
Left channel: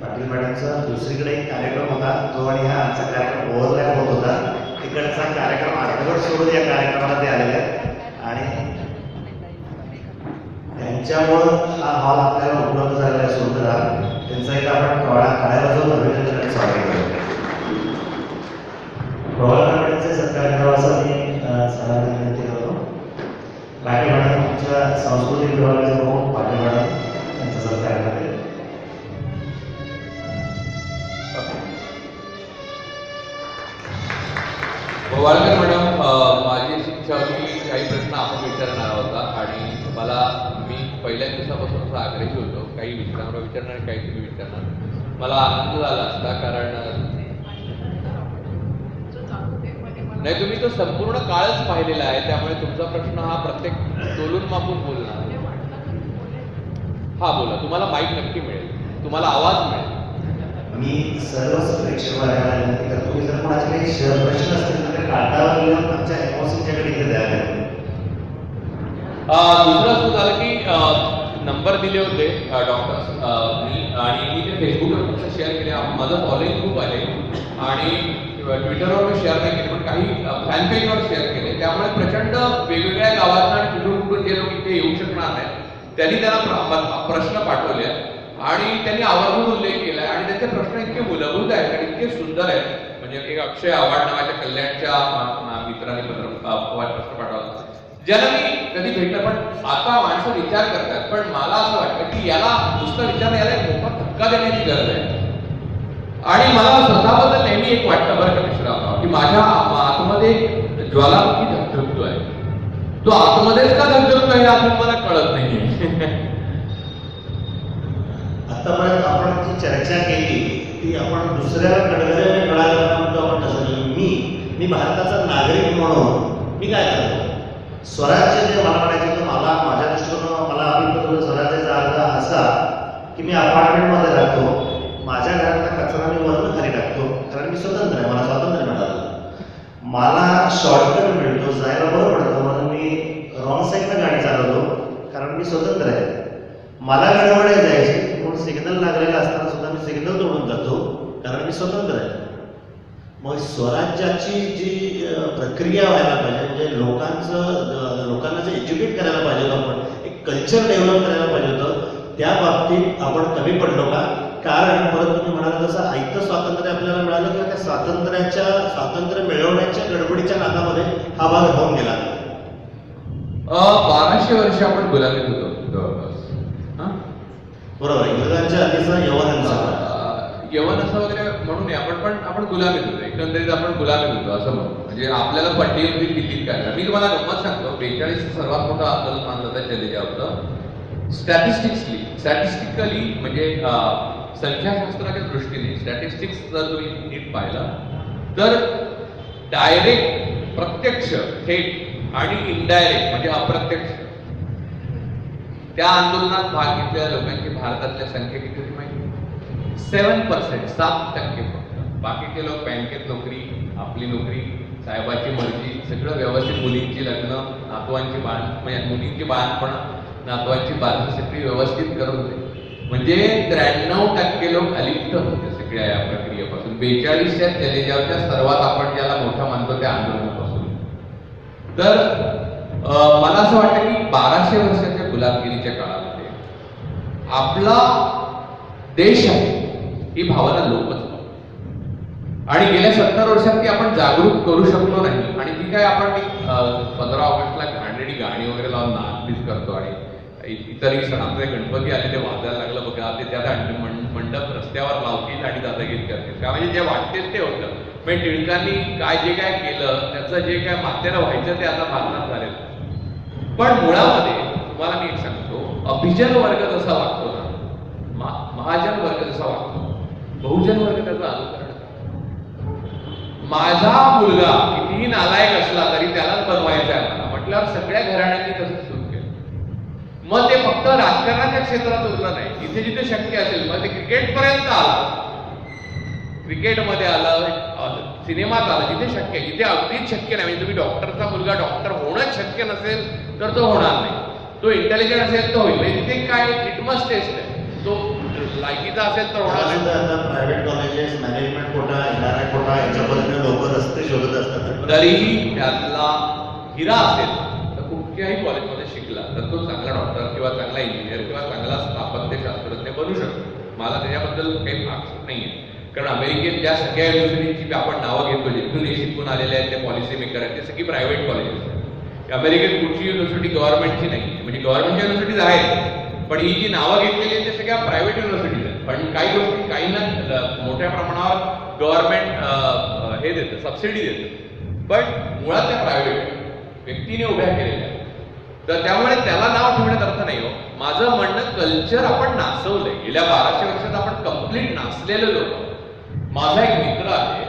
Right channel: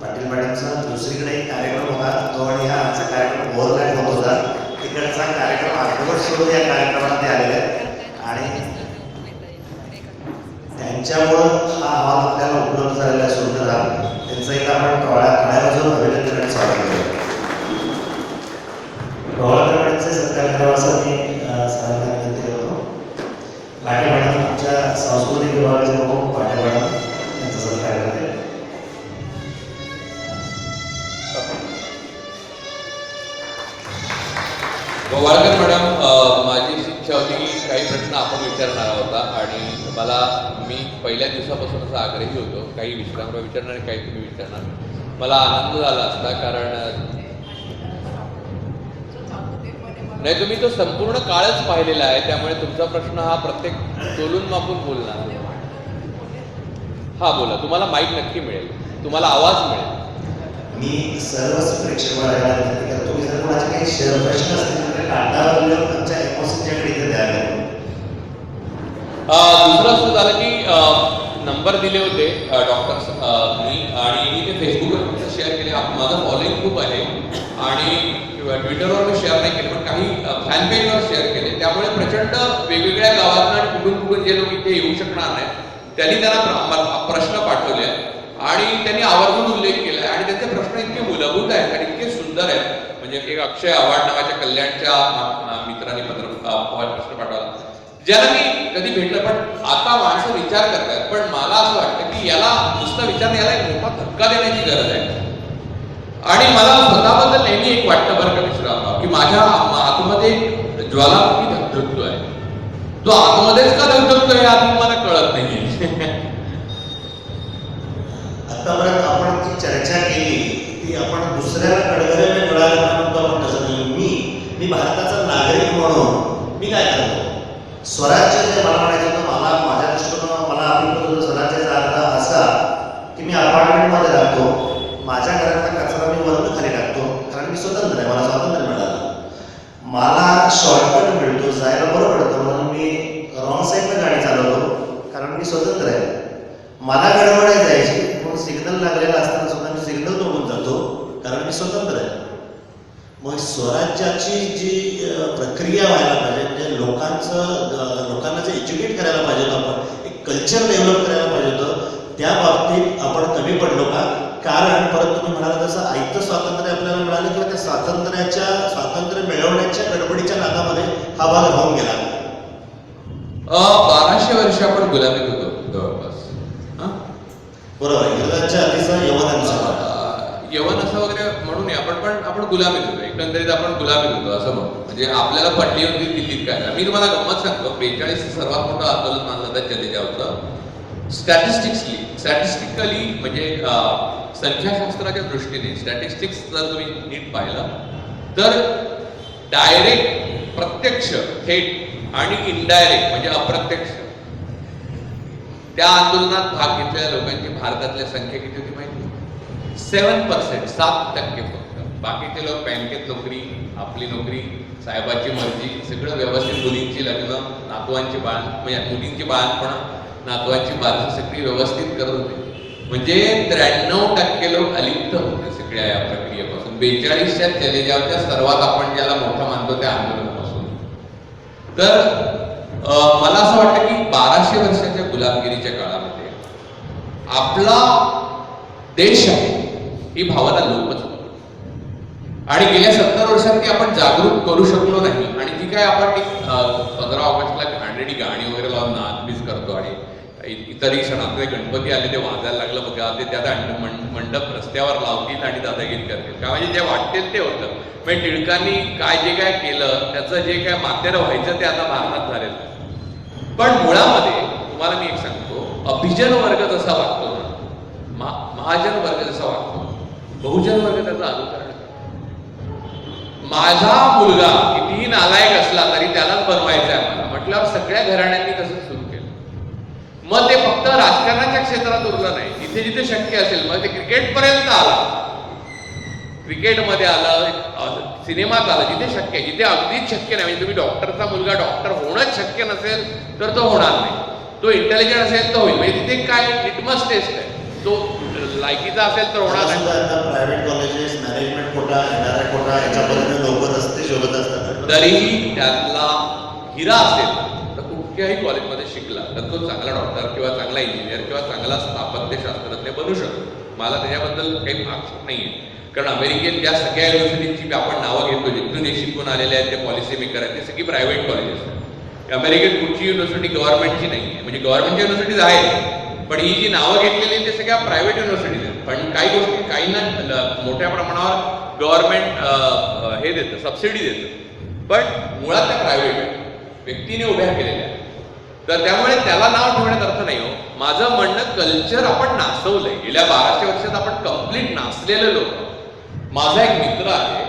पाटील मॅडमचा दुसरीकडे एक कार्यक्रम होता, तो आणि हा आमचा कार्यक्रम ओव्हरलॅप होत होता. तिकडचा कार्यक्रम अर्धवट सोडून या कार्यक्रमात आलेला आहे आणि त्यांच्यामुळं हा हॉल आपल्याला उपलब्ध झालेला आहे. सुंदर त्यांचं एक आपण काळाबाजूला अभिनंदन आणि स्वागत करू. गोवाळकरांचे सत्कार करावा असं मी सर्वांना विनंती करतो. पाटील मॅडम आमच्या सांस्कृतिक विभागाचे प्रमुख पाटील मॅडम यांचा सत्कार करते. गोवाळकर मॅडम, माझी इच्छा होती की काही प्रश्न आपण विचारणार होता आणि मी पहिल्या दिवसापासून असा आग्रही होतो, काही विश्रामराव विचारणार आणि काही तुम्ही विचारणार. मला आनंद झाला असता, कारण नाही, तुम्ही तो संपूर्ण काळच पाहिलेला आहे, त्यामुळे तुमचा प्रश्न हा प्रत्येक तोलून मापून बोलणार. हा बोला, तुम्हाला माईक नक्की मिळेल, तुम्हाला आवाज मिळेल. मी सर्वच प्रेक्षकांना विनंती करतो की जर माझे काही प्रश्न असतील तर कागदावर लिहून आमच्या एमओसीच्याकडे इथे द्यायला. दुसरं असं झालं की नंबर दिले होते डॉक्टर्स मी, आणि मी ते फेसबुकवर फक्त शेअर केले. माझं फॉलोईंग खूप आहे आणि ट्विटरवर मी शेअर नाही केले, पण काही फॅन पेजवर शेअर केले. त्यामुळे प्रचंड वेगवेगळ्या गावातून आणि कुठून जे लोक इथे येऊ शकणार नाहीत त्यांनी त्यांना प्रश्न पाठवले आणि त्यांनी आवर्जून उल्लेख केला आणि त्यांचे प्रश्न इतके मूलभूत आहेत आणि इतके सुंदर आहेत. म्हणजे एक अक्षय आव्हाड नावाच्या कल्याणच्या मित्रांनी प्रश्न पाठवला, ज्याला मी कधी भेटलं, पण आता माणसं विचार करतात. पण मला असं वाटतं की याला नुसतं विचार, याला एक मोठा धक्का देण्याची गरज आहे. आणि मला स्वतःबद्दल नेहमी एक वाटतं बरं का मिश्राव, की माझ्या आतमध्ये एक ज्वालामुखी धगधगतो आहे. तो आतमध्येच का धगधगतो हे अजून मला कळत नाहीये. आतापर्यंत आपण जी चर्चा केली ती आपण दुसऱ्याला गडगडायला मिळायला आपण तसं नाही. मी भारताचा नागरिक म्हणून मी काय करतो, स्वराज्य जे मला म्हणायचं होतं, मला माझ्या दृष्टीनं मला अभिप्राय स्वराज्याचा अर्थ असा की मी अपार्टमेंटमध्ये राहतो, माझ्या घरातला कचरा मी वरून खाली टाकतो, कारण मी स्वतंत्र आहे, मला स्वातंत्र्य मिळालं, मला शॉर्टकट मिळतो, जायला बरं पडतं म्हणून मी रॉंग साईडनं गाडी चालवतो, कारण मी स्वतंत्र आहे. मला गडबड जायची म्हणून सिग्नल लागलेला असताना सुद्धा मी सिग्नल तोडून जातो, कारण मी स्वतंत्र आहे. मग स्वराज्याची जी प्रक्रिया व्हायला पाहिजे, म्हणजे लोकांना जे एज्युकेट करायला पाहिजे होतं, आपण एक कल्चर डेव्हलप करायला पाहिजे होतं, त्या बाबतीत आपण कमी पडलो का? कारण परत तुम्ही म्हणाला तसं आयतं स्वातंत्र्य आपल्याला मिळालं किंवा त्या स्वातंत्र्य मिळवण्याच्या गडबडीच्या नादामध्ये हा भाग राहून गेला. 1200 वर्ष आपण गुलामीत होतो जवळपास. बरोबर, इंग्रजांच्या आधीचा यवन असं वगैरे म्हणून आपण गुलामीत होतो, एकंदरीत आपण गुलामीत होतो असं म्हणतो. म्हणजे आपल्याला पडली होती दिल्लीत काय. मी तुम्हाला गंमत सांगतो, 42 सर्वात मोठं आंदोलन मानलं जातं जडेजावरचं. स्टॅटिस्टिकली म्हणजे संख्याशास्त्राच्या दृष्टीने स्टॅटिस्टिक्स जर तुम्ही नीट पाहिलं तर डायरेक्ट, प्रत्यक्ष, थेट आणि इनडायरेक्ट म्हणजे अप्रत्यक्ष त्या आंदोलनात भाग घेतलेल्या लोकांची भारतातल्या संख्या किती होती माहिती? 7%, 7% फक्त. बाकीचे लोक बँकेत नोकरी, आपली नोकरी, साहेबाची मर्जी, सगळं व्यवस्थित, मुलींची लग्न, नातवांची म्हणजे मुलींची बाळपण, नातवांची बारसी सगळी व्यवस्थित करत होते. म्हणजे 93% लोक अलिप्त होते सगळ्या या प्रक्रियेपासून. 42च्या जडेजावरच्या सर्वात आपण ज्याला मोठा मानतो त्या आंदोलनापासून. तर मला असं वाटतं की 1200 वर्षाच्या गुलामगिरीच्या काळामध्ये आपला देश आहे ही भावना लोपच पावली. आणि गेल्या 70 वर्षात ती आपण जागरूक करू शकलो नाही. आणि जी काय आपण ती 15 ऑगस्टला घाणेरडी गाणी वगैरे लावून नाचबीज करतो आणि इतरही सण आपले गणपती आले ते वाजायला लागलं बघा, ते त्यात मंडप रस्त्यावर लावतील आणि दादागिरी करतील का, म्हणजे जे वाटतील ते होतं. म्हणजे टिळकांनी काय जे काय केलं त्याचं जे काय मातेरं व्हायचं ते आता भारतात झालेलं आहे. पण मुळामध्ये तुम्हाला मी एक सांगतो, अभिजन वर्ग जसा वागतो ना, महाजन वर्ग जसा वागतो, बहुजन वर्ग त्याचं अनुकरण करतो. माझा मुलगा कितीही नालायक असला तरी त्यालाच बनवायचं आहे मला म्हटल्यावर सगळ्या घराण्यांनी तसंच सुरू केलं. मग ते फक्त राजकारणाच्या क्षेत्रात उरलं नाही, जिथे जिथे शक्य असेल, मग ते क्रिकेटपर्यंत आला, क्रिकेटमध्ये आलं, सिनेमात आलं, जिथे शक्य आहे, जिथे अगदीच शक्य नाही. म्हणजे तुम्ही डॉक्टरचा मुलगा डॉक्टर होणंच शक्य नसेल तर तो होणार नाही, तो इंटेलिजंट असेल तर होईल. म्हणजे तिथे काय लिटमस टेस्ट आहे, तो लायकीचा असेल तर होणार नाही. Private colleges, management quota, NRI quota याच्यापर्यंत लोक रस्ते शोधत असतात. तरीही त्यातला हिरा असेल तर कुठल्याही कॉलेजमध्ये शिकला तर तो चांगला डॉक्टर किंवा चांगला इंजिनियर किंवा चांगला स्थापत्यशास्त्रज्ञ बनू शकतो. मला त्याच्याबद्दल काही आक्षेप नाही आहे. कारण अमेरिकेत ज्या सगळ्या युनिव्हर्सिटीची आपण नावं घेतो, जिथून हे शिकून आलेले आहेत, ते पॉलिसी मेकर आहेत, ते सगळी प्रायव्हेट कॉलेजेस आहेत. अमेरिकेत कुठची युनिव्हर्सिटी गव्हर्नमेंटची नाही आहे. म्हणजे गव्हर्नमेंटच्या युनिव्हर्सिटीज आहेत, पण ही जी नावं घेतलेली आहेत ते सगळ्या प्रायव्हेट युनिव्हर्सिटीज आहेत. पण काही गोष्टी काहींना मोठ्या प्रमाणावर गव्हर्नमेंट हे देतं, सबसिडी देतं, पण मुळात त्या प्रायव्हेट व्यक्तीने उभ्या केलेल्या. तर त्यामुळे त्याला नाव ठेवण्यात अर्थ नाही हो. माझं म्हणणं, कल्चर आपण नाचवलंय गेल्या 1200 वर्षात, आपण कम्प्लीट नाचलेलं लोक. माझा एक मित्र आहे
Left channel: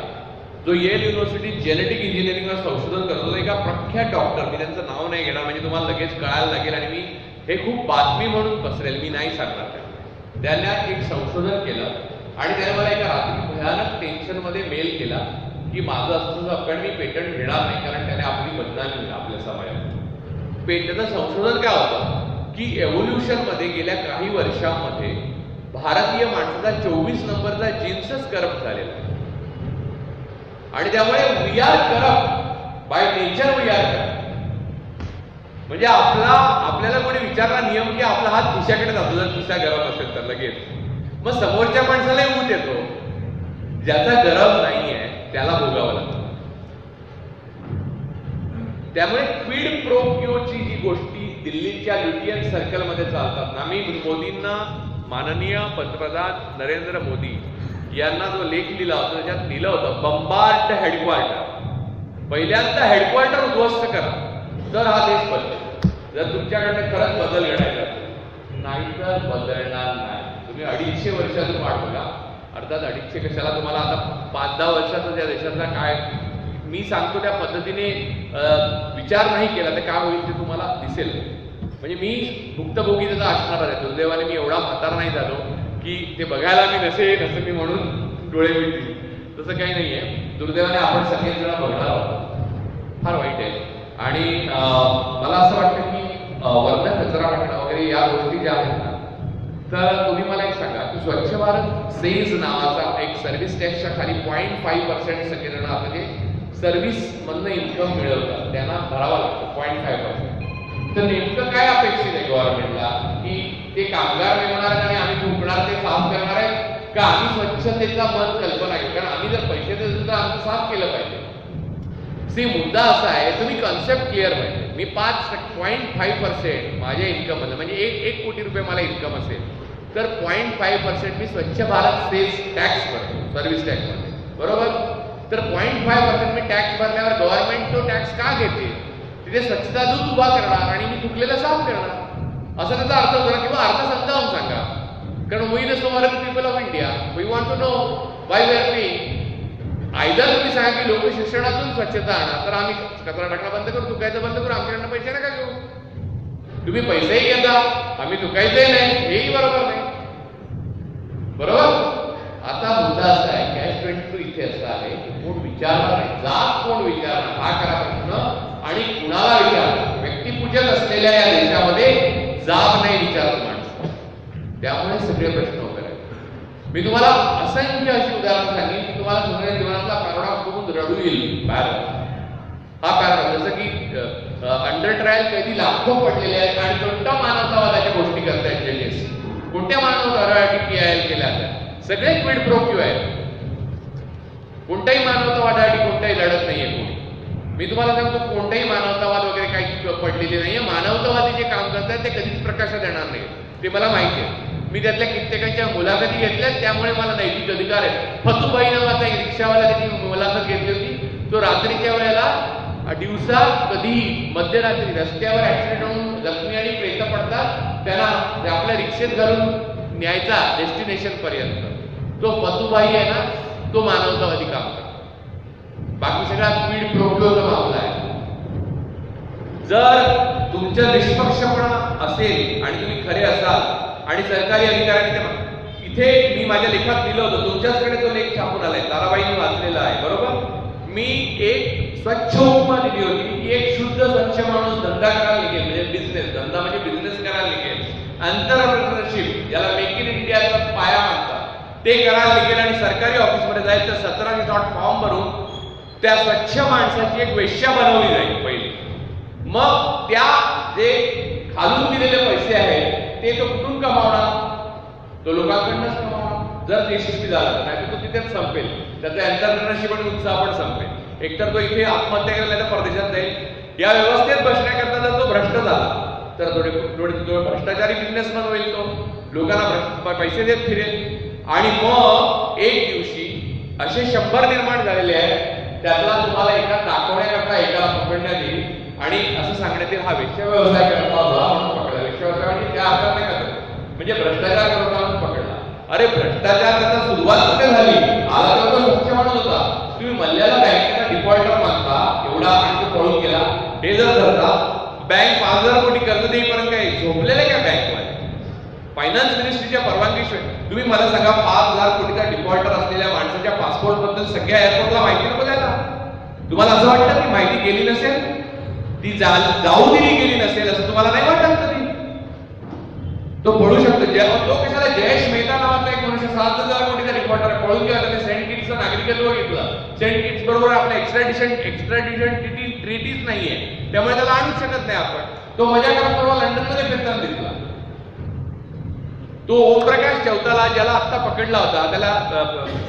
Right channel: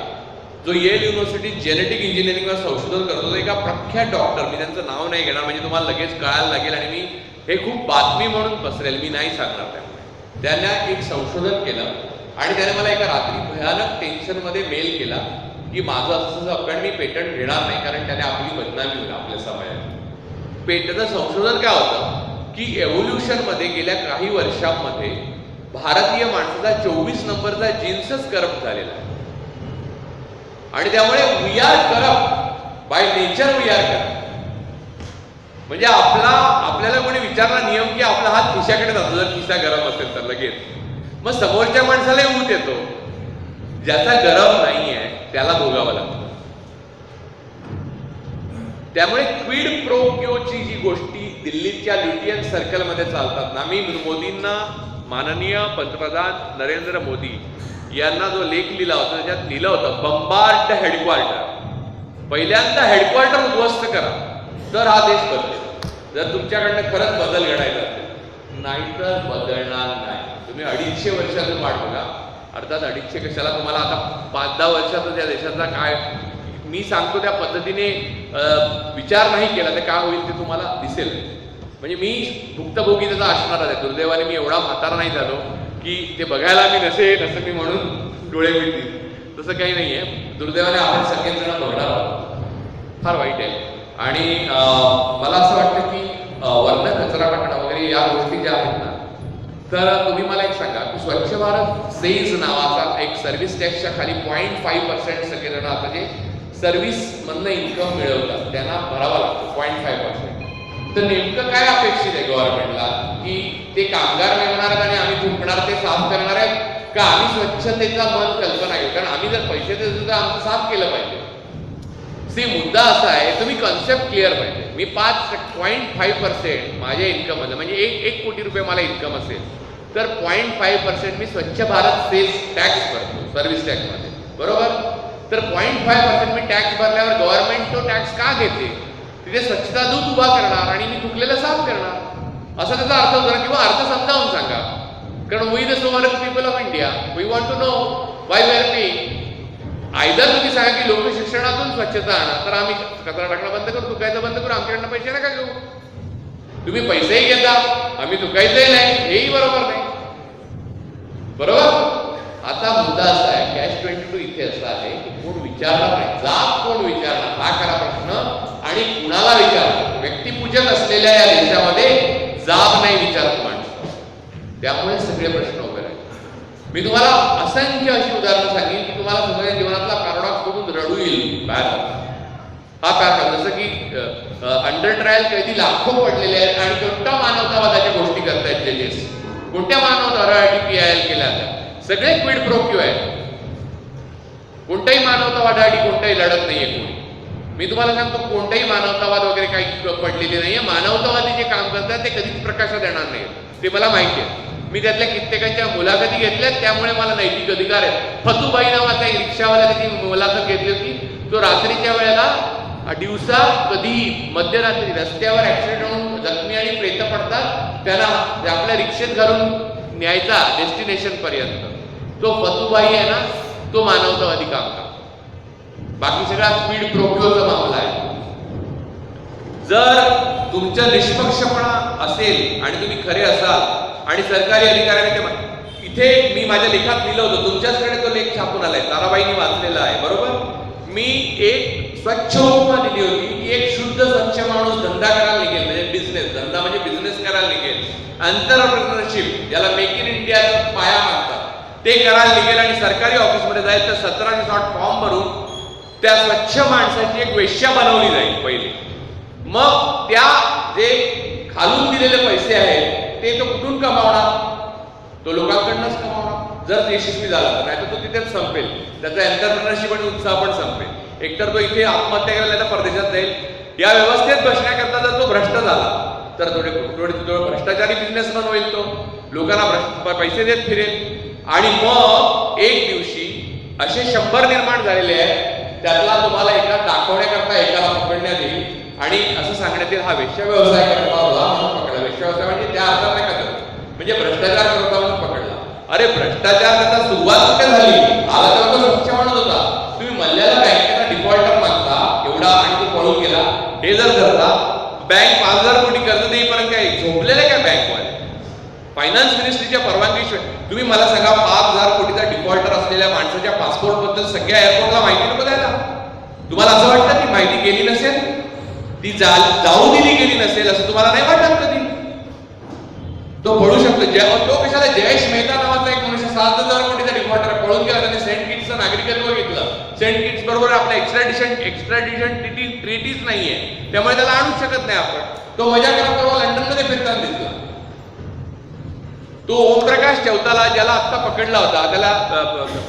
जो येल युनिव्हर्सिटीत जेनेटिक इंजिनिअरिंगवर संशोधन करतो. एका प्रख्यात डॉक्टर, मी त्यांचं नाव नाही घेणार म्हणजे तुम्हाला लगेच कळायला लागेल आणि मी हे खूप बातमी म्हणून पसरेल, मी नाही सांगणार. त्यामुळे त्यांना एक संशोधन केलं आणि त्याने मला एका रात्री भयानक टेन्शनमध्ये मेल केला की माझं असं कारण मी पेटंट घेणार नाही, कारण त्याने आपली बदनामी होईल आपल्या समाजात. त्याचं संशोधन काय होतं की एव्होल्युशनमध्ये गेल्या काही वर्षांमध्ये भारतीय माणसाचा 24 नंबरचा जीन्सच करप्ट झालेला आहे. आणि त्यामुळे we are corrupt by nature, we are corrupt. म्हणजे आपल्याला कोणी विचारला नियम की आपला हात खिशाकडे जातो जर खिसा गरम असेल तर लगेच. मग समोरच्या माणसाला ऊत येतो, ज्याचा गरम नाही आहे त्याला भोगावं लागतं. त्यामुळे क्विड प्रो क्योची जी गोष्टी दिल्लीच्या ल्युटियन सर्कलमध्ये चालतात ना, मी मोदींना, माननीय पंतप्रधान नरेंद्र मोदी यांना जो लेख लिहिला होता त्याच्यात लिहिलं होतं, बंबार्ड हेडक्वार्टर. पहिल्यांदा हेडक्वार्टर उद्ध्वस्त करा तर हा देश बदलेल. जर तुमच्याकडनं खरंच बदल घडायचा असेल, नाहीतर बदलणार नाही. तुम्ही 250 वर्षातून वाट बघा. अर्थात 250 कशाला, तुम्हाला आता 5-10 वर्षातच या देशाचा काय मी सांगतो त्या पद्धतीने विचार नाही केला तर काय होईल ते तुम्हाला दिसेल. म्हणजे मी भुक्तभोगी त्याचा असणारच आहे. दुर्दैवाने मी एवढा म्हातारा नाही झालो की ते बघायला मी नसेल असं मी म्हणून डोळे मिळतील, तसं काही नाही आहे. दुर्दैवाने आपण सगळेच जण बघणार आहोत, फार वाईट आहे. आणि मला असं वाटतं की वर्ण कचरा टाकणं वगैरे या गोष्टी ज्या आहेत ना, तर तुम्ही मला एक सांगा की स्वच्छ भारत सेज नावाचा एक सर्व्हिस टॅक्सच्या खाली 0.5% सगळेजण आता जे सर्व्हिस मधनं इन्कम मिळवतात त्यांना भरावा लागतो 0.5%. तर नेमकं काय अपेक्षित आहे गव्हर्नमेंटला की ते कामगार नेमणार आणि आम्ही थुंकणार ते साफ करणार आहेत का आम्ही स्वच्छतेचा मन कल्पना घेऊ? कारण आम्ही जर पैसे देतो तर आमचं साफ केलं पाहिजे. मुद्दा असा आहे, तुम्ही कॉन्सेप्ट क्लिअर पाहिजे. मी 0.5% माझ्या इन्कममध्ये म्हणजे 1 कोटी रुपये मला इन्कम असेल तर 0.5% मी स्वच्छ भारत सेस टॅक्स भरतो सर्व्हिस टॅक्समध्ये, बरोबर? तर 0.5% मी टॅक्स भरल्यावर गव्हर्नमेंट तो टॅक्स का घेते? तिथे स्वच्छता दूत उभा करणार आणि मी थुकलेलं साफ करणार, असा त्याचा अर्थ होतो ना. किंवा अर्थ समजावून सांगा, कारण we the sovereign people of India we want to know why we are paying. Either तुम्ही सांगा की लोक शिक्षणातून स्वच्छता आणा तर आम्ही कचरा टाकणं बंद करू, थुकायचं बंद करू, आमच्याकडनं पैसे नका घेऊ. तुम्ही पैसेही घेता, आम्ही थुकायचंही नाही, हेही बरोबर नाही, बरोबर? आता मुद्दा असा आहे, Catch-22 इथे असा आहे की कोण विचारणार नाही, जाब कोण विचारणार हा खरा प्रश्न. आणि कुणाला विचारणार? व्यक्तिपूजक असलेल्या या देशामध्ये जाब नाही विचारत माणसं, त्यामुळे सगळे प्रश्न उभे राहिले. मी तुम्हाला असंख्य अशी उदाहरणं सांगेन की तुम्हाला तुमच्या जीवनातला पॅराडॉक्स बघून रडू येईल. हा पॅराडॉक्स, जसं की अंडर ट्रायल कैदी लाखो पडलेले आहेत आणि कोणत्या मानवतावादाच्या गोष्टी करतायत जजेस, कोणत्या मानवतावादासाठी PIL केल्या जातात, सगळे क्विड प्रो क्यू आहेत. कोणताही मानवतावादासाठी कोणताही लढत नाहीये कोणी. मी तुम्हाला सांगतो कोणताही मानवतावाद वगैरे काही पडलेले नाहीये. मानवतावादी जे काम करतात ते कधीच प्रकाशात येणार नाही, ते मला माहिती आहे. मी त्यातल्या कित्येकांच्या मुलाखती घेतल्यात, त्यामुळे मला नैतिक अधिकार आहे. फतूबाई नावाचा एक रिक्षावाला त्याची मुलाखत घेतली होती. तो रात्रीच्या वेळेला दिवसा कधीही मध्यरात्री रस्त्यावर ऍक्सिडेंट होऊन जखमी आणि प्रेत पडतात, त्यांना आपल्या रिक्षेत घालून न्यायचा डेस्टिनेशन पर्यंत. तो फतूबाई आहे ना, तो मानवतावादी काम करतो. बाकी सगळा स्पीड प्रोक्योचा मामला आहे. जर तुमचा निष्पक्षपणा असेल आणि तुम्ही खरे असाल आणि सरकारी अधिकाऱ्याने ते इथे मी माझ्या लेखात लिहिलं होतं, तुमच्याचकडे तो लेख छापून आलाय, ताराबाईंनी वाचलेला आहे बरोबर. मी एक स्वच्छ उपमा दिली होती की एक शुद्ध स्वच्छ माणूस धंदा करायला निघेल, म्हणजे बिझनेस, धंदा म्हणजे बिझनेस करायला निघेल, एंटरप्रेन्योरशिप ज्याला मेक इन इंडियाचा पाया मानतात ते करायला निघेल आणि सरकारी ऑफिसमध्ये जाईल तर 1700 फॉर्म भरून त्या स्वच्छ माणसाची एक वेश्या बनवली जाईल पहिली. मग त्या जे खालून दिलेले पैसे आहेत ते तो कुठून कमावणार? तो लोकांकडनंच कमावणार जर यशस्वी झाला तर, नाही तर तो तिथेच संपेल, त्याचा एंटरप्रेन्योरशिप आणि उत्साह पण संपेल. एकतर तो इथे आत्महत्या करायला नाही तर परदेशात जाईल. या व्यवस्थेत बसण्याकरता जर तो भ्रष्ट झाला तर थोडे भ्रष्टाचारी बिझनेसमॅन होईल, तो लोकांना पैसे देत फिरेल आणि मग एक दिवशी असे 100 निर्माण झालेले आहेत, त्यातला तुम्हाला एका दाखवण्याकरता एकाला पकडण्यात येईल आणि असं सांगण्यात येईल हा वेश्या व्यवसाय करत होता म्हणून पकडला. वेश्या व्यवसाय म्हणजे त्या अर्थात नाही का, म्हणजे भ्रष्टाचार करत होता म्हणून पकडला. अरे भ्रष्टाचार करता सुरुवात कुठे झाली? आला तर तो स्वच्छ माणूस होता. तुम्ही मल्ल्याला बँकेचा डिफॉल्टर मागता एवढा आणि तो पळून गेला, हे जर धरता बँक 5000 कोटी कर्ज देईपर्यंत काय झोपलेले काय बँकवाले? फायनान्स मिनिस्ट्रीच्या परवानगीशिवाय तुम्ही मला सांगा 5000 कोटीचा डिफॉल्टर असलेल्या माणसाच्या पासपोर्ट बद्दल सगळ्या एअरपोर्टला माहिती नको द्यायला? तुम्हाला असं वाटतं ती माहिती गेली नसेल, ती जाऊ दिली गेली नसेल असं तुम्हाला नाही वाटत कधी? तो पळू शकतो. तो कशाला जयेश मेहता नावाचा एक मनुष्य 7000 कोटीचा डिफॉल्टर पळून गेला, त्याने सेंट किट्सचं नागरिकत्व घेतलं. सेंट किट्स बरोबर आपल्या एक्स्ट्राडिशन ट्रीटीज नाहीये, त्यामुळे त्याला आणूच शकत नाही आपण. तो मजा करत परवा लंडनमध्ये फिरताना दिसला. तो ओमप्रकाश चौताला ज्याला आत्ता पकडला होता, त्याला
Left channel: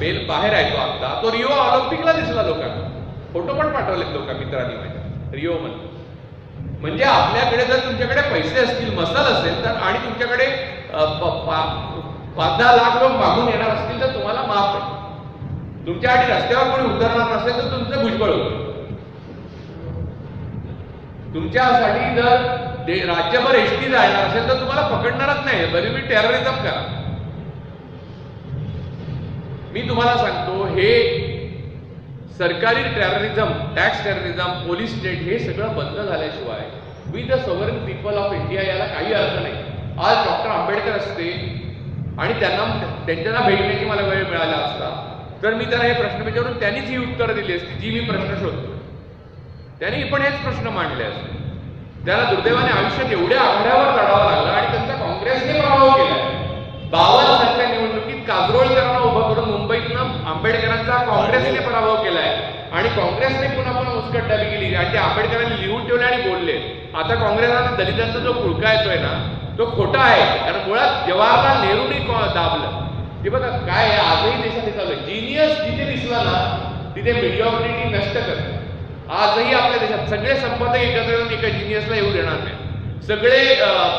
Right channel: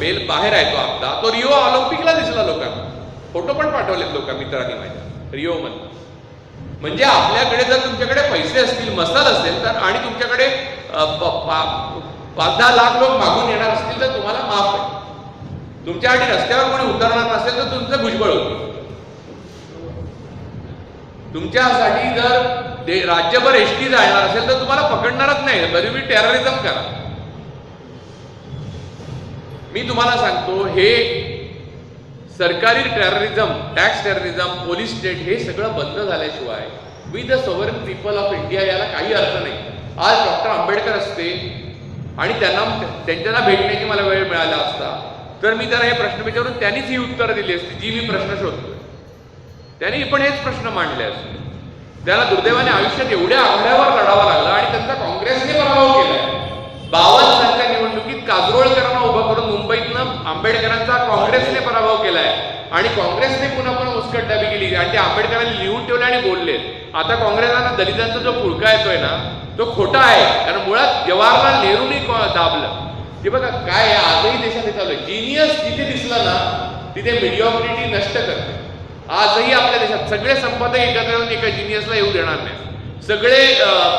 बेल बाहेर आहे तो आत्ता, तो रिओ ऑलिम्पिकला दिसला लोकांना. फोटो पण पाठवलेत लोक मित्रांनी माझ्या रिओ मधून. म्हणजे आपल्याकडे जर तुमच्याकडे पैसे असतील, मसाल असेल तर, आणि तुमच्याकडे 5-10 लाख लोक मागून येणार असतील तर तुम्हाला माफ आहे. तुमच्यासाठी रस्त्यावर कोणी उतरणार नसेल तर तुमचं भुजबळ होईल. तुमच्यासाठी जर राज्यभर एसटी जाणार असेल तर तुम्हाला पकडणारच नाही, बरी मी टेररिझम करा. मी तुम्हाला सांगतो हे सरकारी terrorism, tax terrorism, police state हे सगळं बंद झाल्याशिवाय we the sovereign people of India याला काही अर्थ नाही. आज डॉक्टर आंबेडकर असते आणि त्यांना भेटण्याची मला वेळ मिळाला असता तर मी त्यांना हे प्रश्न विचारून त्यांनीच ही उत्तरं दिली असती जी मी प्रश्न शोधतोय. त्यांनी पण हेच प्रश्न मांडले असते. त्यांना दुर्दैवाने आयुष्यात एवढ्या आघाड्यावर लढावा लागला आणि त्यांचा काँग्रेसने पराभव केलाय. 52 सालच्या निवडणुकीत काजरोळकरांना उभं करून मुंबईतनं आंबेडकरांचा काँग्रेसने पराभव केलाय आणि काँग्रेसने पुन्हा मुस्कटदाबी केली आणि ते आंबेडकरांनी लिहून ठेवले आणि बोलले. आता काँग्रेसला दलितांचा जो पुळका येतोय ना तो खोटा आहे, कारण मुळात जवाहरलाल नेहरूंनी दाबलं. ते बघा काय आहे, आजही देशात हे चालू आहे. जीनियस जिथे दिसला ना तिथे मिडिओक्रिटी नष्ट करते. आजही आपल्या देशात सगळे संपादक एकत्र येऊन एका जिनियसला येऊ देणार नाही, सगळे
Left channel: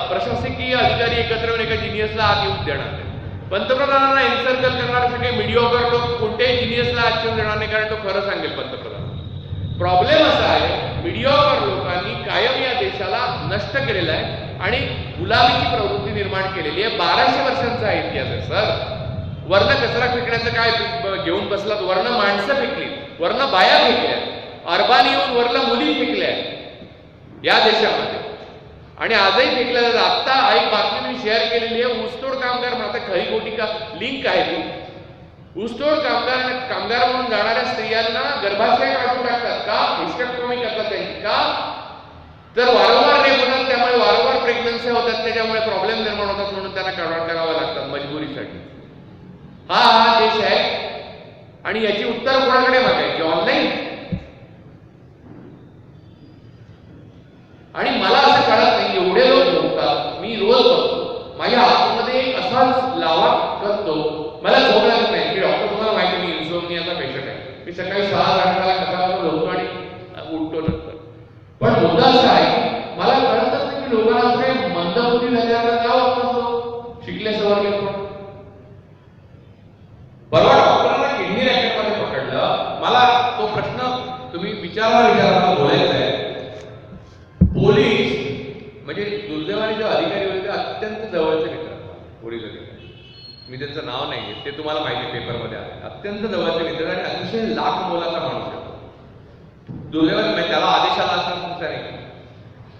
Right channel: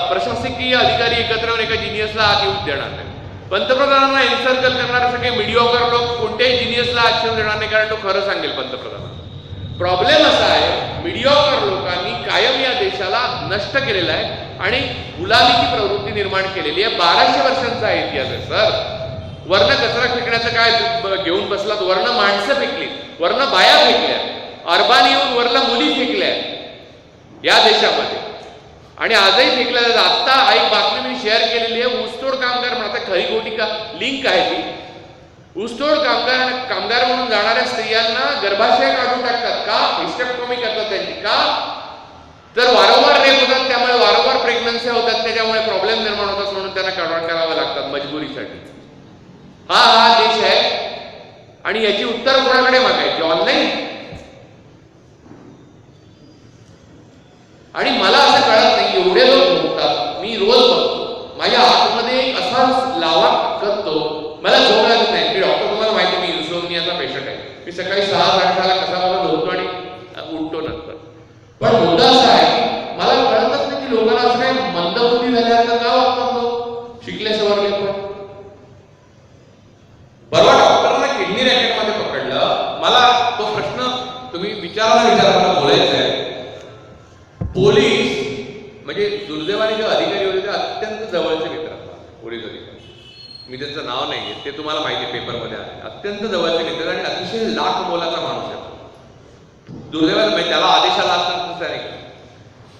प्रशासकीय अधिकारी एकत्र येऊन एका जिनियसला आत येऊ देणार नाही. पंतप्रधानांना एन्सर्कल करणारे सगळे मिडिओकर लोक कोणत्याही जिनियसला आत येऊ देणार नाही, कारण तो खरं सांगेल पंतप्रधानांना. प्रॉब्लेम असा आहे मिडिओकर लोकांनी कायम या देशाला नष्ट केलेला आहे आणि गुलामीची प्रवृत्ती निर्माण केलेली आहे. 1200 वर्षांचा आहे इतिहास आहे सर. वर्ण कचरा फेकण्याचं काय घेऊन बसलात? वर्ण माणसं फेकली, वर्ण बाया फेकल्या, अरबानी येऊन वरला मुली फेकल्या या देशामध्ये आणि आजही फेकल्या जातात. आत्ता एक बातमी मी शेअर केलेली आहे. ऊसतोड कामगार म्हणून, आता खरी खोटी का लिंक आहे ती, ऊसतोड कामगार म्हणून जाणाऱ्या स्त्रियांना गर्भाशय काढून टाकतात. का? हिस्टेक्टोमी करतात त्यांची. का? तर वारंवार रेप होतात, त्यामुळे वारंवार प्रेग्नन्सी होतात, त्याच्यामुळे प्रॉब्लेम निर्माण होतात, म्हणून त्यांना करावं लागतात मजबुरीसाठी. हा देश आहे आणि याची उत्तर कोणाकडे मागायची? ऑनलाईन. आणि मला असं कळत नाही एवढे लोक भोगतात. मी रोज बघतो माझ्या आतमध्ये एक असाच लावा करतो, मला झोप लागत नाही. मी डॉक्टर, तुम्हाला माहिती आहे मी इन्सोमनियाचा पेशंट आहे. मी सकाळी 6:30 कसाला झोपतो आणि उठतो नंतर. पण मुद्दा असा आहे की मला कळतच नाही की लोकांना असं काही मंदबुद्धी झाल्यासारखं का वागतात लोक, शिकले सवरले पण. परवा डॉक्टरला किडनी रॅकेटमध्ये पकडलं. मला तो प्रश्न तुम्ही विचारा मला बोलायचा आहे. पोलीस म्हणजे दुर्दैवाने जे अधिकारी होते ते अत्यंत जवळचे मित्र असतात, पोलीस अधिकारी. मी त्यांचं नाव नाही घेत, ते तुम्हाला माहिती आहे पेपरमध्ये आले. अत्यंत जवळचे मित्र आणि अतिशय लाख मोलाचा माणूस आहे. दुर्दैवाने त्याला आदेशाला असणार तसं नाही.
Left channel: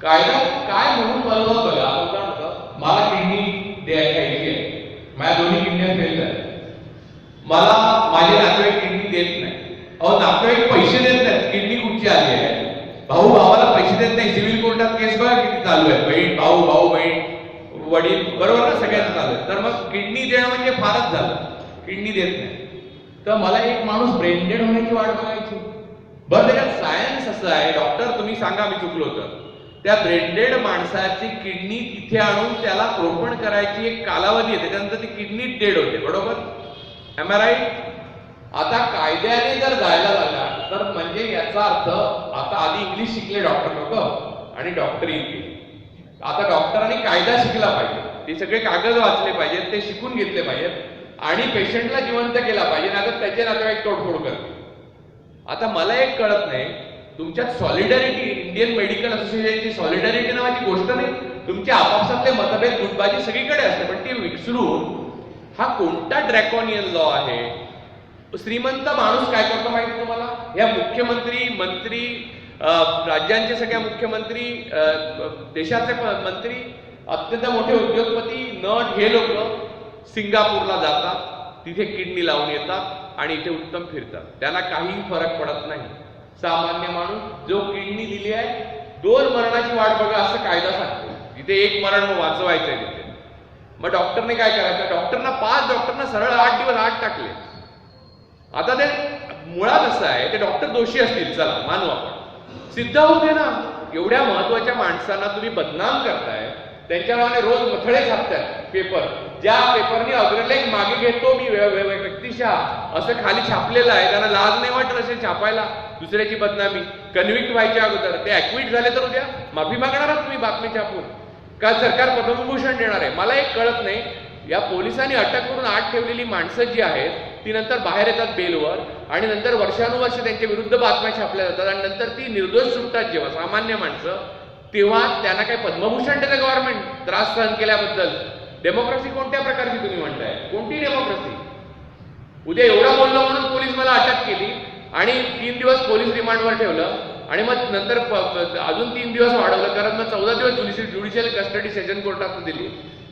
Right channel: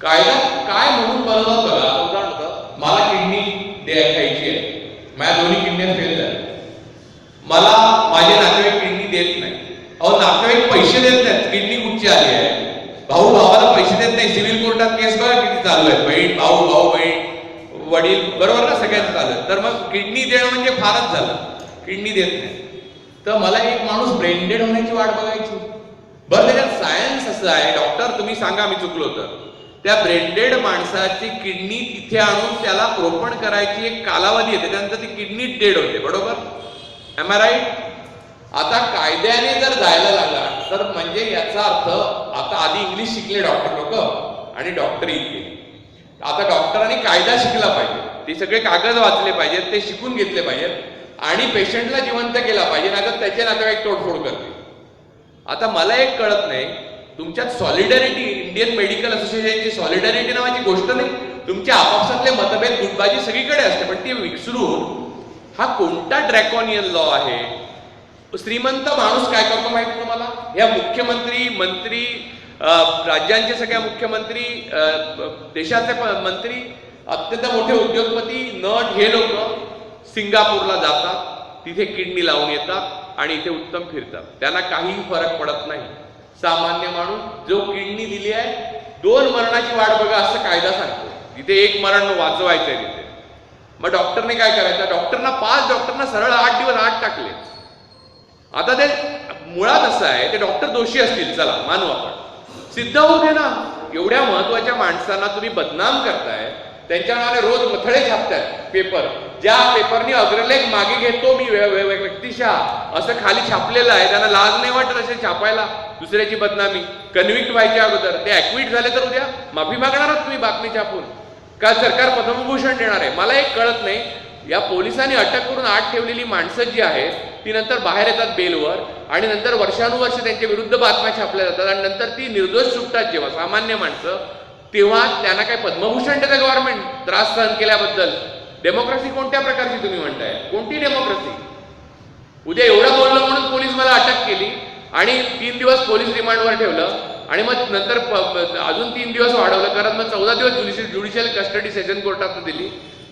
कायदा काय म्हणून बनवतात बघा. उदाहरण होतं, मला किडनी खायची आहे, माझ्या दोन्ही किडन्या फेल झाल्या, मला माझे नातेवाईक किडनी देत नाही. अहो नातेवाईक पैसे देत नाहीत, किडनी कुठची आली आहे. भाऊ भावाला पैसे देत नाही, सिव्हिल कोर्टात केस बघा किती चालू आहे. बहीण भाऊ, भाऊ बहीण, वडील, बरोबर ना, सगळ्यांचं चालू आहे. तर मग किडनी देणं म्हणजे फारच झालं, किडनी देत नाही. तर मला एक माणूस ब्रेन डेड होण्याची वाट बघायची. बरं त्याच्यात सायन्स असं आहे, डॉक्टर तुम्ही सांगा मी चुकलो तर, त्या ब्रेन डेड माणसाची किडनी तिथे आणून त्याला रोपण करायची एक कालावधी आहे, त्याच्यानंतर ती किडनी डेड होते, बरोबर? Am I right? आता कायद्याने जर जायला लागला तर म्हणजे याचा अर्थ आता आधी इंग्लिश शिकले डॉक्टर लोक आणि डॉक्टरी केली. आता डॉक्टरांनी कायदा शिकला पाहिजे, ते सगळे कागद वाचले पाहिजेत, ते शिकून घेतले पाहिजेत आणि पेशंटला जिवंत केला पाहिजे, ना तर त्याचे नातेवाईक तोडफोड करतील. आता मला एक कळत नाही, तुमच्यात सॉलिडॅरिटी, इंडियन मेडिकल असोसिएशनची सॉलिडॅरिटी नावाची गोष्ट नाही. तुमच्या आपापसातले मतभेद, गुटबाजी सगळीकडे असते, पण ती विसरून हा कोणता ड्रॅकॉनियन लॉ आहे? श्रीमंत माणूस काय करतो माहिती तुम्हाला? या मुख्यमंत्री, मंत्री, राज्यांचे सगळ्या मुख्यमंत्री, देशाचे मंत्री, अत्यंत मोठे उद्योगपती, नट, हे लोक सिंगापूरला जातात, तिथे किडनी लावून येतात आणि इथे उत्तम फिरतात, त्यांना काहीही फरक पडत नाही. सामान्य माणूस जो किडनी दिली आहे 2 मरणाची वाट बघा असं कायदा सांगतो, तिथे 1 मरण वाचवायचंय तिथे. मग डॉक्टरने काय करायचं? डॉक्टरना 5 डॉक्टरना सरळ 8 दिवस आत टाकले. आता ते मुळात असं आहे, ते डॉक्टर दोषी असतील, चला मानू आपण, सिद्ध होऊ दे ना. एवढ्या महत्वाच्या माणसांना तुम्ही बदनाम करताय, त्यांच्या नावाने रोज मथळे छापतायत पेपर, ज्या पेपरनी अग्रलेख मागे घेतो मी व्यक्तिशः असं खाली छापलेलं आहे. त्यांना लाज नाही वाटत असे छापायला दुसऱ्याची बदनामी? कन्व्हिक्ट व्हायच्या अगोदर ते ऍक्विट झाले तर उद्या माफी मागणार आहात तुम्ही बातमी छापून का सरकार पद्मभूषण देणार आहे? मला एक कळत नाही. या पोलिसांनी अटक करून आत ठेवलेली माणसं जी आहेत ती नंतर बाहेर येतात बेलवर आणि नंतर वर्षानुवर्ष त्यांच्या विरुद्ध बातम्या छापल्या जातात आणि नंतर ती निर्दोष सुटतात जेव्हा सामान्य माणसं, तेव्हा त्यांना काही पद्मभूषण देतं गव्हर्नमेंट त्रास सहन केल्याबद्दल. डेमोक्रेसी कोणत्या प्रकारची तुम्ही म्हणताय? कोणती डेमोक्रेसी? उद्या एवढं बोललं म्हणून पोलीस मला अटक केली आणि 3 दिवस पोलीस रिमांडवर ठेवलं आणि मग नंतर अजून 3 दिवस वाढवलं, कारण मग 14 दिवस ज्युडिशियल कस्टडी सेशन कोर्टात दिली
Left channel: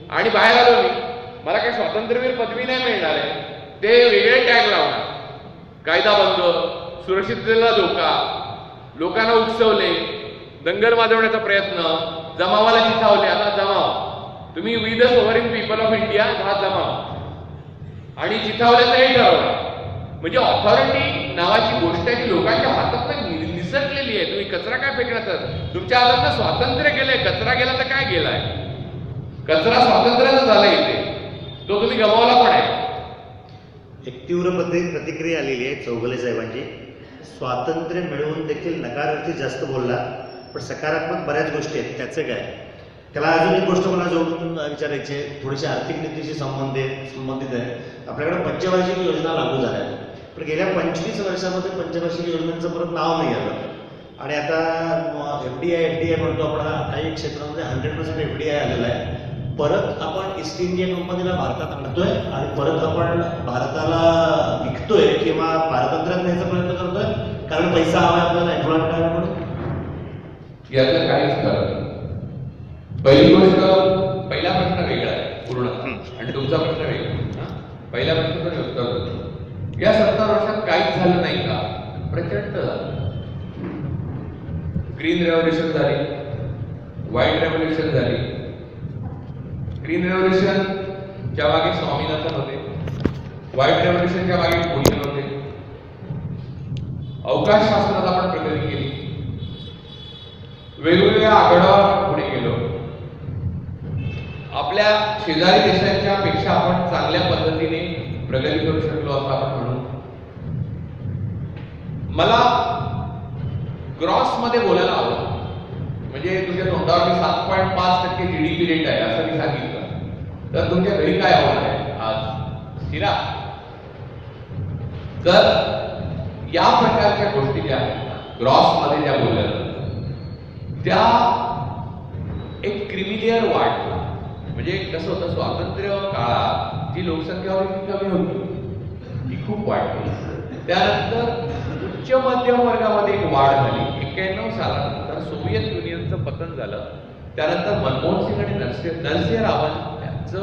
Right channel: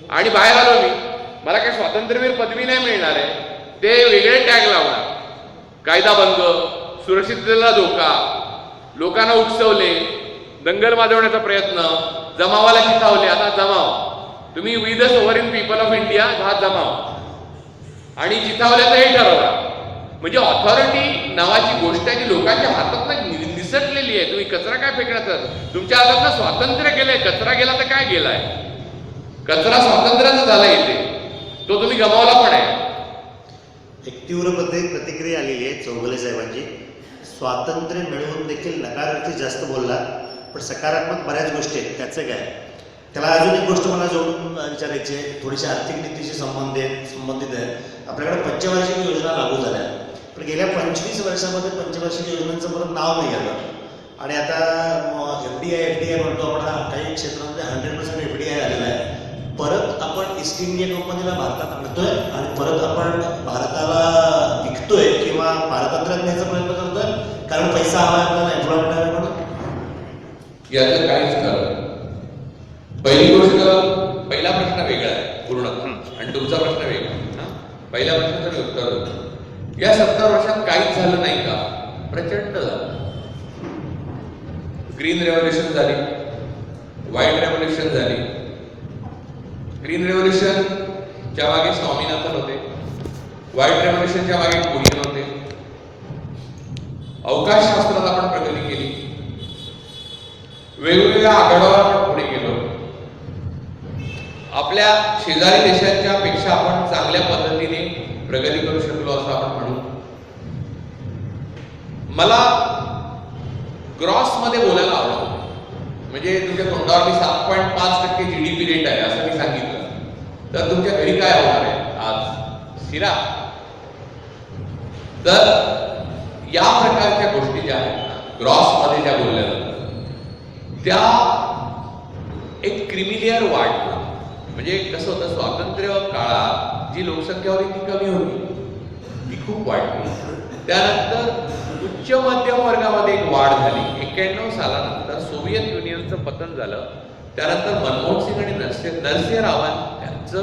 आणि बाहेर आलो मी. मला काही स्वातंत्र्यवीर पदवी नाही मिळणार आहे, ते वेगळे टॅग लावणार, कायदा भंग, सुरक्षिततेला धोका, लोकांना उकसवले, दंगल माजवण्याचा प्रयत्न, जमावाला चिथावले. आता जमाव तुम्ही we the sovereign people of India हा जमाव आणि चिथावल्याचं हे ठरवला. म्हणजे ऑथॉरिटी नावाची गोष्ट आहे ती लोकांच्या हातात निसटलेली आहे. तुम्ही कचरा काय फेकण्याचं? तुमच्या हातात स्वातंत्र्य गेलंय, कचरा गेला तर काय गेलाय? कचरा स्वातंत्र्याचा झालाय इथे, तो तुम्ही गमावला पण आहे. एक तीव्र प्रतिक्रिया आलेली आहे चौगुले साहेबांची. स्वातंत्र्य मिळवून देखील नकारार्थी जास्त बोलला, पण सकारात्मक बऱ्याच गोष्टी आहेत. त्याचं काय? त्याला अजून एक गोष्ट मला जोडून विचारायची आहे, थोडीशी आर्थिक नीतीशी संबंधित आहे. आपल्याकडे पंचवार्षिक योजना लागू झाल्या, पण गेल्या 25 वर्षामध्ये पंचवार्षिक योजनांचं परत नाव नाही आलं. आणि आता FDI म्हणतो आपण, काही क्षेत्रांमध्ये 100% FDI आलेला आहे. परत आपण ईस्ट इंडिया कंपनीला भारतात आणतोय आणि परत आपण भारताला विकतोय किंवा भारतातच न्यायचा प्रयत्न करतोय, कारण पैसा हवा आपल्याला, एम्प्लॉयमेंट हवा म्हणून. यातलं काहीच खरं नाही. पहिली गोष्ट, पहिला प्रश्न वेगळा आहे पूर्णतः आणि तुमचा प्रश्न वेगळा. पहिल्या प्रश्नाचं मी उत्तर देतो. या 70 वर्षात काहीच झालं नाही का? प्रचंड झालं. ग्रीन रेव्होल्युशन झाली, व्हाईट रेव्होल्युशन झाली. ग्रीन रेव्होल्युशनच्या मागे स्वामीनाथन होते, व्हाईट रेव्होल्युशनच्या मागे कोणी नव्हते. अवकाश शास्त्रात आपण प्रगती केली, वेगवेगळ्या आघाड्यावर आपण पुढे गेलो. आपल्या शेजारी देशांच्या पेक्षा आपण चांगल्या पद्धतीने प्रगती करू शकलो असं आपण म्हणू. मला ग्रॉसमध्ये बोलायला आवडतं. म्हणजे तुमच्या तोंडावर मी 7.5% GDP रेट आहे असं मी सांगितलं, तर तुमच्या घरी काय होणार आहे आज? शिरा. तर या प्रकारच्या गोष्टी ज्या आहेत ना, ग्रॉसमध्ये ज्या बोलल्या जातात त्या एक क्रिमिलियर वाढला. म्हणजे कसं होतं, स्वातंत्र्य काळात जी लोकसंख्या होती ती कमी होती, ती खूप वाढली. त्यानंतर उच्च मध्यम वर्गामध्ये एक वाढ झाली. 91 सालानंतर सोव्हिएत युनियनचं पतन झालं. त्यानंतर मनमोहन सिंग आणि नरसिंहरावन यांचं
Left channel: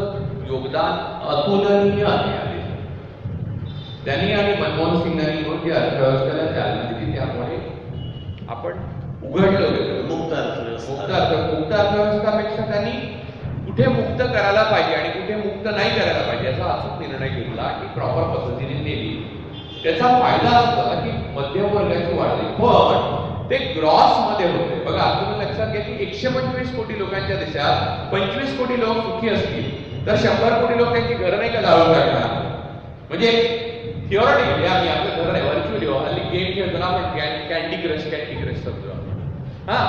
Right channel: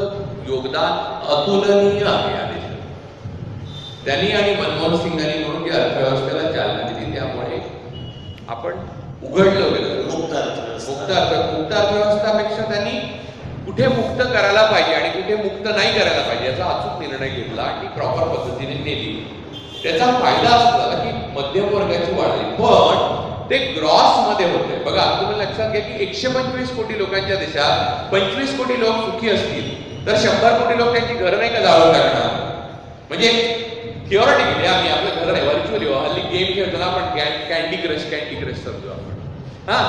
योगदान अतुलनीय आहे या देशात. त्यांनी आणि मनमोहन सिंगांनी म्हणून जी अर्थव्यवस्थेला चालना दिली, त्यामुळे आपण उघडलं गेलं. मुक्त अर्थव्यवस्थापेक्षा त्यांनी कुठे मुक्त करायला पाहिजे आणि कुठे मुक्त नाही करायला पाहिजे याचा अचूक निर्णय घेतला आणि प्रॉपर पद्धतीने नेली. त्याचा फायदा असं झाला की मध्यम वर्गाची वाढ झाली. पण ते ग्रॉस मध्ये होते. बघा, तुम्ही लक्षात घ्या की 125 कोटी लोकांच्या देशात 25 कोटी लोक सुखी असतील तर 100 कोटी लोक त्यांची घरं नाही का जाळून टाकणार? म्हणजे थिओरिटिकली आम्ही आपलं घर नाही, व्हर्च्युअली हल्ली गेम खेळतो ना आपण, कॅन्डी क्रश समजू आपण. हा,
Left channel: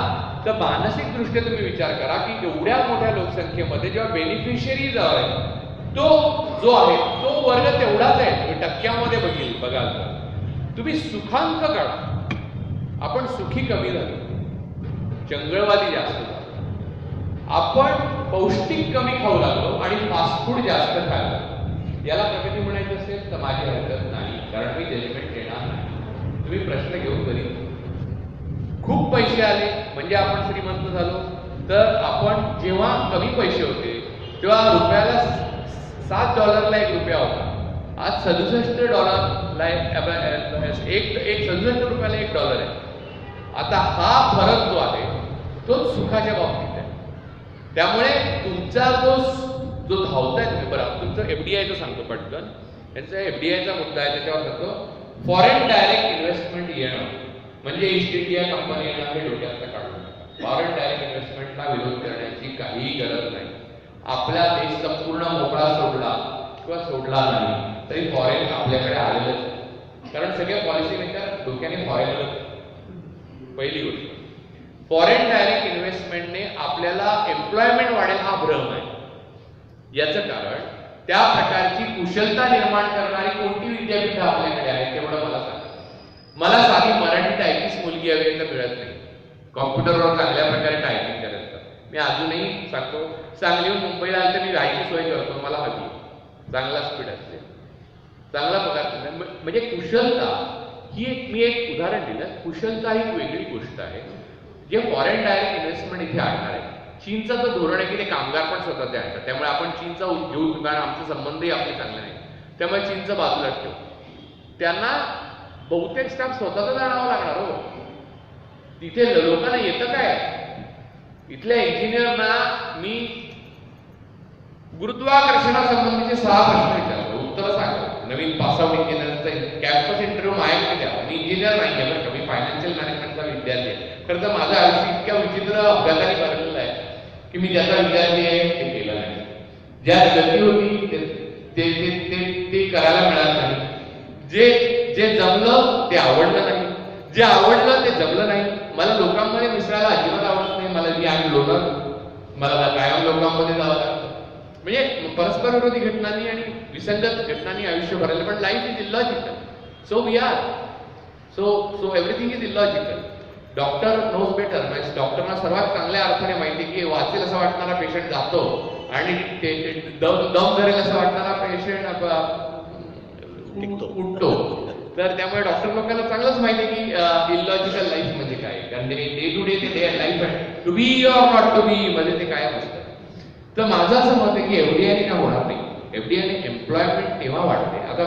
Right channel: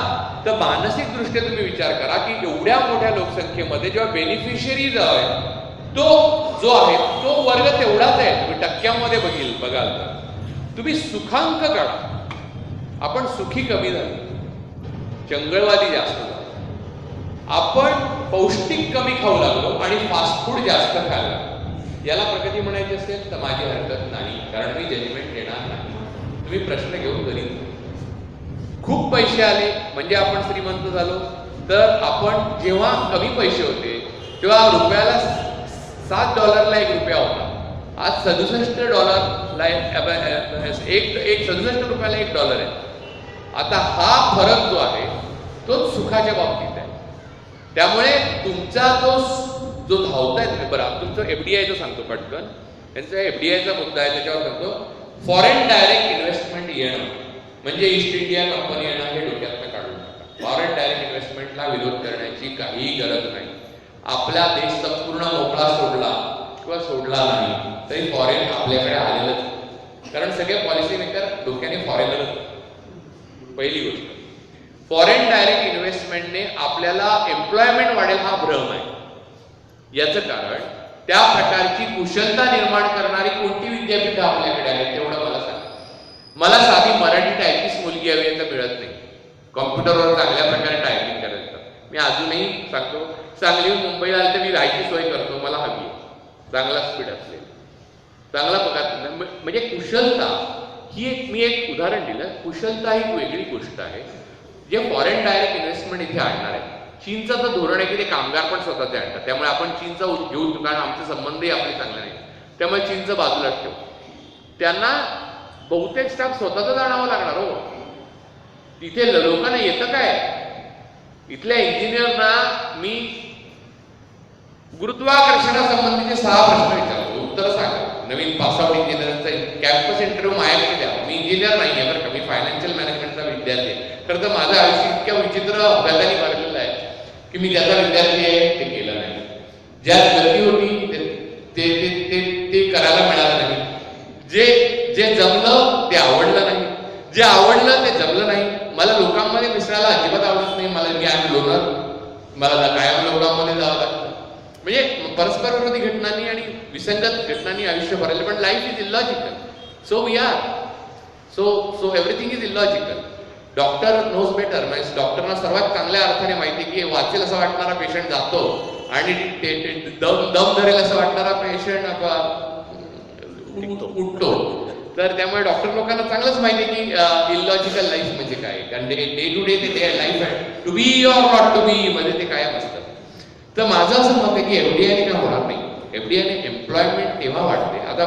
तर मानसिक दृष्ट्या तुम्ही विचार करा की एवढ्या मोठ्या लोकसंख्येमध्ये जेव्हा बेनिफिशियरीज आहे तो जो आहे तो वर्ग तेवढाच आहे. तुम्ही टक्क्यामध्ये बघाल तर तुम्ही सुखांक काढा, आपण सुखी कमी झालो, चंगळवादी जास्त झालो, आपण पौष्टिक कमी खाऊ लागलो आणि फास्ट फूड जास्त खायला लागलो. याला प्रगती म्हणायची असेल तर माझी हरकत नाही, कारण मी जजमेंट देणार नाही. तुम्ही प्रश्न घेऊन घरी. खूप पैसे आले म्हणजे आपण श्रीमंत झालो, तर आपण जेव्हा कमी पैसे होते तेव्हा रुपयाला $7 1 रुपया होता. आज $67 रुपयाला $1 आहे. आता हा फरक जो आहे तोच सुखाच्या बाबतीत आहे. त्यामुळे तुमचा जो धावताय तुम्ही, बरं तुमचं FDIचं सांगतो पटकन, त्यांचा FDIचा मुद्दा आहे त्याच्यावर सांगतो. फॉरेन डायरेक्ट इन्व्हेस्टमेंट येणं म्हणजे ईस्ट इंडिया कंपनी येणं हे डोक्यातनं काढून टाका. फॉरेन डायरेक्ट इन्व्हेस्टमेंटला विरोध करण्याची काहीही गरज नाही. आपला देश संपूर्ण मोकळा सोडला किंवा सोडला नाही तरी फॉरेन आपल्याकडे आलेलंच, कारण सगळे पॉलिसी मेकर डोक्याने फॉरेनरच. पहिली गोष्ट, फॉरेन डायरेक्ट इन्व्हेस्टमेंटने आपल्याला एम्प्लॉयमेंट वाढेल हा भ्रम आहे. याचं कारण त्या प्रकारची कुशलता निर्माण करणारी कोणती विद्यापीठं आपल्याकडे आहेत तेवढं मला सांगा. मला साधी मराठी टायपिस्ट मुलगी हवी आहे तर मिळत नाही. कॉम्प्युटरवर चांगल्या प्रकारे टायपिंग करायचं मी अजूनही सांगतो. सांगलीहून मुंबईला आलं तर मी राहायची सोय करतो, मला हवी आहे चांगला स्पीड असेल, चांगला पगार. म्हणजे कुशलता ही मी एक उदाहरण दिलं. कुशलता ही एक वेगळी गोष्ट आहे जे फॉरेन डायरेक्ट इन्व्हेस्टमेंट इथे आणणार आहे. चीनचं तर धोरण आहे की ते कामगार पण स्वतःचे आणतात, त्यामुळे आपण चीनचा घेऊ, कारण आमचे संबंधही आपले चांगले नाहीत, त्यामुळे चीनचं बाजूलाच ठेवू. त्यांना बहुतेक स्टाफ स्वतःच आणावं लागणार हो. तिथे लोकांना येतं काय? इथल्या इंजिनियरना मी गुरुत्वाकर्षणासंबंधीचे 6 प्रश्न विचारतो, उत्तर सांगा. नवीन पासआउट इंजिनिअरचा कॅम्पस इंटरव्ह्यू माझ्याकडे द्या. मी इंजिनियर नाही आहे बरं का, मी फायनान्शियल मॅनेजमेंटचा विद्यार्थी आहे. खरं तर माझं आयुष्य इतक्या विचित्र अभ्यासाने भरलेलं आहे की मी ज्याचा विद्यार्थी आहे ते केलं नाही. ज्यात गती होती ते करायला मिळालं नाही. जे जमलं ते आवडलं नाही, जे आवडलं ते जमलं नाही. मला लोकांमध्ये मिसळायला अजिबात आवडत नाही. मी आम्ही लोणार, मला कायम लोकांमध्ये जावं लागतं. म्हणजे परस्पर विरोधी घटनांनी आणि विसंगत घटनांनी आयुष्य भरले. पण life is illogical, so we are so everything is illogical. Doctor knows better, म्हणजे डॉक्टरना सर्वात चांगल्या अर्थाने माहिती की वाचेल असं वाटणारा पेशंट जातो आणि दम धरेल असं वाटणारा पेशंट उठतो. तर त्यामुळे डॉक्टर लोकांना चांगलंच माहिती आहे की इलॉजिकल लाईफ म्हणजे काय, कारण डे टू डे ते लाईफ आहे, to be or not to be मध्ये ते कायम असतं. तर माझं असं मत आहे की एफडीआयने काय होणार नाही. एफडीआयने एम्प्लॉयमेंट तेव्हा वाढते. आता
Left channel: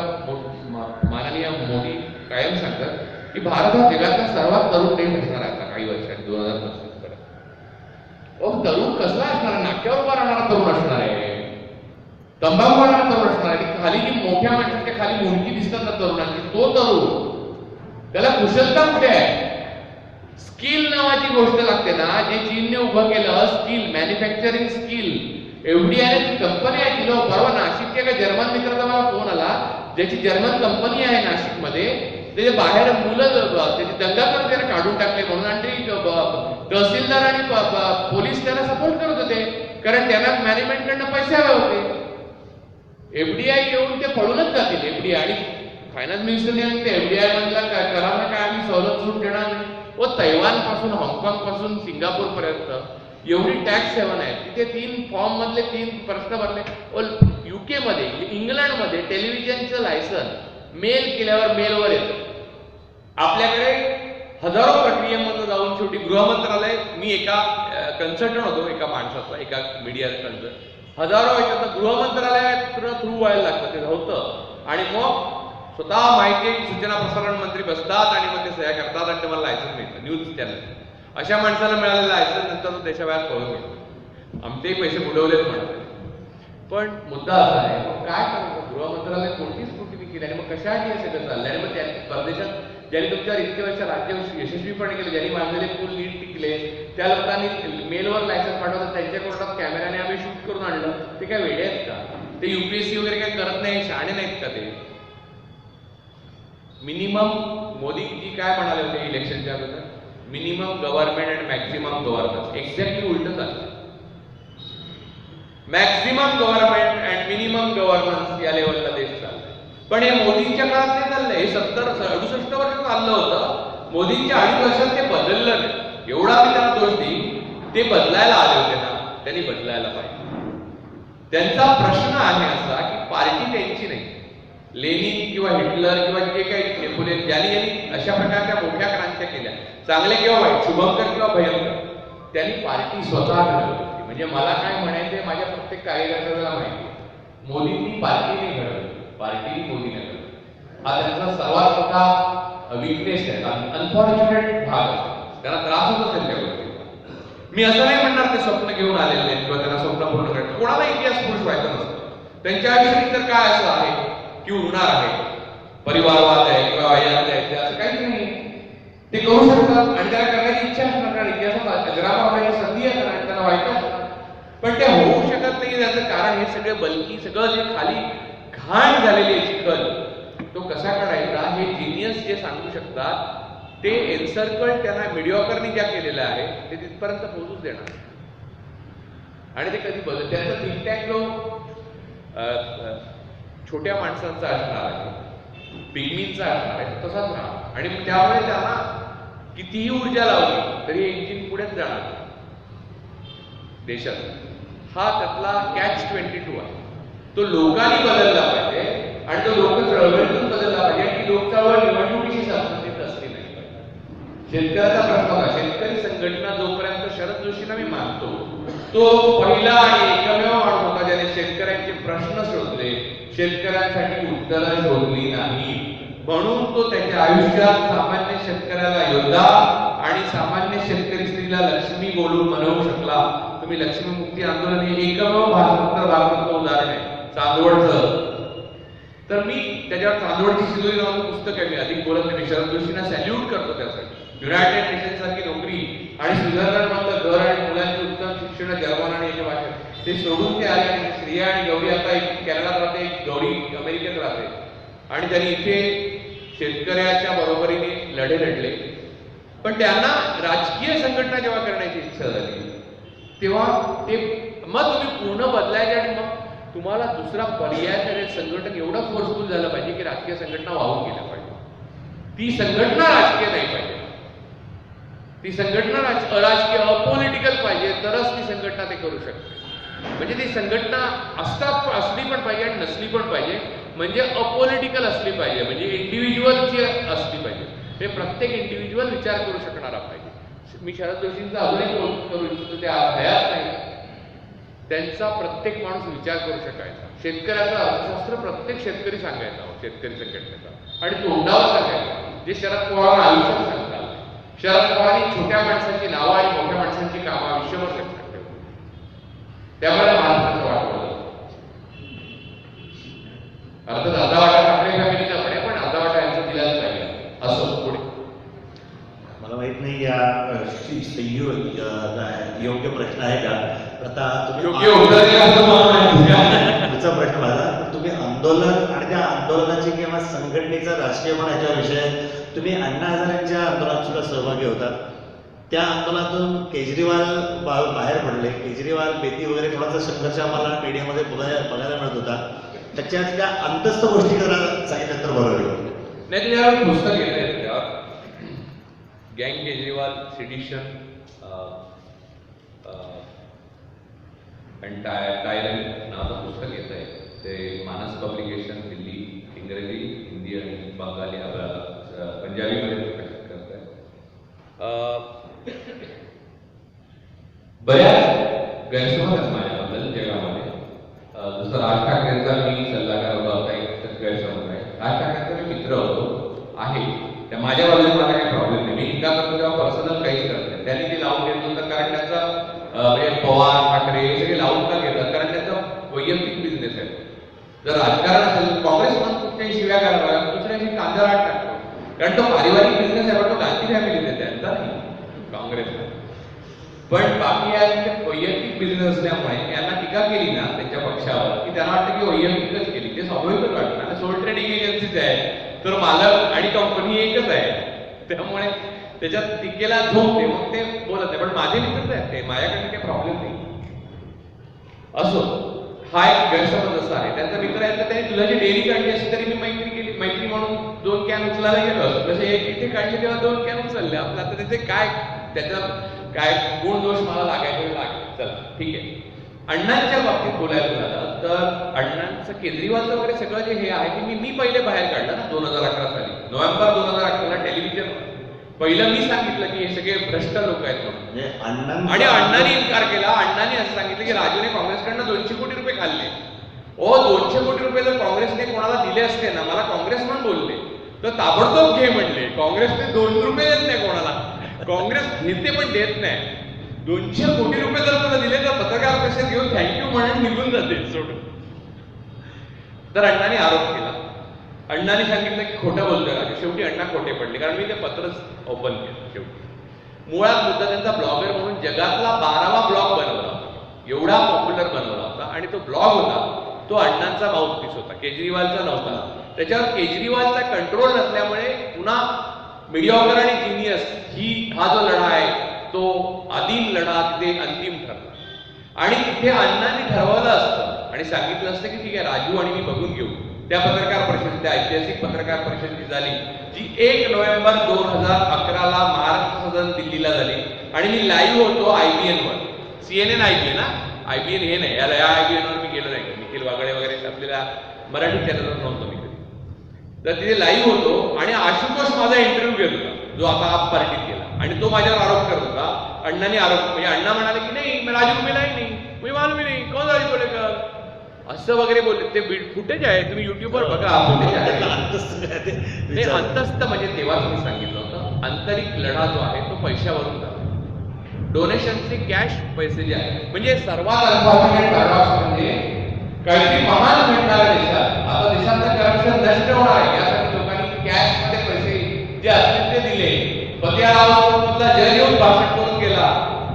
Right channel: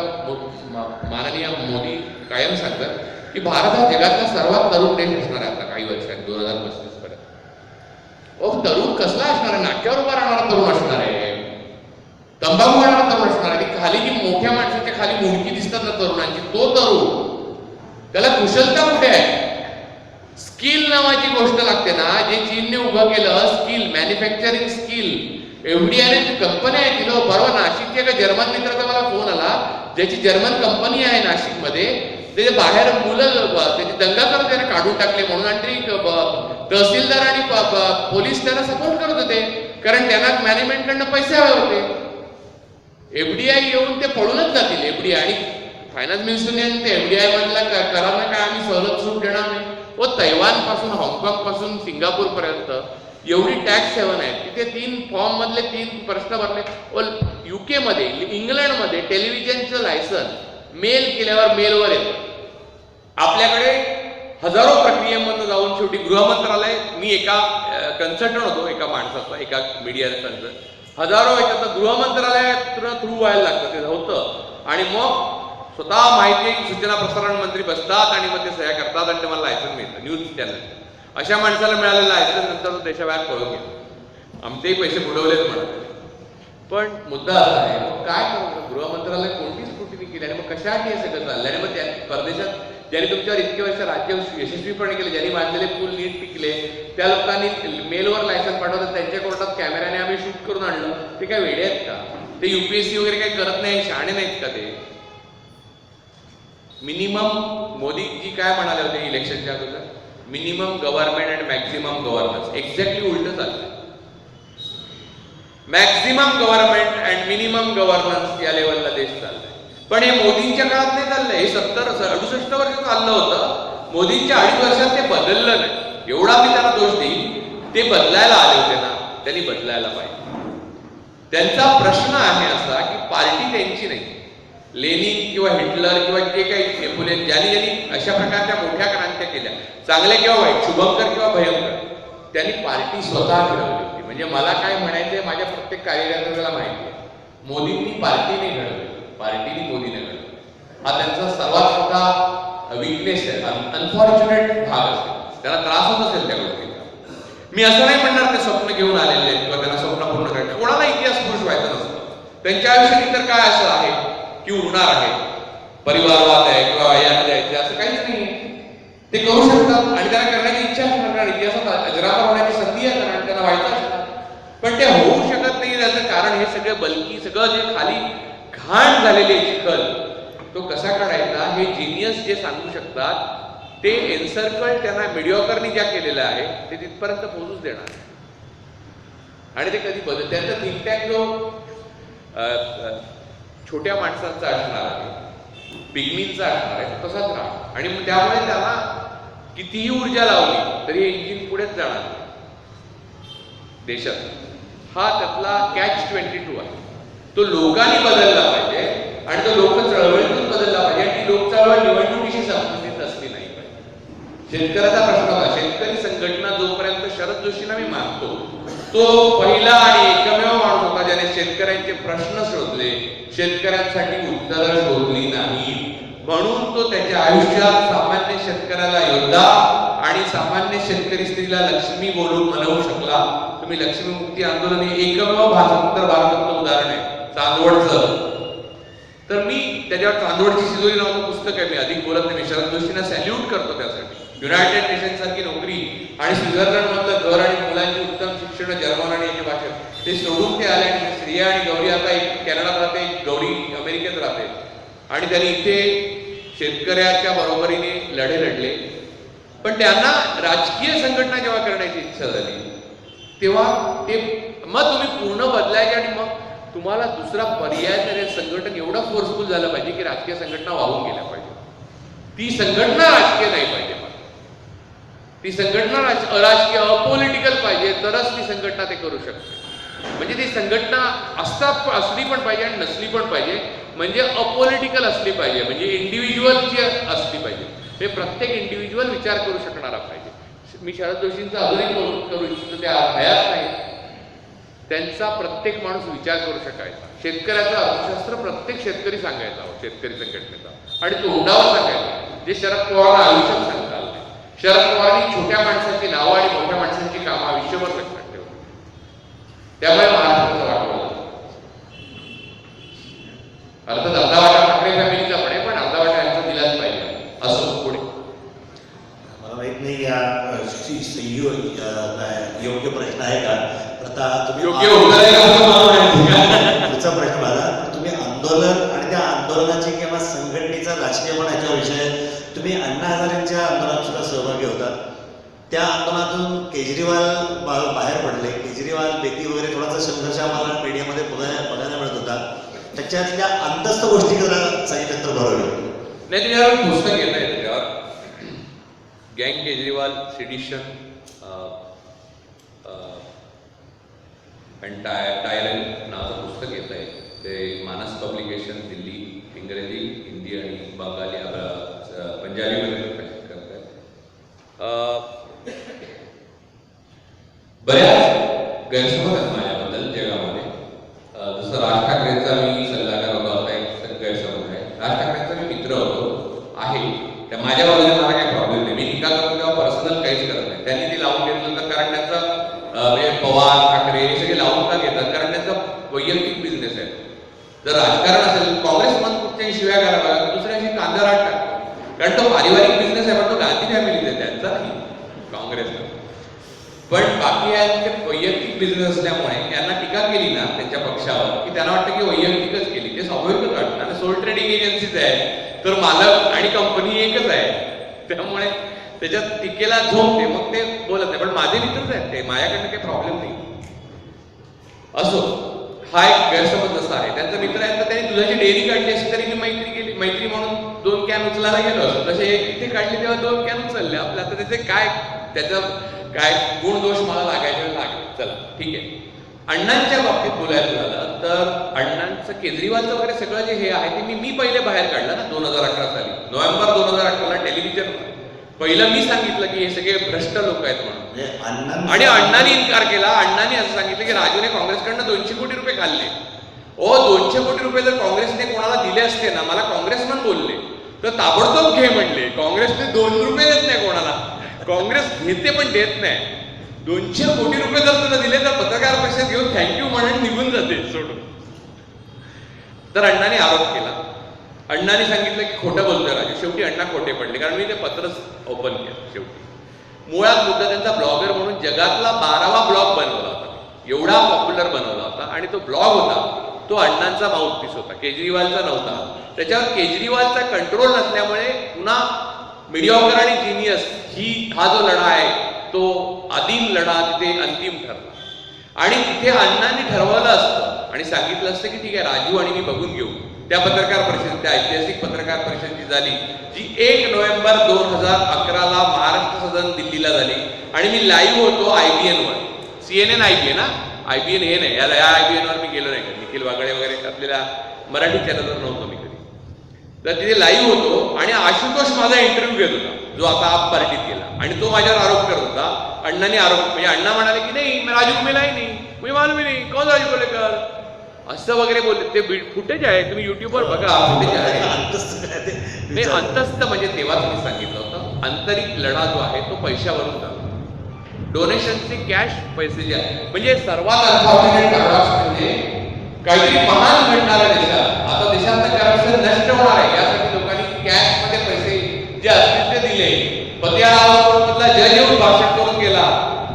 माननीय मोदी कायम सांगतात की भारत हा जगातला सर्वात तरुण देश असणार आहे आता काही वर्षांनी 2035 पर्यंत. तरुण कसला असणार आहे? नाक्यावर उभा राहणारा तरुण असणार आहे, तंबाखू वाढणारा तरुण असणार आहे. खाली जी मोठ्या माणसाच्या खाली मुंडकी दिसतात ना तरुणांची, तो तरुण. त्याला कुशलता कुठे आहे? स्किल नावाची गोष्ट लागते ना, जे चीनने उभं केलं स्किल, मॅन्युफॅक्चरिंग स्किल. एफडीआयने कंपनी आहे तिला. परवा नाशिकच्या एका जर्मन मित्राचा मला फोन आला, ज्याची जर्मन कंपनी आहे नाशिकमध्ये. त्याचे बाहेर मुलं त्याची दंगा करत त्यांना काढून टाकले म्हणून, आणि ते तहसीलदार आणि पोलीस त्यांना सपोर्ट करत होते कारण त्यांना मॅनेजमेंटकडनं पैसे हवे होते. एफडीआय येऊन ते पळूनच जातील. एफडीआय आणि फायनान्स मिनिस्टरने ते एफडीआय मधला करांना काय आम्ही सवलत सूट देणार नाही. व तैवान पासून, हाँगकाँग पासून सिंगापूर पर्यंत एवढी टॅक्स सेवन आहे. तिथे 3 फॉर्म मधले 3 प्रश्न भरले. व UK मध्ये, इंग्लंडमध्ये टेलिव्हिजनचं लायसन मेल केल्यावर मेलवर येतं. आपल्याकडे हजारो प्रक्रियेमधून जाऊन शेवटी गृहमंत्रालय, मी एका कन्सल्टंट होतो एका माणसाचा, एका मीडिया कन्सल्टंट, हजारो याच्यात गृहमंत्रालयात थ्रू व्हायला लागतं ते होतं. आणि मग स्वतः माहिती सूचना प्रसारण मंत्री बसतात आणि मग ते सह्या करतात आणि तुम्हाला लायसन मिळतं. न्यूज चॅनल अशा माणसाला मिळालेलं लायसन नंतर तो देशाबाहेर पळून गेला. आमचेही पैसे बुडवलेच म्हणत आहे. पण मुद्दा असा आहे, मग काय करू? गृहमंत्रालय कोणती स्क्रुटिनी केली आणि मग कशासाठी हे सगळं चाललं? आणि मग त्या परदेशात ज्यांनी तुमच्यावर इतके वर्ष राज्य यशस्वीपणे केले, ज्यांनी बांधलेले पूल नीट टिकले, त्या लोकांनी मेलवर लायसन पाठवलं, त्यांच्या कोर्टात कॅमेऱ्याने आम्ही शूट करून आणलं. ते काय वेडे आहेत का? ते UPSC वगैरे काही करत नाही, शहाणे नाहीत का ते? मिनिमम, मोदीजी काय म्हणाले होते इलेक्शनच्या अगोदर? Minimum government and maximum governance. Exactly उलट चाललंय. Maximum government and minimum governance या लेवलला देश चाललाय. पण हे मोदींच्या काळात नाही चाललंय. हे 68 वर्ष चाललं होतं. मोदींच्या 2.5 वर्षात ते बदललं नाही. एवढा मी त्यांना दोष देईन. ते बदलायला आले होते ना, त्यांनी बदलायला पाहिजे. त्यांचा प्रश्न आहे असा की पार्टी त्यांची नाही. लेनिन किंवा हिटलर किंवा जे काही फुले, ज्यांनी अशा प्रकारच्या मोठ्या क्रांत्या केल्या, चांगले किंवा वाईट, शुभंकर किंवा भयंकर, त्यांनी पार्टी स्वतः घडवली. म्हणजे मला काय म्हणायचंय, माझ्या प्रत्येक कार्यकर्त्याला माहिती आहे, मोदींनी पार्टीने घडवली, पार्टीने मोदीने घडवली. हा त्यांचा सर्वात मोठा विकनेस आहे, अनफॉर्च्युनेट भाग असेल, त्यांना त्रास होत असेल त्या गोष्टीचा. मी असं नाही म्हणणार ते स्वप्न घेऊन आलेले आहेत किंवा त्यांना स्वप्न पूर्ण करायचं. कोणाला इतिहास पुरुष व्हायचं नसतं. त्यांच्या आयुष्यात तर काय असं आहे की उरणार आहे, परिवारवाद आहे किंवा वयाला द्यायचे, असं काहीच नाही. ते करू शकतात आणि त्यांना करण्याची इच्छा असणार, कारण इतिहासात अजरामर होण्याची संधी आहे आणि त्यांना व्हायचं असणार. पण ते होऊ शकत नाही. त्याचं कारण हे सगळं बल्की, सगळं जे खाली घाण झालेली आहे चिखल, तो कसा काढायचा हे जिनियस जे सांगू शकतात, ते एन्सर्कल त्यांना मिडिओकरनी ज्या केलेलं आहे ते तिथपर्यंत पोहोचूच देणार. आणि ते कधी बदल, त्यांचा थिंक टँक जो छोट्या माणसांचा असणार आहे, पिग्मींचा असणार आहे, तो तसाच राहणार. आणि त्यामुळे त्यांना कितीही ऊर्जा लावली तरी इंजिन पुढेच जाणार नाही देशात. हा त्यातला catch-22 आहे. तो लोकांनी बदलला पाहिजे आणि तो लोक चळवळीतून बदलला पाहिजे. आणि ती लोक चळवळ निवडणुकीशी संबंधित असली नाही पाहिजे. शेतकऱ्याचा प्रश्न होता. शेतकरी संघटना जोपर्यंत शरद जोशींना मी मानतो, तो पहिला आणि एकमेव माणूस होता ज्याने शेतकऱ्यांचे प्रश्न शोधले, शेतकऱ्यांसाठी उत्तरं शोधली नाही. म्हणून तो त्याच्या आयुष्यात सामान्य शेतकऱ्याला योद्धा आणि सामान्य शेतकरी स्त्रीला लक्ष्मी बोलून मनवू शकला. तुम्ही लक्ष्मी मुक्ती आंदोलन हे एकमेव भाषांतर भारतातलं उदाहरण आहे चांदवडचं. तर मी त्याच्यावर चांदवडची शिदोरी नावाचं पुस्तक आहे, मी अधिक बोलत नाही. मी शरद जोशींना सॅल्यूट करतो त्यासाठी. युनायटेड नेशन सारखी नोकरी आणि स्वित्झर्लंड मधलं घर आणि मुलांची उत्तम शिक्षण जर्मन आणि याच्या भाषेत ते सोडून ते आले. आणि श्रिया आणि गौरी आता एक कॅनडात राहते, गौरी अमेरिकेत राहते. आणि त्यांनी इथे शेतकऱ्याच्या बरोबरीने लढे लढले. पण त्यांना राजकीय संघटना जेव्हा करण्याची इच्छा झाली तेव्हा ते मग तुम्ही पूर्ण बदलायचे आणि मग तुम्हाला दुसरा पर्याय नाही. संघटन एवढं फोर्सफुल झालं पाहिजे की राजकीय संघटना वाहून गेल्या पाहिजे. ती संघटना राजकीय नाही पाहिजे. ती संघटना अराजकीय, अपॉलिटिकल पाहिजे, तरच ती संघटना ते करू शकते. म्हणजे ती संघटना असली पण पाहिजे आणि नसली पण पाहिजे. म्हणजे अपॉलिटिकल असली पाहिजे, म्हणजे इंडिव्हिज्युअलची असली पाहिजे. हे प्रत्येक इंडिव्हिज्युअल विचार करू शकणारा पाहिजे. मी शरद जोशींचा अजूनही करू इच्छितो, त्या हयात नाही. त्यांचा प्रत्येक माणूस विचार करू शकायचा. शेतकऱ्याचं अर्थशास्त्र प्रत्येक शेतकरी सांगायचा, शेतकरी संघटनेचा, आणि तोंडावर सांगायचा, जे शरद पवारांना आयुष्यात सांगता आलं नाही. शरद पवारांनी छोट्या माणसांची नावं आणि मोठ्या माणसांची कामं आयुष्यभर लक्षात ठेवली. त्यामुळे महाराष्ट्राचं वाटवलं. अर्थात अर्धा वाटा ठाकरे फॅमिलीचा पण आहे, पण अर्धा वाटा यांचा दिलाच पाहिजे. असं पुढे मला माहित नाही या योग्य प्रश्न आहे का? आता तुम्ही योग्य पुढचा प्रश्न माझा, तुम्ही आंदोलन आणि त्या आंदोलनाची किंवा संघटनेचा राजकीय पण याच्या विषय तुम्ही अण्णा हजारेंच्या आंदोलनात सुद्धा सहभागी होतात. त्या आंदोलनातून केजरीवाल बाहेर पडले. केजरीवाल बेती वगैरे थोडासा संघर्ष आम्हाला मीडियामध्ये बघायला मिळत होता. त्याच्यातल्या अंतस्थ गोष्टी जरा सांगितलं तर बरं होईल. नाही, त्याच्यावर पुस्तक येत आहे. त्याच्यावर गँग केजरीवाल सिडिशन टायरन नावाचं पुस्तक येत आहे. ते मानस पब्लिकेशन दिल्ली, इंग्रजी, हिंदी आणि बंगाली पंजाबीमध्ये प्रकाशित करत आहे. बऱ्याच गैरसमज आहेत माझ्याबद्दल जगामध्ये. जसं राज ठाकरेंचा मी सल्लागार होता एक गैरसमज आहे. राज ठाकरेंचा मी मित्र होतो आहे, त्या माझ्या बाजूने मला काही प्रॉब्लेम नाही. मी टीका करतो तेव्हा पर्सनल काहीच करत नाही. त्यांनी ते लावून घेतलं तर कारण त्यांचा म्हणजे पवार ठाकरे हे सगळे लावून का घेतात, कारण त्यांचा वैयक्तिक बिझनेस आहे. जर राजकारण असेल, काँग्रेस पण कुठच्याही शिव्या घालाव्या, दुसऱ्याशी कांदा राट टाकतो, कारण तो पारिवारिक बिझनेस आहे. पण तो गांधी फॅमिलीचा आहे, त्यांचा नाही काँग्रेसचा. पण बाकी यांचे वैयक्तिक बिझनेस असल्यामुळे यांना टीका केली ना त्यांच्या पक्षावर की त्यांना वाटतं की वैयक्तिकच केली. ते स्वाभाविकच वाटतं ना. सोल ट्रेडिंग एजन्सीज आहे तर मालक आणि कंपनी एकच आहे, त्यामुळे त्याच्यात टीकेला झोपते, मग ते बोलत नाही. पण माझे मित्रच आहेत ते, माझ्याकडनं काही प्रॉब्लेम नाही. असो, हा एक गैरसमज असा आहे. त्यांचा मित्र आहे तर त्यांनी दुधाची डेअरी काढली असती तरी मी मैत्री म्हणून 2 कॅन उचलायला गेलो असतो. तसे एक इथे काढली तेव्हा 2 कॅन उचलले. आपलं आता त्याचं काय गुण दोष मला लागायचे लागले. चला ठीक आहे. अण्णांच्या बाबतीत बोलायचं झालं तर अण्णांचं केजरीवालचं वगैरे सगळं जे हे आहे ते मी पहिले बाहेर काढलं ना 2011 साली. नोव्हेंबर 2011ला टेलिव्हिजनवर पहिलं मी सांगितलं की हे सगळे भ्रष्ट लोक आहेत म्हणून. आणि अण्णांनी इन्कार केला. अण्णांनी असं सांगितलं की राजूने काँग्रेसकडनं 200 कोटी रुपये खाल्ले. 200 कोटी रुपये जर काँग्रेसने कोणाला दिले असते ना, मला काँग्रेसमन बोलले तर ताबडतोब घे म्हणले. काँग्रेसने 2 रुपये देत नाही कोणाला, काँग्रेस घेते पण देत नाही. 200 कोटी रुपये जर तुला दिले तर पत्रकार परिषद घेऊन थँक्यू म्हणून निघून जाते सोडून. तर अण्णांनी आरोप केला. अण्णांनी सांगितलं की खोटं बोलतोय राजू. शेवटी अण्णा खोटे पडले, कारण मी ते पत्रच ओपन केलं. शेवटी मुळात मुद्दा त्यांचा ब्लॉगर म्हणून जगातला 12वा ब्लॉग बनवला होता मी. एवढा पॉप्युलर बनवला होता आणि तो ब्लॉग होता तो अण्णांचा माउथपीस होता, केजरीवालचा नव्हता. त्याच्यावर केजरीवालचा कंट्रोल नसल्यामुळे पुन्हा मीडियाकर आणि जिनियस हा जो लढा आहे तो आदिम लढा तिथे अंतिम ठरला. आणि तिथे अण्णांनी ठरवलं असतं आणि सांगितलं असतं की ठीक आहे राजू आणि मी बघून घेऊ. त्या पत्रकार परिषद, त्या ऐतिहासिक पत्रकार परिषद जी झाली, जी 1 नोव्हेंबर 2011ला महाराष्ट्र सदन दिल्लीला झाली आणि मी लाईव्ह होतो IBN वर. CNN IBN IBN हे नाही, या IBN वर मी गेलो नाही. निखिल वागळे वगैरे आपल्याला मराठी चॅनलवर नव्हतो मी कधी. तर तिथे लाईव्ह होतो आणि आशुतोष माझा इंटरव्ह्यू घेत होता, जो आता आप पार्टीत गेला, आणि तो माझ्यावर आरोप करत होता. अण्णांनी आरोप म्हणजे अण्णा म्हणाले की नाही मैं राजू को मिला ही नहीं, मुझे मालूम ही नहीं कौन राजू कोलेकर, असं वगैरे बोलले. ते फुटेज आहे, तुम्ही युट्यूबवर बघा, फुटेज आहे. नाही, अंतस्थ म्हणजे तेव्हाच मी सांगितलं होतं, आंतरिक लढा जो आहे तो पैशावरून जातो. डोनेशनचे कॅश पैसे जे आहेत, म्हणजे सर्वात म्हणजे काहीतरी महान घडणार आहे देशात. आता देशातलं करप्शन नष्ट होणार आहे, यासाठी लोकांनी कॅश मध्ये पैसे जे असतील ते दिले. पतियाळा कोर्टमधला जज येऊन भाषण करून गेला.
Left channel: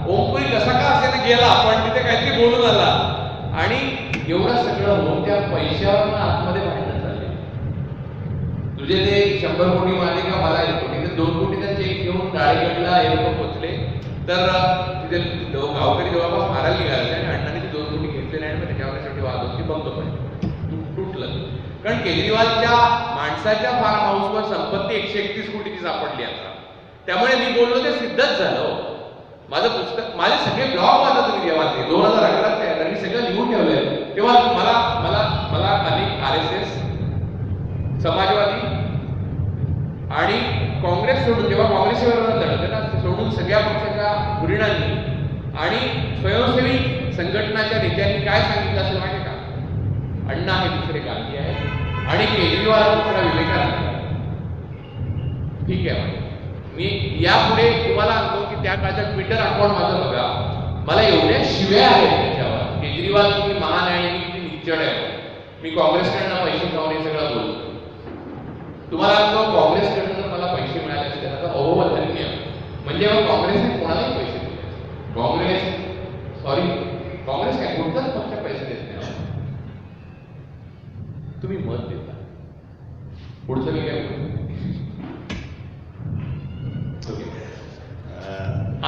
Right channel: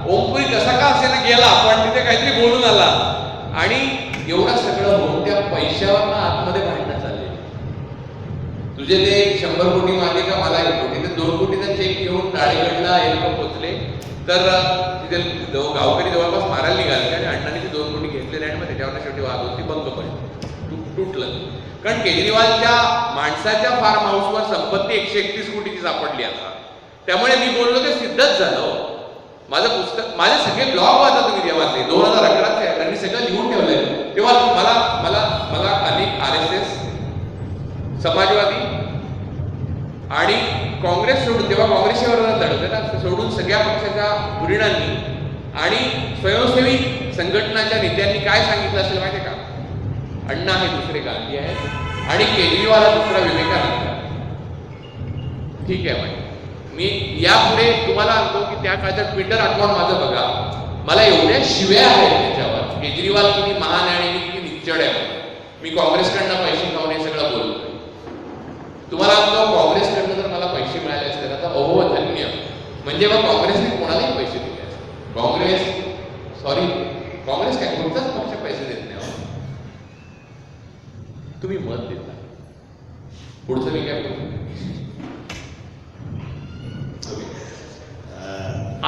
ओमपुरी कसा का असेना गेला, पण तिथे काहीतरी बोलून आला. आणि एवढं सगळं होऊन त्या पैशावर आतमध्ये भांडणं चालले. तुझे ते 100 कोटी मारले का मला 1 कोटी, तर 2 कोटीचा चेक घेऊन राळेगडला हे लोक पोहोचले. तर तिथे गावकरी जवळपास मारायला निघाले आणि अण्णांनी ते 2 कोटी घेतले नाही. मग त्याच्यावर शेवटी वाद होती, बंद पडली, तुटलं. कारण केजरीवालच्या माणसाच्या फार्म हाऊसवर संपत्ती 131 कोटीची सापडली आता. त्यामुळे मी बोललो ते सिद्धच झालं. माझं पुस्तक, माझे सगळे ब्लॉग वाचा तुम्ही तेव्हाचे 2011चे आहेत आणि मी सगळं लिहून ठेवलंय. तेव्हा मला मला मला अनेक RSS, समाजवादी आणि काँग्रेस सोडून, तेव्हा काँग्रेसवर लढत ना, सोडून सगळ्या पक्षाच्या धुरीणांनी आणि स्वयंसेवी संघटनाच्या नेत्यांनी काय सांगितलं असेल माहिती का? अण्णा हे दुसरे गांधी आहेत आणि केजरीवाल हा दुसरा विवेकानंद आहे. ठीक आहे माहिती. मी यापुढे तुम्हाला सांगतो की त्या काळचा ट्विटर अकाउंट माझं बघा, मला एवढ्या शिव्या आहेत त्याच्यावर. केजरीवाल किती महान आहे आणि मी किती निच्चड आहे. मी काँग्रेसकडनं पैसे खाऊन हे सगळं बोलतोय. तुम्हाला सांगतो काँग्रेसकडनं जर मला पैसे मिळाले असते ना तर अहो धन्य. म्हणजे मग काँग्रेसने कोणालाही पैसे दिले असते. काँग्रेस काय कोणताच पक्ष पैसे देत नाही. तुम्ही मत देता, पुढचं मी काय बोलतो.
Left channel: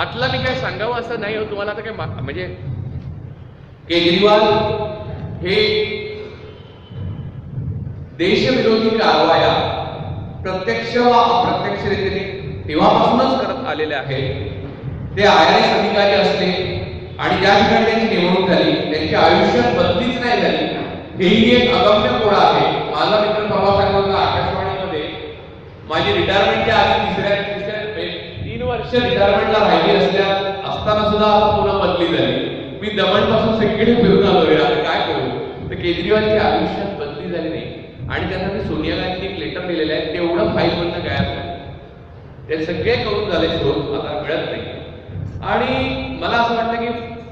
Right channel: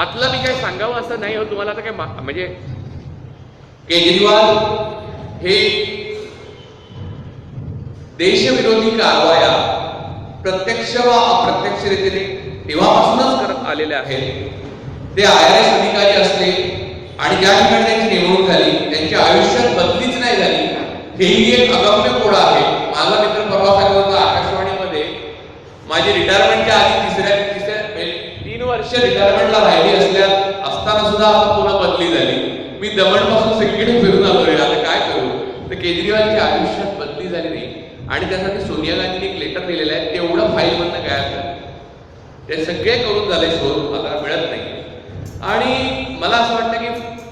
आतला मी काय सांगावं असं नाही हो तुम्हाला. आता काय म्हणजे केजरीवाल हे देशविरोधी कारवाया प्रत्यक्ष व अप्रत्यक्ष रीतीने तेव्हापासूनच करत आलेले आहेत. ते IRS अधिकारी असले आणि ज्या ठिकाणी त्यांची नेमणूक झाली त्यांच्या आयुष्यात बदलीच नाही झाली, हेही एक अगम्य कोड आहे. माझा मित्र परवा सांगत होता आकाशवाणीमध्ये, माझी रिटायरमेंटच्या आधी तिसऱ्या 3 वर्ष रिटायरमेंटला राहिली असताना सुद्धा आता पुन्हा बदली झाली. मी दमणपासून सगळीकडे फिरून आलो रे, आता काय करू. तर केजरीवालची आयुष्यात बदली झाली नाही आणि त्यासाठी सोनिया गांधीने एक लेटर लिहिलेलं आहे, तेवढं फाईलमधनं गायब झालं. ते सगळे करून झाले, शोध आता मिळत नाही. आणि मला असं वाटतं की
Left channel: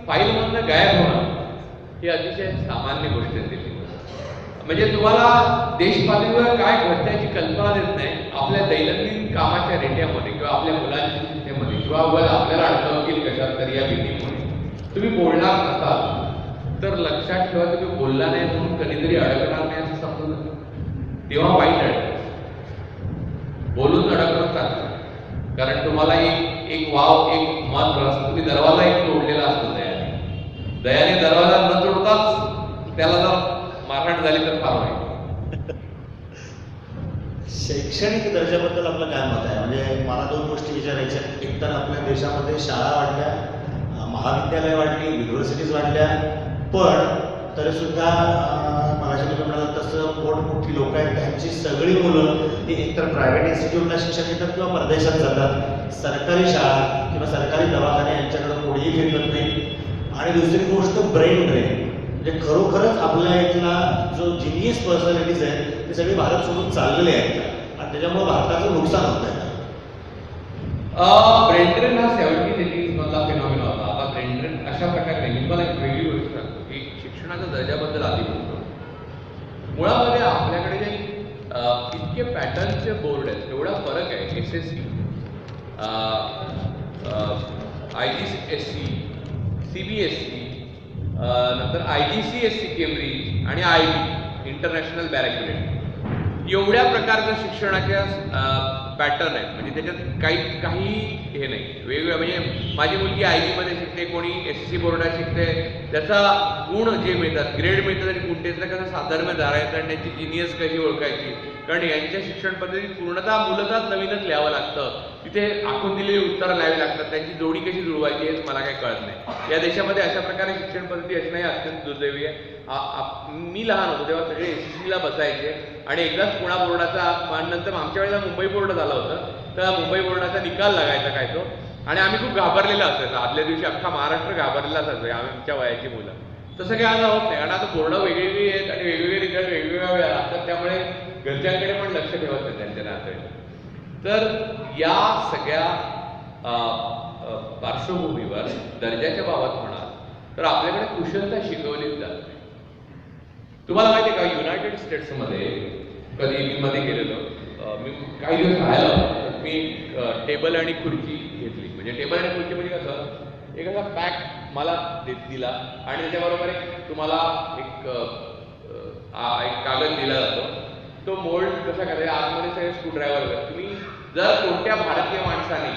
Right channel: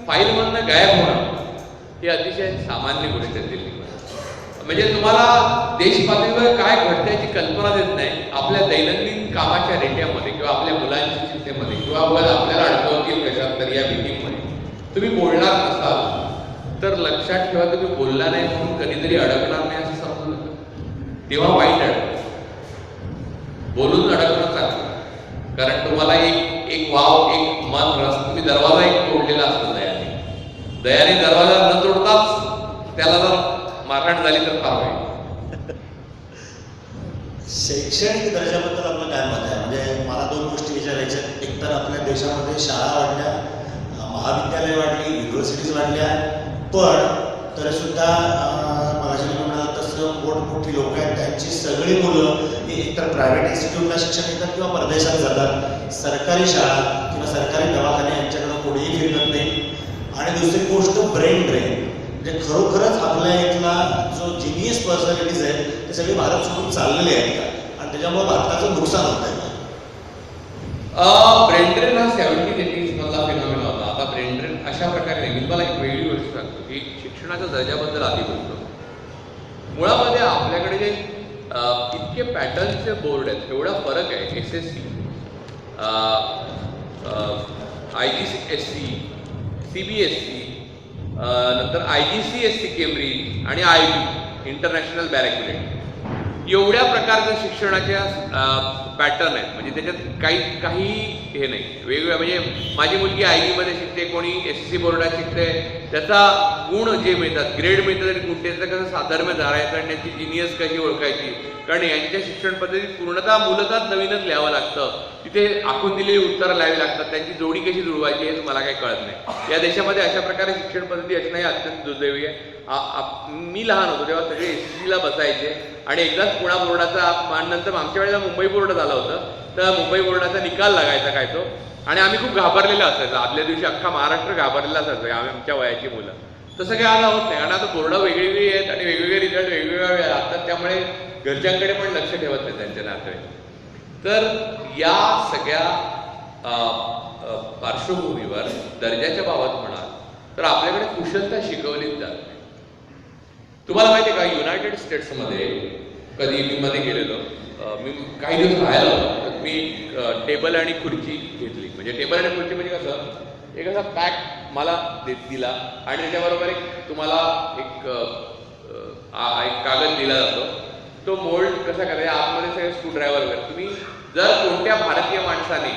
फाईलमधनं गायब होणं ही अतिशय सामान्य गोष्ट आहे दिल्लीमध्ये. म्हणजे तुम्हाला देश पातळीवर काय घडतं याची कल्पना देत नाही. आपल्या दैनंदिन कामाच्या रेट्यामध्ये किंवा आपल्या मुलांच्या चिंतेमध्ये किंवा आपल्याला अडकवतील कशात तरी या मीटिंगमध्ये तुम्ही बोलणार नसाल तर लक्षात ठेवा, तुम्ही बोलला नाही म्हणून कधीतरी अडकणार नाही असं समजू नका. तेव्हा वाईट अडकतं. बोलून अडकणं चांगलं, कारण तुम्हाला एक वाव, एक मन रस, तुम्ही दरवाजा एक तोडलेला असतो दयाने दरवाजा न तोडताच त्याला जर मारहाण झाली तर फार वाईट. शैक्षणिक दर्जाबद्दल आपलं काय मत आहे? म्हणजे मला 2 गोष्टी विचारायच्या. एक तर आपल्या देशामध्ये शाळा वाढल्या, महाविद्यालय वाढली, युनिव्हर्सिटीज वाढल्या, पण तरीसुद्धा मगाशी म्हणाला तसं मोठमोठी लोक आहेत त्यांची सगळी मुलं ही एकतर प्रायव्हेट इन्स्टिट्यूटला शिक्षण घेतात किंवा परदेशात जातात. सरकारी शाळा किंवा सरकारी दवाखाने यांच्याकडे कोणीही फिरत नाही. आणि दुसरी गोष्ट ब्रेन ड्रेन, म्हणजे खरोखरच आपल्या इथला जो जिनियस पर्सनॅलिटीज आहे ते सगळे भारत सोडून चाललेले आहेत का, आणि त्याच्यामुळे भारताचं नुकसान होत आहे. ब्रेन ड्रेन हा 70s-80s मधला फिनॉमिना होता. आता ब्रेन ड्रेन अशा प्रकारे नाही. मी तुम्हाला एक वेगळी गोष्ट सांगतो की शिक्षणाच्या दर्जाबद्दल आधी बोलतो. मुळामध्ये आपल्याकडे जे इतके पॅटर्नचे बोर्ड आहेत, एवढा फरक आहे. SSC, IGCSE, CBSE, नंतर IGCSE केम्ब्रिज आणि IB इंटरनॅशनल बॅरॅक्युलेट, एवढ्या प्रकारच्या शिक्षणाच्या पॅटर्न आहेत. म्हणजे त्याच्यात काही हे नाही वेगवेगळ्या. म्हणजे माझी मुलगी IB मध्ये शिकते, कोणी SSC बोर्डात शिकते, त्याचा गुण जे मिळतात, ग्रेड मिळतात आणि गुण त्याचं कसं साधर्म्य धरायचं आणि त्यांची जिनियस कशी ओळखायची. कारण यांच्या शिक्षण पद्धतीत मूलतः नवीनच लिहावं लागतं. तिथे आखून दिलेली उत्तरं लिहावी लागतात, त्यांची जोडी कशी जुळवायची हेच मला काही कळत नाही. या देशामध्ये अशा प्रकारे शिक्षण पद्धती असणं हे अत्यंत दुर्दैवी आहे. मी लहान होतो तेव्हा सगळे SSCला बसायचे आणि एकदाच पुणा बोर्डाचा, नंतर आमच्या वेळेला मुंबई बोर्ड झालं होतं, तर मुंबई बोर्डाचा निकाल लागायचा काय तो, आणि आम्ही खूप घाबरलेलं असायचं. आदल्या दिवशी अख्खा महाराष्ट्र घाबरलेला असायचं, आमच्या वयाची मुलं. तसं काही आता होत नाही, कारण आता बोर्ड वेगवेगळी आहेत आणि वेगवेगळे रिझल्ट वेगवेगळ्या वेळा असतात, त्यामुळे घरच्यांकडे पण लक्ष ठेवत नाही त्यांच्या नातेवाईक. तर या सगळ्या पार्श्वभूमीवर दर्जाच्या बाबत म्हणाल तर आपल्याकडे कुशलता शिकवलीच जात नाही. तुम्हाला माहिती आहे का, युनायटेड स्टेट्समध्ये कधी मी मध्ये गेलेलो, मी काही दिवस राहायला होतो, तर मी टेबल आणि खुर्ची घेतली. म्हणजे टेबल आणि खुर्ची म्हणजे कसं, एक असा पॅक मला दिला आणि त्याच्याबरोबर तुम्हाला एक कागद दिला जातो. तो मोल्ड कसा करायचा, आतमध्ये सगळे स्क्रूड्रायव्हर वगैरे. तुम्ही जर कोणत्या भारतीय माणसाने,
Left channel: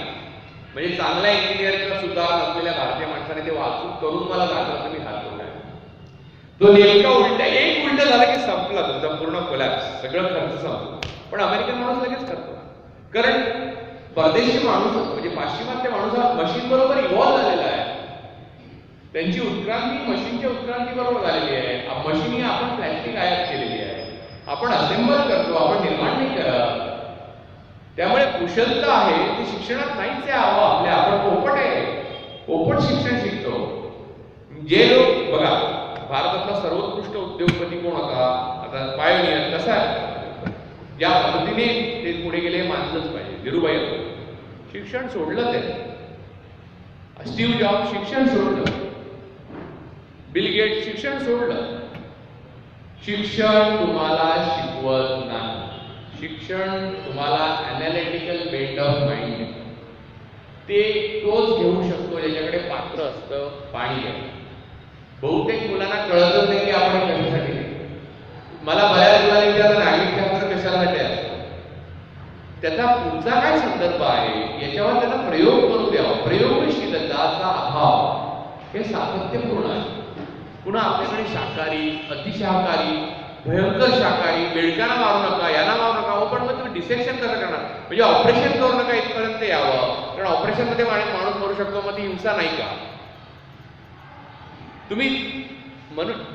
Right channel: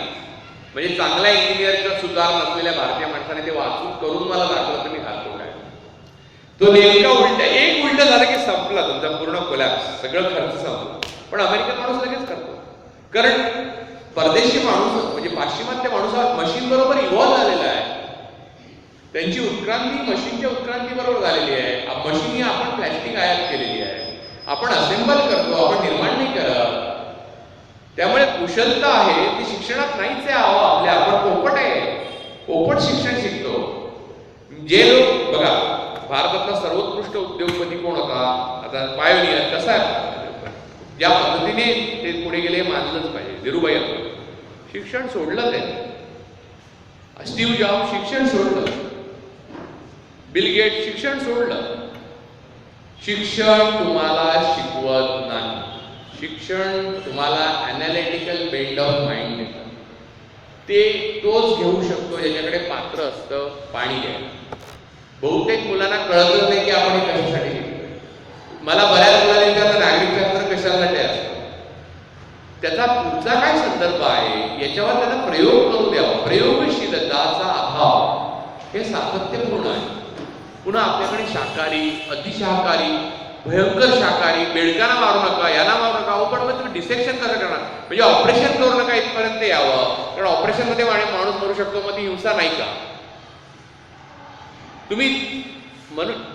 म्हणजे चांगल्या इंजिनियर किंवा सुधार नसलेल्या भारतीय माणसाने ते वाचून करून मला दाखवलं तर मी हात काय तो नेमका एक उलटा झाला की संपला तुमचा पूर्ण कोलॅप्स, सगळं खर्च संपला. पण अमेरिकन माणूस लगेच करतो, कारण परदेशी माणूस म्हणजे पाश्चिमात्य माणूस हा मशीन बरोबर इव्हॉल्व झालेला आहे. त्यांची उत्क्रांती मशीनच्या उत्क्रांती बरोबर झालेली आहे. मशीन ही आपण प्लॅस्टिक आयात केलेली आहे, आपण असेंबल करतो, आपण निर्माण नाही करत. त्यामुळे कुशलता आहे ती शिक्षणात नाहीच आहे. आपल्या आपण पोपट आहे, पोपट शिक्षण शिकतो. जे लोक बघा, भारतातला सर्वोत्कृष्ट उद्योगपती कोण होता, आता पायोनियर कसा आहे, ज्या पद्धतीने ते पुढे गेले मानलंच पाहिजे. धीरूभाई अंबानी शिक्षण सोडलं त्याने, स्टीव्ह जॉब शिक्षण सोडलं, बिल गेट शिक्षण सोडलं. शिक्षण तुम्हाला शिकवत नाही, शिक्षण तुम्हाला अनालिटिकल बेंड ऑफ माइंड देतं. ते तोच घेऊ शकतो ज्याच्याकडे पात्र असतं पाणी घ्यायला. बहुतेक मुलांना कळतच नाही की आपण हे कशासाठी शिकतोय. मला बऱ्याच मुलांना विचारलं नागरिकशास्त्र कशासाठी असतं, त्याचा पुढचा काय संदर्भ आहे याच्यावर त्यांना प्रयोग करू द्यावा, प्रयोगशील हे सातत्यपूर्ण आहे. पुन्हा आपल्याकडे शाकाहारी, अतिशाकाहारी, भयंकर शाकाहारी, बेडकांना मारू नका, यांना मारू नका. हो, पण मग तुम्ही डिसेक्शन कसं करणार? म्हणजे ऑपरेशन करू नका इथपर्यंत यावं, कारण ऑपरेशनमध्ये माणूस मरू शकतो, मग ती हिंसा नाही का? तुम्ही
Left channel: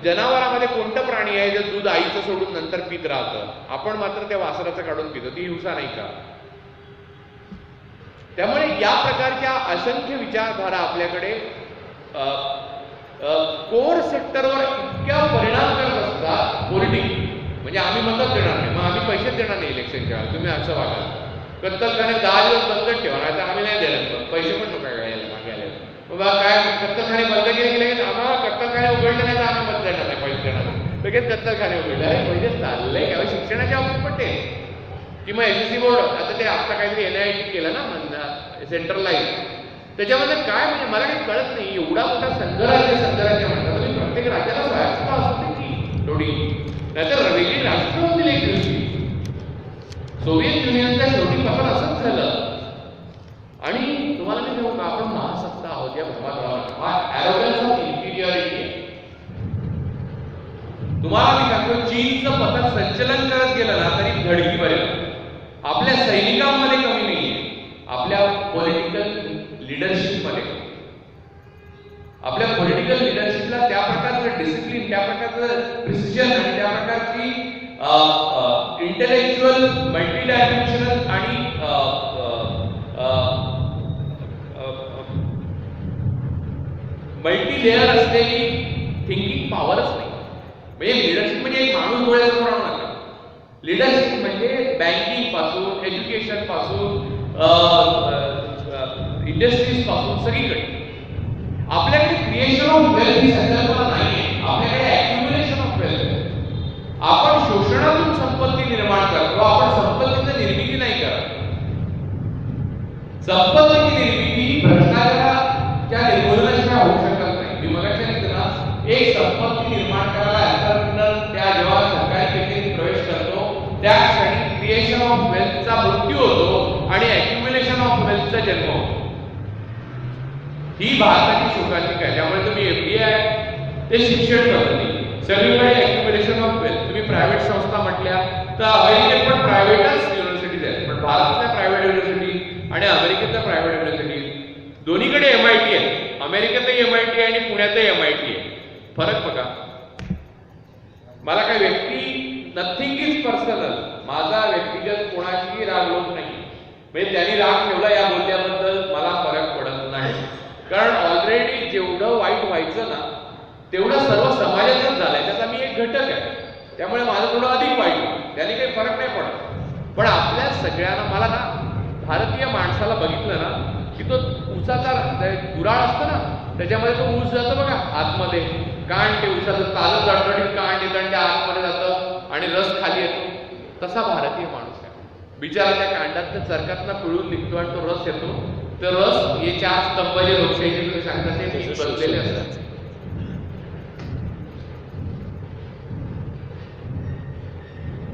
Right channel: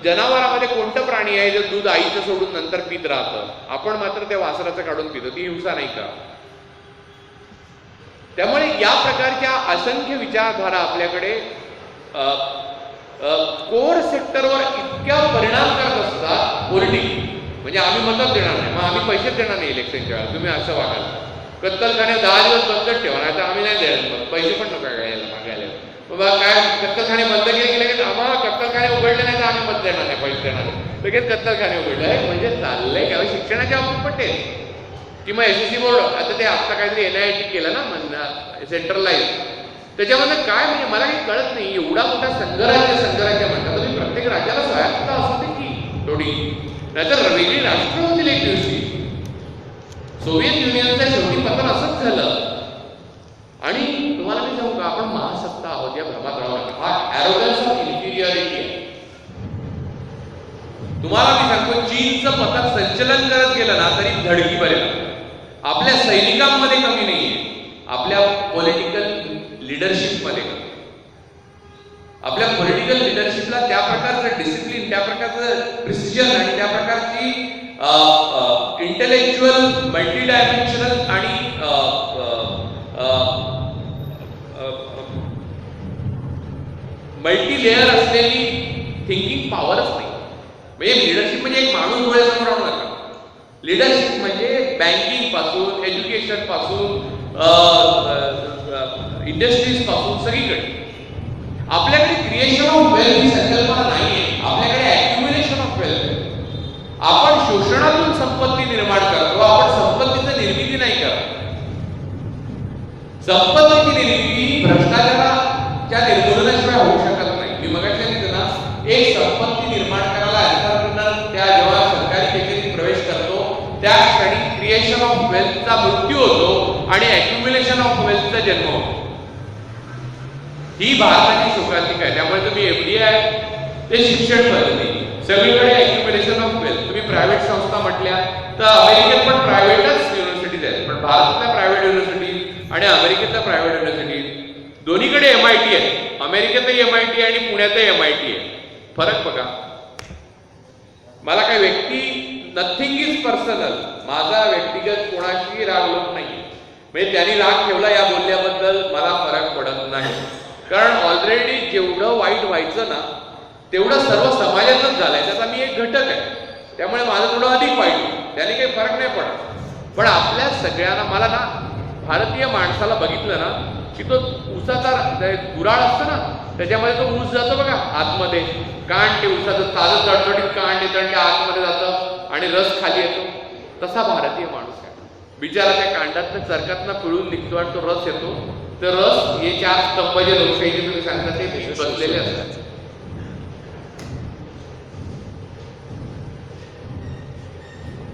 जनावरांमध्ये कोणतं प्राणी आहे जे दूध आईचं सोडून नंतर पित राहतं, आपण मात्र त्या वासराचं काढून पितो, ती हिंसा नाही का? त्यामुळे या प्रकारच्या असंख्य विचारधारा आपल्याकडे कोर सेक्टरवर इतक्या परिणाम करत असतात. पॉलिटिक्स म्हणजे आम्ही मतच देणार नाही, मग आम्ही पैसेच देणार नाही इलेक्शनच्या वेळेला, तुम्ही असं वागाल. कत्तलखाने 10 दिवस बंदच ठेवा, नाही तर आम्ही नाही देणार, पैसे पण नका घ्यायला मागायला. बाबा काय कत्तलखाने बंद केले लगेच आम्हाला कत्तलखाने उघडले नाही तर आम्ही मत देणार नाही, पैसे देणार नाही, लगेच कत्तलखाने उघडले. अरे म्हणजे चाललंय का? शिक्षणाच्या बाबतीत पण तेच, की मग SSC बोर्ड आता ते आता काहीतरी NIT केलं ना सेंट्रलाइज, त्याच्यामध्ये काय म्हणजे मला काही कळत नाही. एवढा मोठा संघराज्य म्हणतात, तुम्ही प्रत्येक राज्याला स्वायत्तता असू दे की थोडी, नाहीतर वेगळी राष्ट्र होतील एक दिवशी. सोव्हिएत युनियनचं शेवटी पतन असंच झालं. आणि तुम्हाला मी सांगू का, आपण महासत्ता आहोत या भ्रमात राहू नका. हा ॲरोगन्स ऑफ इन्फिरियरिटी आहे. तुम्हाला मी सांगतो, चीनचं पथक संचलन करत गेलं ना तरी धडकी भरेल. आपल्या सैनिकांमध्ये कमी नाहीये, आपल्या पॉलिटिकल लिडरशिपमध्ये कमी. आपल्या पॉलिटिकल लिडरशिपला त्या प्रकारचं डिसिप्लिन, त्या प्रकारचं प्रिसिजन आणि त्या प्रकारची इंटेलेक्च्युअल मल्टी डायमेन्शनल आणि मल्टी लेअर असलेली थिंकिंग पॉवरच नाही. म्हणजे लिडरशिप म्हणजे एक माणूस डोळ्यासमोर आणू नका. लिडरशिप म्हणजे बँकिंग पासून, एज्युकेशन पासून, इंडस्ट्रीज पासून सगळीकडे. आपल्याकडे क्रिएशन ऑफ वेल्थ ही संकल्पना नाहीये, आपल्याकडे ॲक्युम्युलेशन ऑफ वेल्थ आहे. आपण शोषणातून संपत्ती निर्माण करतो, आपण संपत्तीची निर्मिती नाही करत. संपत्तीची निर्मिती भ्रष्टाचाराच्या निर्मूलनाशिवाय होऊ शकत नाही. मी मगाशी सांगितलं ना, एक संपत्ती निर्माण करायला एंटरप्रिनर त्या जेव्हा सरकारी कचेरीत प्रवेश करतो त्या क्षणी क्रिएशन ऑफ वेल्थचा मृत्यू होतो आणि ॲक्युम्युलेशन ऑफ वेल्थचा जन्म होतो. ही भारताची शोकांतिका आहे. त्यामुळे तुम्ही FDI ते शिक्षण पद्धती सगळीकडे ॲक्युम्युलेशन ऑफ वेल्थ. तुम्ही प्रायव्हेट संस्था म्हटल्या तर अमेरिकेत पण प्रायव्हेटच युनिव्हर्सिटीज आहेत, पण भारतातल्या प्रायव्हेट युनिव्हर्सिटी आणि अमेरिकेतल्या प्रायव्हेट युनिव्हर्सिटी दोन्हीकडे MIT आहे. अमेरिकेतही MIT आणि पुण्यातही MIT आहे. फरक बघा. मला काही व्यक्ती, नथिंग इज पर्सनल, माझा व्यक्तिगत कोणाशी राग लोक नाही, म्हणजे त्यांनी राग ठेवला या बोलल्याबद्दल मला फरक पडत नाही. कारण ऑलरेडी जेवढं वाईट व्हायचं ना तेवढं सर्व समाजातच झालंय, त्याचा मी एक घटक आहे. त्यामुळे माझं थोडं अधिक वाईट होईल, त्याने काही फरक नाही पडत. पण आपल्या सगळ्यांना, मला ना भारतीय माणसाला बघितलं ना की तो ऊसाचा गुराळ असतं ना, त्याच्यामध्ये तो ऊस जातो बघा आतमध्ये, कांड ते ऊसाचं ताजं चडचडीत कांड येतं आणि ते आतमध्ये जातं आणि रस खाली येतो. तसा भारतीय माणूस आहे. बिचारा त्या कांडातनं चरकातनं पिळून निघतो आणि तो रस येतो. तर रस हे 4 स्तंभ जे लोकशाहीचे तुम्ही सांगता ते पीक बसलेले असतात.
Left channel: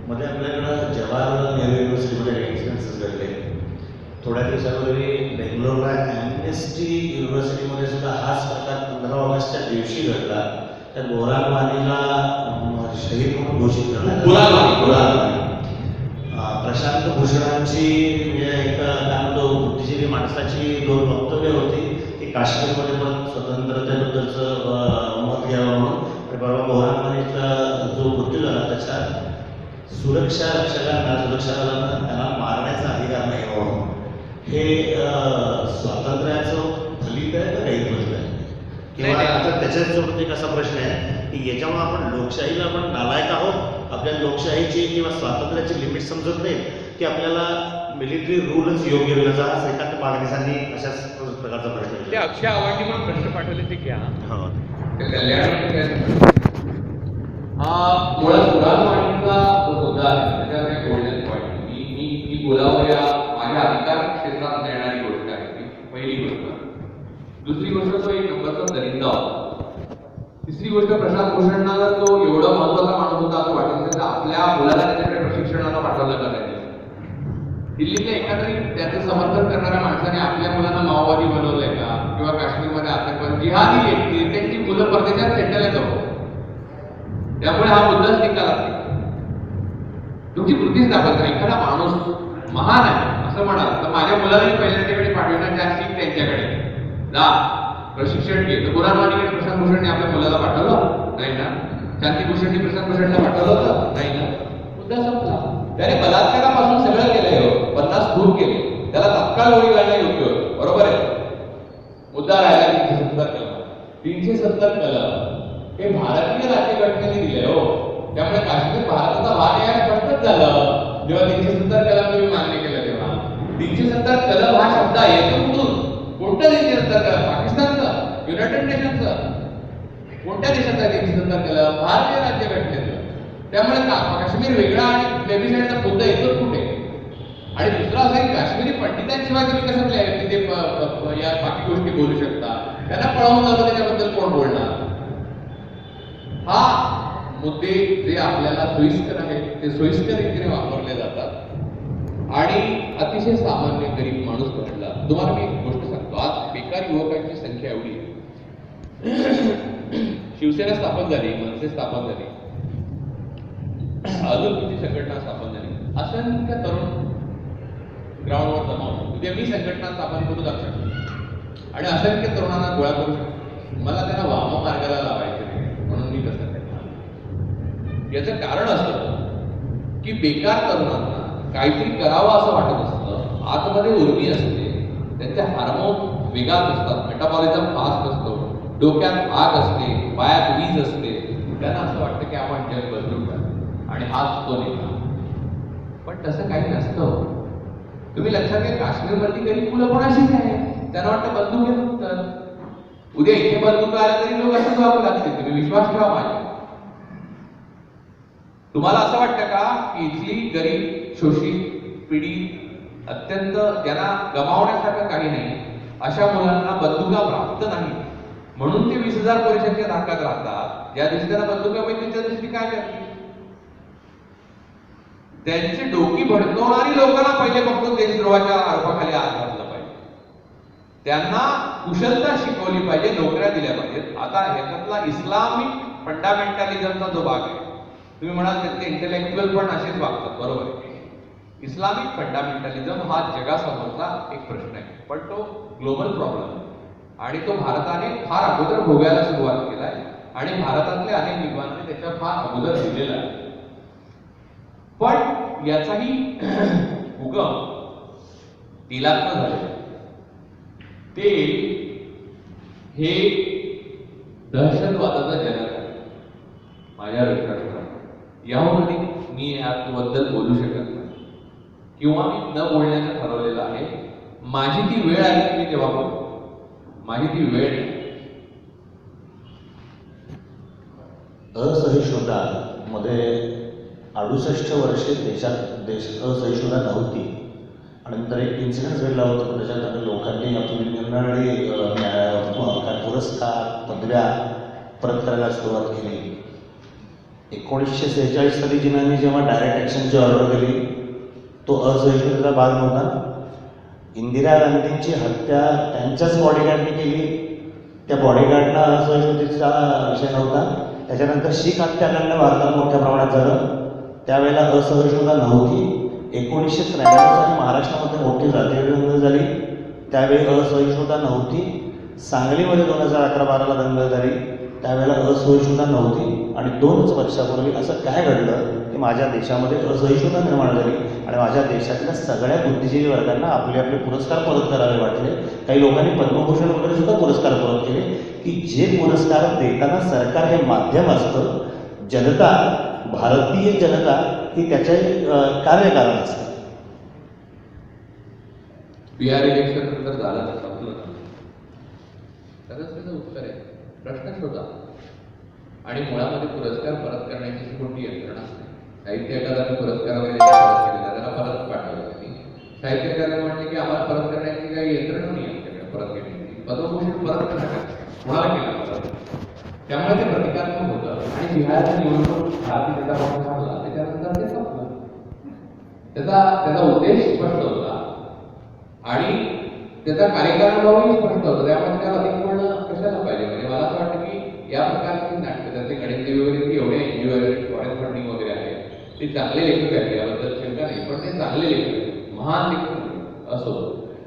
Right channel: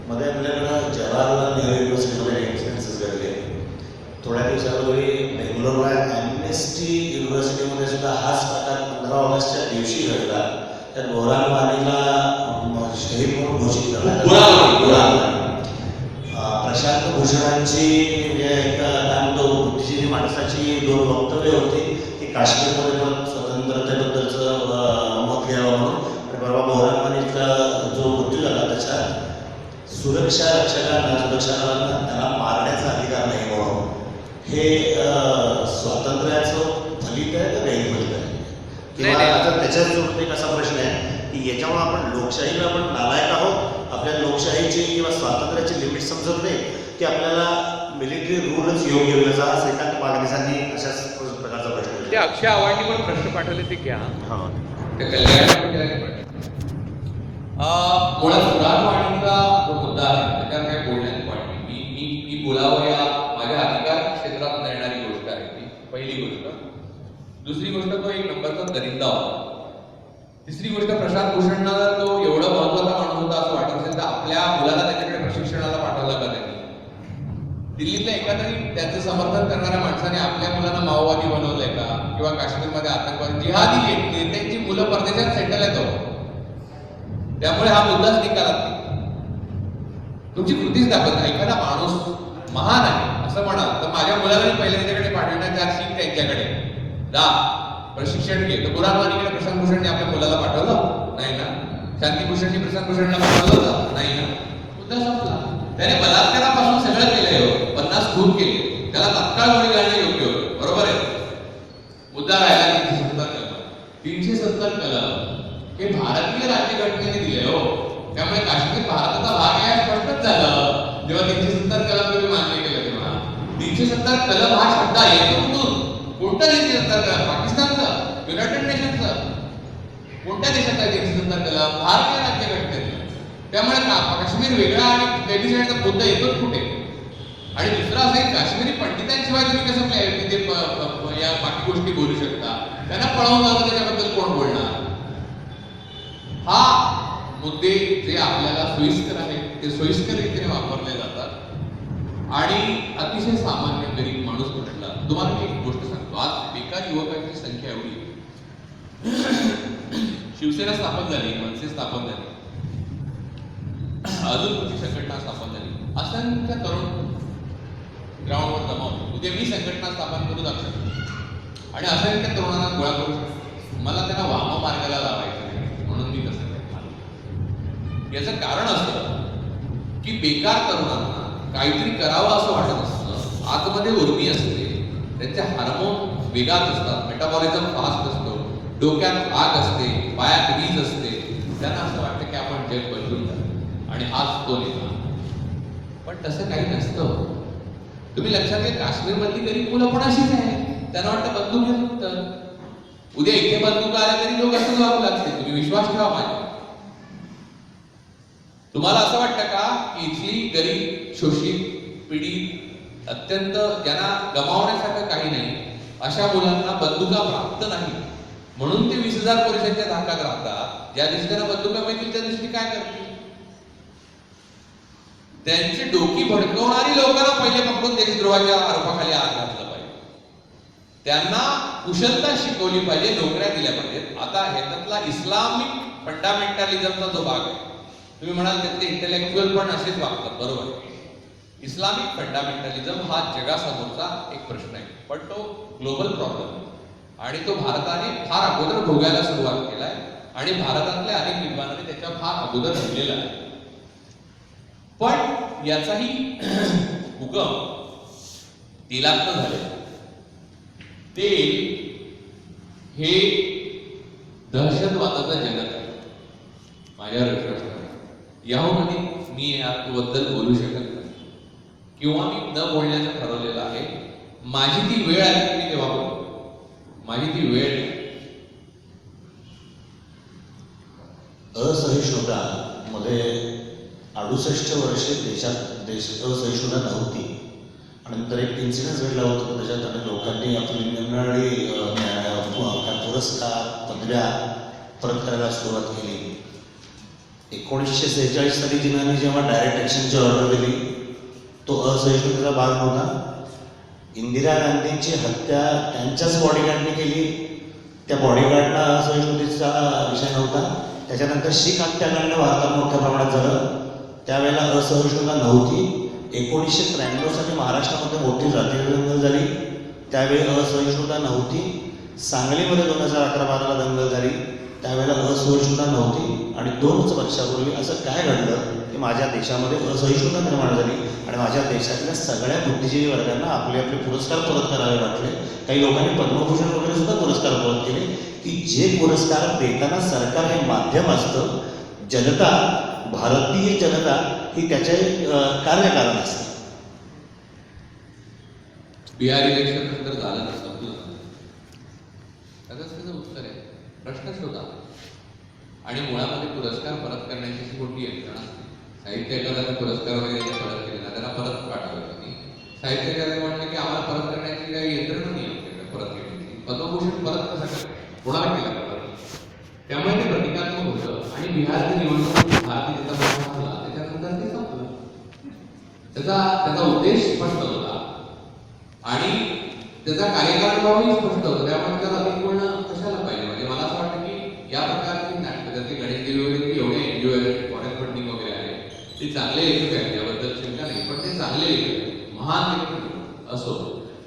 मध्ये आपल्याकडं जवाहरलाल नेहरू युनिव्हर्सिटीमध्ये इन्सिडेन्सेस घडले. थोड्या दिवसापूर्वी बेंगलोरला ॲम्नेस्टी युनिव्हर्सिटीमध्ये सुद्धा हाच प्रकार 15 ऑगस्टच्या दिवशी घडला. त्या बोरान वाणीला शहीद म्हणून घोषित करण्यात. प्रशांत भूषणांची एक त्यामध्ये बुद्धिजीवी माणसाची 2 वक्तव्य होती की काश्मीरमध्ये पण स्वतंत्रतेबद्दलचं मत घ्यावं म्हणून. परवा बोरान वाणीचा जो मृत्यू झाला त्याच्यात सुरक्षा रक्षकांना, सुरक्षा दलांना त्यांना मारण्याचा अधिकार नाही म्हणून हे स्वातंत्र्याचं फलित आहे का नाही फलित आहे? किंवा आता त्याच्याच जोडून एक असा प्रश्न आहे की याच्यामुळे आपण लोकशाहीला आपण नालायक आहोत, आपल्या लोकशाहीची किंवा स्वातंत्र्याची लिमिट समजत नाही, की आपल्याला मिलिटरी रूलच योग्य होईल. असा श्रीकांत फडणवीसांनी अशाच प्रकारचा प्रश्न. ते अक्षय आव्हाडनी पण प्रश्न पाठवले ते घ्या. ते कल्याण मुळात पुराणवाणीचा जो मुद्दा आहे त्याच्यात काही बोलण्याची वाटली. मी बोलावं या माझ्या अधिकार क्षेत्रात येणारी गोष्ट आहे ती पहिली गोष्ट. दुसरी गोष्ट, तो एक नंबरचा दरिंदा होता. तिसरी गोष्ट, प्रशांत भूषणला तो एवढा महत्वाचा माणूस होता असं वाटत असेल तर आपल्या मुलाला त्याच्याकडे प्रशिक्षणाला पाठवलं का नाही? दिल्लीतल्या एखाद्या त्याचं समर्थन करणाऱ्या माणसाने आपल्या मुलांना माओवादी बनवलंय का? किंवा काश्मीरमध्ये आतंकवाद जिहादी नेत्यांची मुलं परदेशात सेटल येतो, त्यामुळे हा मुद्दाच निकालात नाही. तुमची कृतीच दाखवत नाही. एखादा माणूस महान आहे असं म्हणाल तर माझ्या मुलालाही पहिले त्याच्याकडे पाठवणार, 4 शीख त्यांच्याकडे जा प्रशिक्षण घे. तर कुराणवाणीकडे प्रशांत भूषणने आपल्या मुलाला पाठवलं नाही ना, शांतिभूषणने प्रशांत भूषणला पाठवलं होतं नाही ना, मुद्दा संपला. त्याने बलात्कारापासून सगळं केलंय हो, 50 खून केले, त्याला तत्काळ गोळी घालणं योग्य होतं, बरोबर आहे. मुद्दा राहिला 370 कलम. 370 कलम हे भारतीय राज्यघटनेने दिले हो, त्यामुळे काश्मीर भारताचा भाग आहे हे स्पष्टच झालं जेव्हा 370 कलम तुम्ही मान्य केलं तेव्हा. 370 कलम हा शब्द येतो कुठून? कोणत्या 370 कलम? पाकिस्तानचं, युनायटेड नेशनचं, कोणत्या देशाचा 370 कलम? भारतीय राज्यघटनेचं. त्यामुळे काश्मीर वेगळा आणि प्लेबिसाइडचा मुद्दा येतोच कुठे? आणि दुसरा असं आहे, काश्मीरी पंडितांशिवाय तुम्ही कसं तिथे या बाकी गोष्टी बोलू शकता? त्यांना पळवून जातं, त्याच्याबद्दल कोण बोलणार? हा मुद्दे जे आपल्याला सोयीस्कर आहेत ते सोयीस्कर रीतीने वापरले जातात आणि अतिशय सामान्य गरीब माणूस म्हटला. तुम्हाला मी एक गोष्ट सांगतो, आज बेकार युवकांची संख्या एवढी. शिवसेना स्थापन झाली, मनसे स्थापन झाली, अजून तुमची संघटना स्थापन झाली, असंख्य तरुण ग्राउंडवर जमावतो. उद्या मी संघटना स्थापन करू दाखवतो आणि असंख्य तरुणांना गोळा करू शकतो. मला त्यांना वाम मार्गाला लावायचं नाही, म्हणून मी तसं करतो. याचं कारण असतं की बेकार तरुणांना काहीतरी करावं असं वाटत असतं, आतमध्ये उर्मी असते, त्यांचे हार्मोन वेगात असतात, मेटाबॉलिझम फास्ट असतो, डोक्यात आग असते, पायात वीज असते, त्यांना असं वाटतं की आपण जग बदलून टाकू आणि हाच तो नेता. पण तसं काही नसतं. तुम्ही लक्षात घ्या, काश्मीरमधली गरीब मुलं पण अशीच आहे. त्यांना वाटतं बंदूक घेत तर उद्या इथे बंदूक आल्या तरी लोक असं जाऊ लागतील. तुम्ही विश्वास ठेवा माझ्या. तुम्हाला असं वाटतं का की इथली गरीब, शोषित, पीडित, अत्यंत ज्यांना गमावण्यासारखं काही नाही अशा मुलांना बंदुका प्राप्त नाही म्हणून ते 20,000 परिषदेच्या धाकात राहतात? ज्या दिवशी त्यांना बंदुका मिळतील त्या दिवशी काय करतील? त्यांची डोकी भडकवणारी लोकांना पहिले पकडून देशद्रोहाच्या आरोपाखाली आत घातलं पाहिजे. त्यांना कुशलता शिकवली पाहिजे, नोकऱ्या दिल्या पाहिजेत. आता ह्याच्यातला इस्लामिक फंडामेंटलिझमचा जो भाग आहे, तुम्ही म्हणाल त्यातले इंटेलेक्च्युअल पण असेच वागतात, बरोबर आहे. इस्लामिक फंडामेंटलिझम हा जगासमोरचा एक प्रश्न आहे, पण तो ग्लोबल प्रॉब्लेम आहे आणि तो भारताने फार अगोदर भोगायला सुरुवात केलाय आणि भारतातल्या अनेक विद्वानांनी त्याच्यावर फार अगोदर लिहिलेला आहे. पण याचाही उगम तेलात झाले. तेल हे दहशतवादाचा जनक आहे माझ्या विश्वास करा. याहून मी याबद्दल बोलू शकत नाही किंवा मी न बोलण्याचं ठरवलेलं आहे. माझी ती वेळ आली की मी तेव्हा बोलतो. माझी ती वेळ नाही. असहिष्णुता मध्ये 68 वर्षे देशात असहिष्णुता नव्हती आणि नंतर एक इन्सिडेंट घडला होता त्याच्यात लोकांनी आपली निरनिराळी पुरस्कार, पदव्या परत करायला सुरुवात केली. 1946 साली जिनांनी जेव्हा डायरेक्ट ॲक्शनची ऑर्डर दिली तो असहिष्णुतेचा भाग नव्हता. इंदिरा गांधींची हत्या त्यांच्याच बॉडीगार्डने केली, त्या बॉडीगार्डला असहिष्णुतेचा विषय नव्हता. त्याच्यानंतर शीख हत्याकांड भारतात मोठ्या प्रमाणात झालं, त्यावेळेला असहिष्णुता नव्हती. 1993 साली महाराष्ट्रामध्ये मोठी जातीय दंगल झाली, त्यावेळी असहिष्णुता नव्हती. सांगलीमध्ये 2011-12 दंगल झाली, त्यावेळेला असहिष्णुता नव्हती. आणि 2 वर्षापूर्वी असं काय घडलं की माझ्या देशामध्ये असहिष्णुता निर्माण झाली आणि माझ्या देशातल्या सगळ्या बुद्धिजीवी वर्गांना आपले आपले पुरस्कार परत करावे वाटले. काही लोकांनी पद्मभूषण वगैरे सुद्धा पुरस्कार परत केले की जे पुरस्कार देताना सरकार हे माध्यम असतं, जनता, भारतीय जनता ही त्याचे कार्यकारण असतं. बिहार इलेक्शन नंतर झालं तर संपलं का? त्याचं उत्तर आहे प्रश्न शोधा. आणि मुळामध्ये पुरस्कार परत करण्याची कोणती यंत्रणा असते? साहित्य अकादमी पुरस्कार वगैरे परत केलेला त्याला परत पाठवायचं नाही. साहित्य अकादमी म्हटलं की आम्हाला परत करण्याची काही यंत्रणा नाही आपल्याकडे परत घेण्याची. पद्मभूषण परत कशा कोणाला केला परत? त्यामुळे ते प्रतिकात्मक होतं आणि बिहारच्या निवडणूक भारतीय जनता पक्ष झाला त्याच्यानंतर ते संपलं. त्याचा उद्देश स्पष्ट होता आणि त्याचा कार्यकाळही स्पष्ट होतो, त्यामुळे त्याला अधिक म्हणणं कशाला पाहिजे. म्हणजे मला असं वाटतं की या प्रकारची नाटकं त्याचे गणेश देवी वगैरे एवढे एनजीओ आहेत, फॉरेन फंडिंग वगैरे आहे, ते चांगले लेखक आहेत, याबद्दल शंका नाही, पण ते चांगले लेखक आहेत, महान लेखक असो.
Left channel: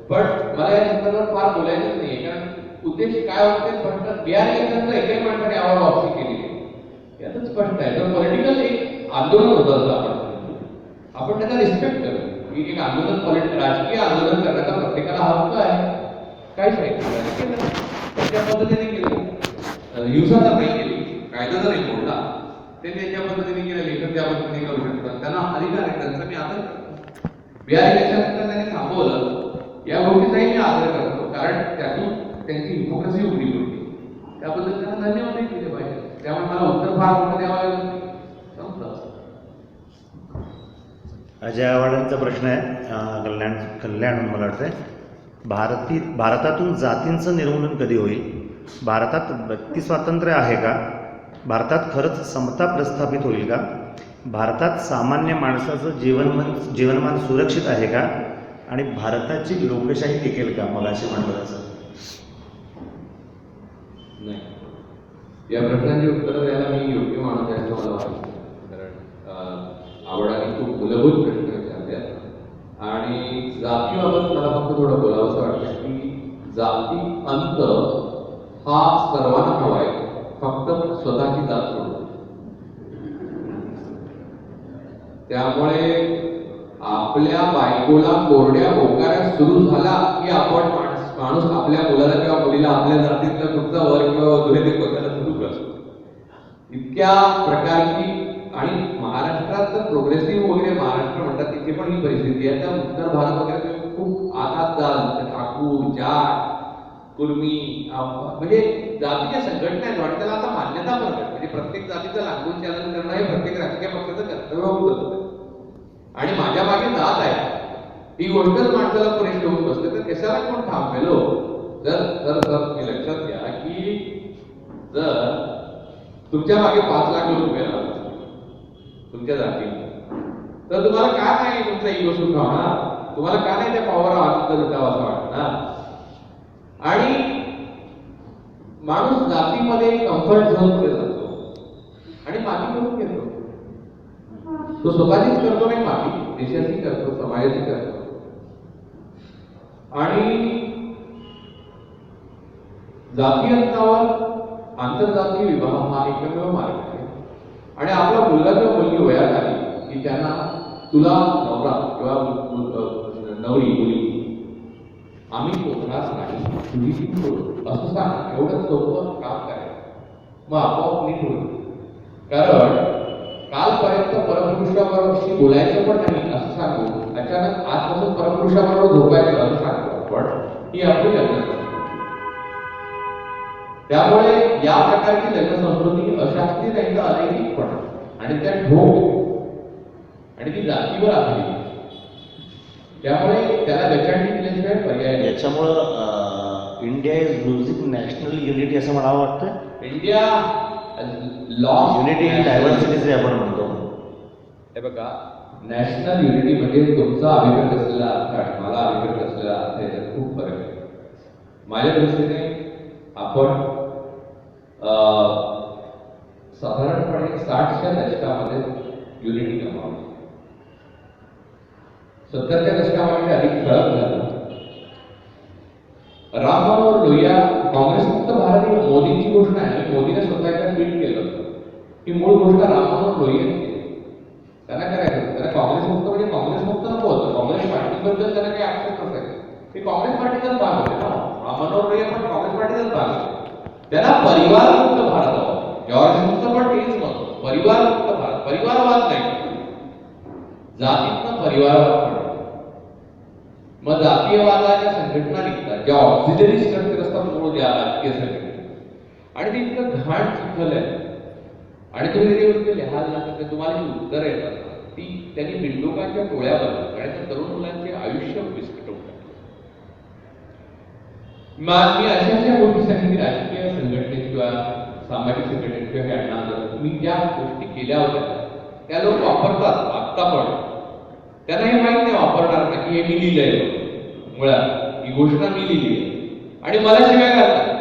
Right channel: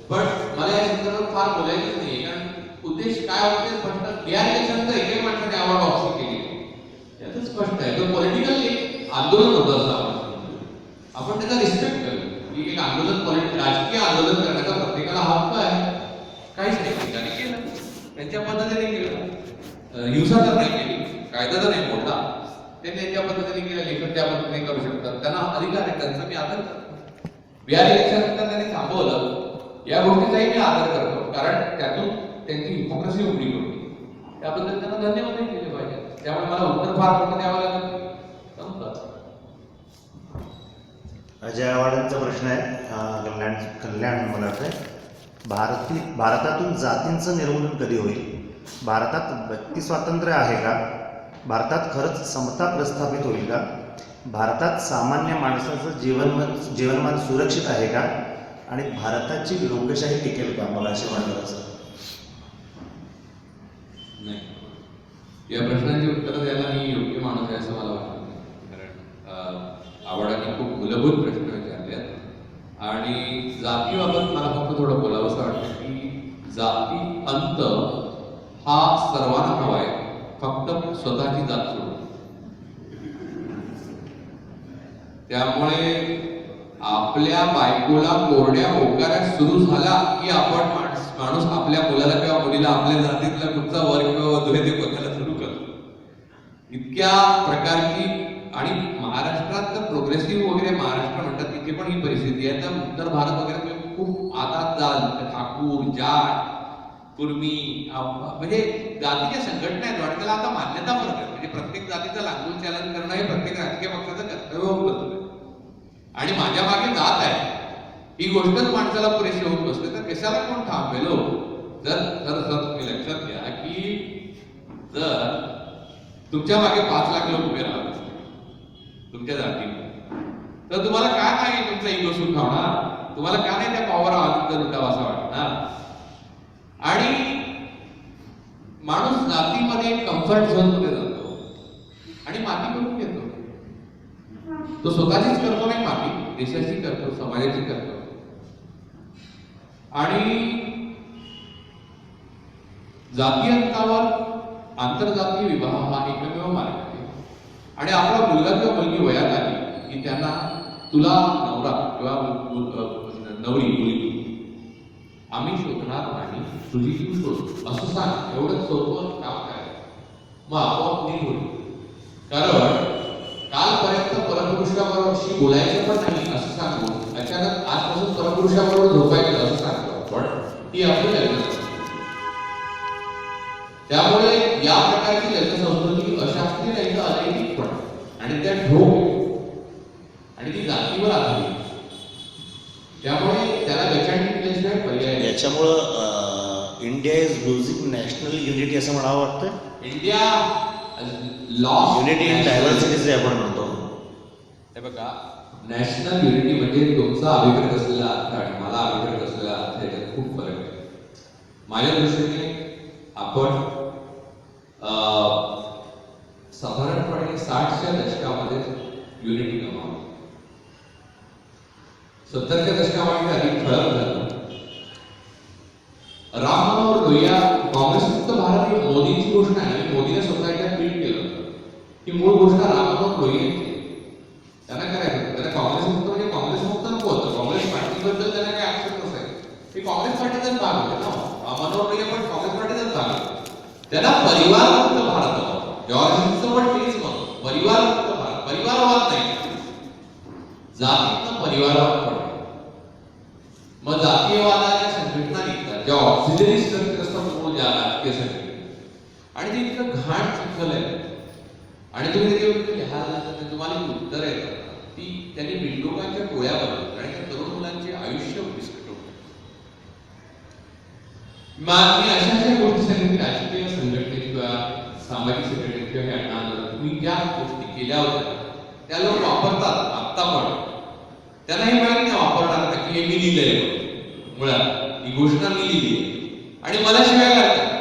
पण मला या संदर्भात फार बोलायचंच नाही, कारण उद्देश काय होते स्पष्ट. बिहार इलेक्शनचा एकही माणसाने आवाज वापसी केली यातच स्पष्ट आहे. तर पॉलिटिकल एक आंदोलन होतं असं आपण त्याचा रिस्पेक्ट करू की एक आंदोलन, राजकीय आंदोलन करण्याचा प्रत्येकाला हक्क आहे. काहीच नाही त्याने केलं, त्याच्या पद्धतीने केलं, हिंसा तर नाही केली, कायदा तर नाही मोडला, ते त्याच्या पद्धतीने केलं, लेखक त्या पद्धतीने करू शकतात, त्यांना अधिकार आहे, त्यांचा मी आदर करतो. बिहार इलेक्शन त्यांनी थांबवलं या गोष्टीचाही मी आदर करतो, कारण त्यातून त्यांची हिपोक्रसी उघडी होती, त्याबद्दल त्यांना धन्यवाद दिले पाहिजे. त्यामुळे मला उत्तर फार मोठं द्यावं लागलं. अजय आव्हाडांचा प्रश्न आहे, कल्याण मला वाटतंय, भारतातून जातींचं निर्मूलन कधी होईल? भारतात व्यक्ती स्वातंत्र्य आहे का? भारतात खरंच समता प्रस्थापित होईल का? भारतात सामान्य माणसाचं जीवनमान सुरक्षित आहे का? आणि भारताची लोकशाही टिकेल का? मला असे म्हणलं असं नाही. या प्रश्नांची उत्तरं द्यायला मी योग्य माणूस आहे असं मला वाटतं, कारण आवडाने खूप मूलभूत प्रश्न विचारले आहेत. आणि जातीबाबत मला फक्त थोडं बोलावं असं वाटतं की जाती अंत हा सर्वांना हवा आहे, फक्त स्वतःची जात सोडून. त्यामुळे आपल्या बायकोला कोरड्या होकाऱ्या सुरू झाला की आपण माणूस आपल्या मुलाला किंवा मुलीला आपल्या जातीतला कुठचा वर्ग किंवा वधू आहे ते बघायला सुरू करतो. इतक्या प्रकारची, आणि महाराष्ट्रात तर प्रोग्रेसिव्ह वगैरे महाराष्ट्र म्हणतात तिथे पण ही परिस्थिती आहे. तर उत्तर भारत वगैरे खूप आतात जाल ठाकूर, जाट, कुर्मी, म्हणजे जातीच्या संघटना आहेत आणि त्याला आता मान्यता पण आहे. म्हणजे प्रत्येक जातीचं लागून चलन करणं हे प्रत्येक राजकीय पक्षाचं कर्तव्य होऊन बसतं. आणि माझ्या मागे जात आहे ही गोष्टच माणसाला पुरेशी होऊन बसते, तर कशाला कोण थांबेलो? जर तुम्ही लक्षात घ्या की जर तुमच्या मागे 5 लाख लोक उभे राहत तुमच्या जातीमध्ये, तर तुम्हाला का नाही तुमचा इगो सुख होणार? तुम्हाला का नाही त्या पावावर आनंद लुटावा असं वाटणार? आणि माणूस जातीमध्ये कम्फर्ट झोन मध्ये जातो आणि माती करून घेतो. तो स्वतःचीच करतो नाही, माती देशाची करतो, समाजाची करतो. आणि जाती अंतावर आंतरजातीय विवाह हा एकमेव मार्ग आहे. आणि आपला मुलगा किंवा मुलगी वयात आली की त्यांना तुला नवरा किंवा नवरी मुलगी आम्ही शोधणार नाही, तुझी तू शोध असं सांग. एवढं सोपं काम करायचं, मग आपोआप नीट होईल. कारण कालपर्यंत परपुरुषाबरोबरशी बोलायचं पण नाही असं सांगू, अचानक आजपासून परपुरुषाबरोबर झोपायचं असं सांगतो आपण, ही आपली लग्न. त्यामुळे या प्रकारची लग्नसंस्कृती अशास्त्रीय नाही तर अनैतिक पण, आणि त्या ढोक आणि ती जातीवर आधारित. त्यामुळे त्याला गचांडी केल्याशिवाय पर्याय नाही. याच्यामुळं India is losing national unity असं म्हणावं वाटतं. India loss unity in diversity जे आपण म्हणतो. हे बघा, नॅशनल युनिटी म्हणजे तुमचा अभिप्रेत असलेला अर्थ आणि मला अभिप्रेत असलेला अर्थ याच्यात खूप फरक आहे. माझ्या दृष्टीने आपण साधारणपणे 60च्या दशकामध्ये युनिटी कमावली, 70च्या दशकामध्ये अधिक ठळक झालं. राम मनोहर लोहिया काँग्रेस मुक्त भारत ही मोदींची घोषणा आहे. मोदीने स्वतः एकदा ट्विट केलं होतं की मूळ घोषणा राम मनोहर लोहियांची. त्यांना करायचं त्याला काँग्रेस मुक्त म्हणजे काँग्रेस मुक्त नको होतं, काँग्रेस पार्टीबद्दल त्यांना काही आक्षेप नसायचे. ते काँग्रेस पार्टीचाच भाग होते ना. राम मनोहर लोहिया पण काँग्रेस पार्टीचाच भाग होते. त्यांना परिवार मुक्त भारत हवा. जॉर्जचं पण तेच मत, परिवार मुक्त भारत, परिवारवाद नाही, जातीतनं परिवारवाद पडतो. मग जातीयवादाच्या संघटना निघतात ज्या ऑक्सिलरी स्ट्रक्चर असतात मूळ ज्या राजकीय संघटना, आणि ते इतकं घाण चिखल आहे. आणि तुम्ही त्याच्यावर लिहाल ना तर तुम्हाला जी उत्तरं येतात ती त्यांनी बिंडोकांच्या डोळ्या बनवतात आणि त्या तरुण मुलांचे आयुष्य विस्कटवतात. मी अशा गोष्टी सांगितली राजकीय संघटनेत किंवा सामाजिक संघटनेत किंवा हे अण्णा तुम्ही ज्या गोष्टी केल्या होत्या त्या लोक वापरतात आत्ता पण. त्यांना हे माहित नाही वापरणार का की हे मी लिहिलंय मुळात ही घोषणा मी लिहिली आहे आणि मला शिवाय घालतात.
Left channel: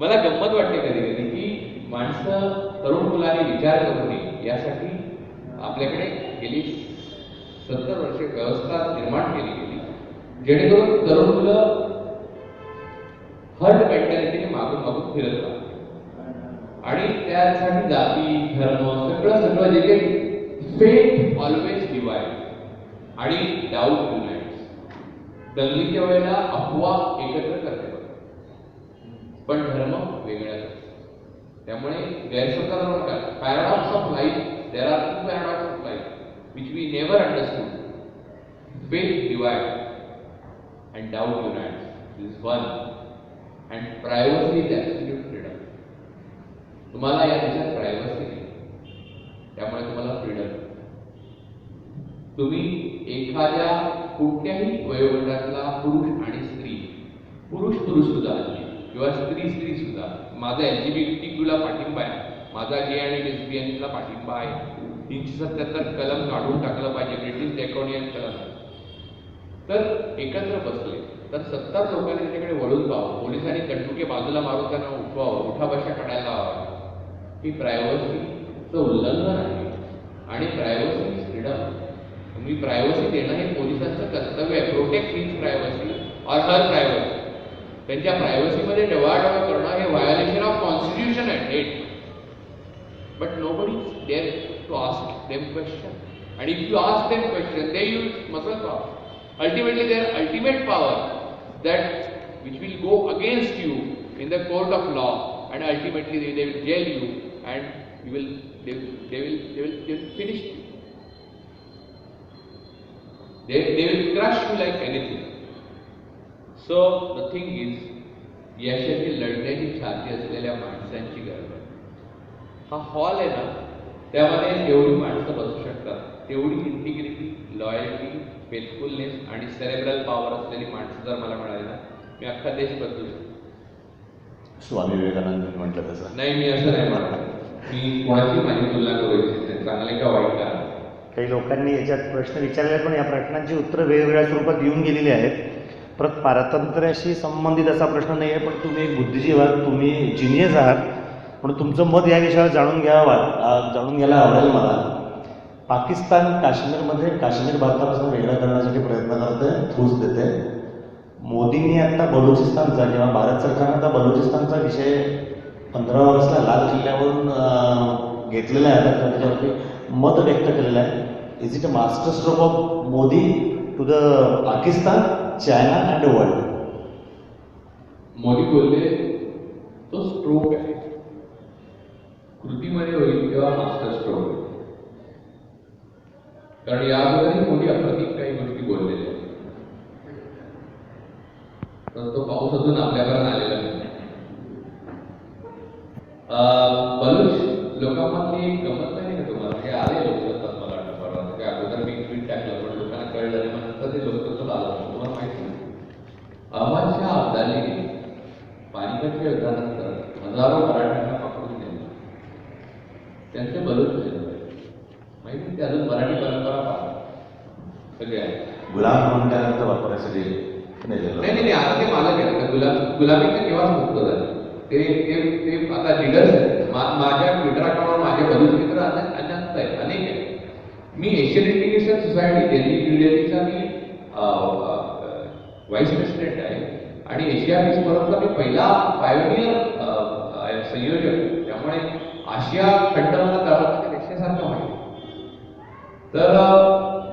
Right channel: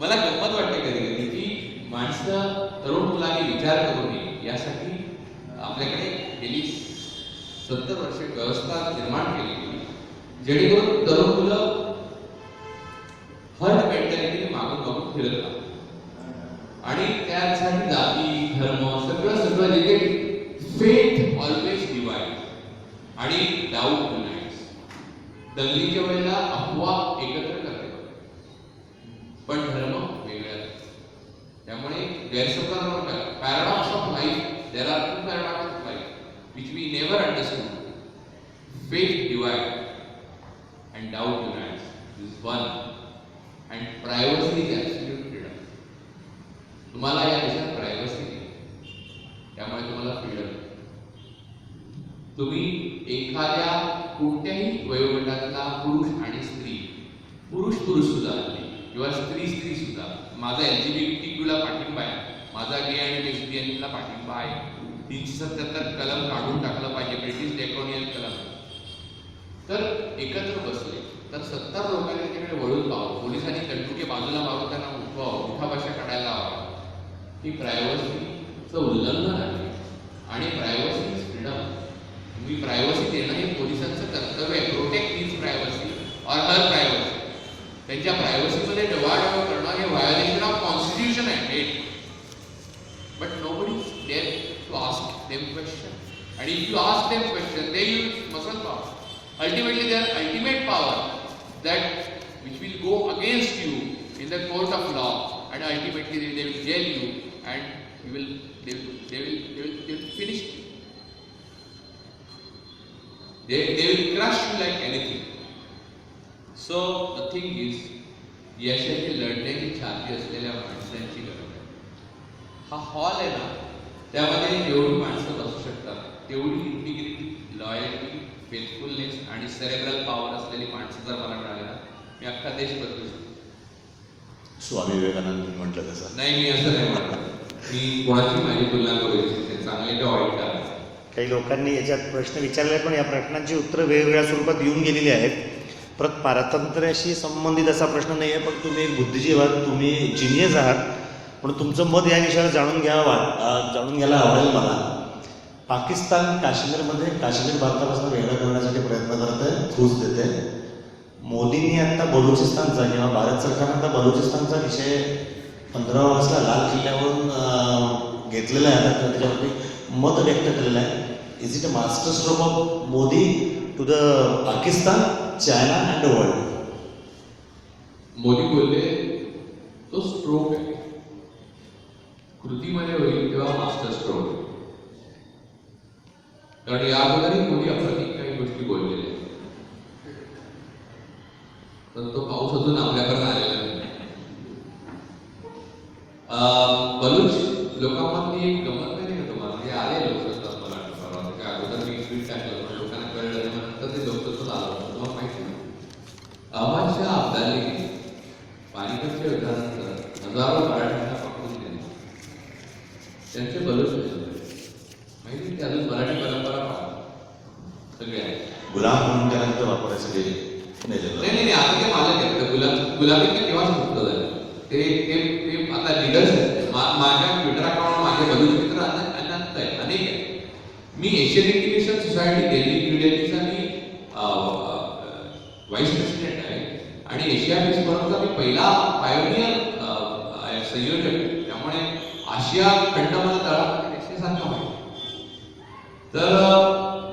मला गंमत वाटते कधी कधी की माणसं तरुण मुलांनी विचार करू नये यासाठी आपल्याकडे गेली 70 वर्षे व्यवस्था निर्माण केली गेली, जेणेकरून तरुण मुलं हर्ड मेंटॅलिटीने मागून मागून फिरत राहतात आणि त्यासाठी जाती धर्म सगळं सगळं जे फेथ ऑलवेज डिवाइड आणि डाऊट युनाइट्स. दंगलीच्या वेळेला अफवा एकत्र करते पण धर्म वेगळा. त्यामुळे गैरसमजावर paradox of life, there are two paradox of life which we never understood. Faith divide and doubt unites. This is one. And privacy is absolute freedom. तुम्हाला या देशात प्रायव्हसी नाही, त्यामुळे तुम्हाला फ्रीडम. तुम्ही एखाद्या कोणत्याही वयोगटातला पुरुष आणि स्त्री, पुरुष सुद्धा किंवा स्त्री सुद्धा, माझा LGBTQ ला पाठिंबा आहे, माझा गे आणि लेस्बियनला पाठिंबा आहे, 377 कलम काढून टाकलं पाहिजे, ब्रिटिश डेकोनियल कलम. तर एकत्र बसले तर 70 लोकांनी त्याच्याकडे वळून पाहावं, पोलिसांनी कंटुके बाजूला मारून त्यांना उठवावं, उठाबशा काढायला लावावं. ही प्रायव्हसीचं उल्लंघन आहे आणि प्रायव्हसी इज फ्रीडम. तुम्ही प्रायव्हसी देणं हे पोलिसांचं कर्तव्य आहे. Protect his privacy or her privacy. त्यांच्या प्रायव्हसीमध्ये डवाडवा करणं हे व्हायोलेशन ऑफ कॉन्स्टिट्यूशन आहे. But nobody is there to ask them question. And if you ask them questions, they use muscle power. Ultimately, their ultimate power that which will go against you in the court of law, and ultimately they will jail you, and they will finish you. They will crush you like anything. So the thing is, यशाची लढण्याची छाती असलेल्या माणसांची गरज आहे. हा hall आहे ना, त्यामध्ये जेवढी माणसं बसू शकतात तेवढी इंटिग्रिटी, लॉयल्टी, फेथफुलनेस आणि सेरेब्रल पॉवर असलेली माणसं जर मला मिळाली ना, मी अख्खा देश बदलू शकतो. स्वामी विवेकानंद म्हटलं तसं नाही, मी असं नाही म्हणत. मी कोणाची माझी तुलना करू इच्छिते, चांगले का वाईट का. काही लोकांनी याच्यात प्रश्न विचारले, पण या प्रश्नांची उत्तरं वेगवेगळ्या स्वरूपात येऊन गेलेली आहेत. परत पारतंत्र्याशी संबंधित असा प्रश्न नाही आहे, पण तुम्ही एक बुद्धिजीवी आहात, तुम्ही जिनियस आहात, पण तुमचं मत या विषयावर जाणून घ्यायला आवडेल मला. पाकिस्तान काश्मीर भारतापासून वेगळं करण्यासाठी प्रयत्न करत आहे, फूस देते. मोदींनी आत्ता बलुचिस्तानचा किंवा भारत सरकारनं आता बलुचिस्तानचा विषय 15 ऑगस्टला लाल किल्ल्यावरून घेतलेला आहे, त्याच्यावरती मत व्यक्त केलेलं आहे. Is it a master stroke of Modi to the Pakistan, China and world? Modi बोलले तो स्ट्रोक आहे, कृतीमध्ये होईल तेव्हा मास्टर स्ट्रोक आहे. कारण याबद्दलही मोदी अप्रतिक काही गोष्टी बोललेल्या आहेत, तर तो पाऊस अजून आपल्यापर्यंत आलेला नाही. बलूच लोकांमधली एक गमत नाही का तुम्हाला, हे आले लोकसत्ता मला परवा, त्या अगोदर मी ट्विट टाकलं पण लोकांना कळलं नाही, मग नंतर ते लोकसत्ताच आलं. तुम्हाला माहिती नाही, अहमद शाह अब्दालीने पानिपतच्या युद्धानंतर हजारो मराठ्यांना पकडून नेले. त्यांचे बलूच नाही माहिती, ते अजून मराठी परंपरा पाहतात सगळे आहेत. गुलाम म्हणून त्यानंतर वापरायसाठी नाही, आज ते मालक आहेत. गुलामी ते केव्हाच मुक्त झाले. ते आता लिडर्स आहेत. माझ्या ट्विटर अकाउंटवर माझे बलूच मित्र अनंत आहेत, अनेक आहेत. मी Asian integration society Delhi new दिल्लीचा मी व्हाईस प्रेसिडेंट आहे आणि एशिया पीस फोरमचा मी पहिला पायोनियर संयोजक. त्यामुळे आशिया खंड मला तळामध्ये रशियासारखा माहिती. तर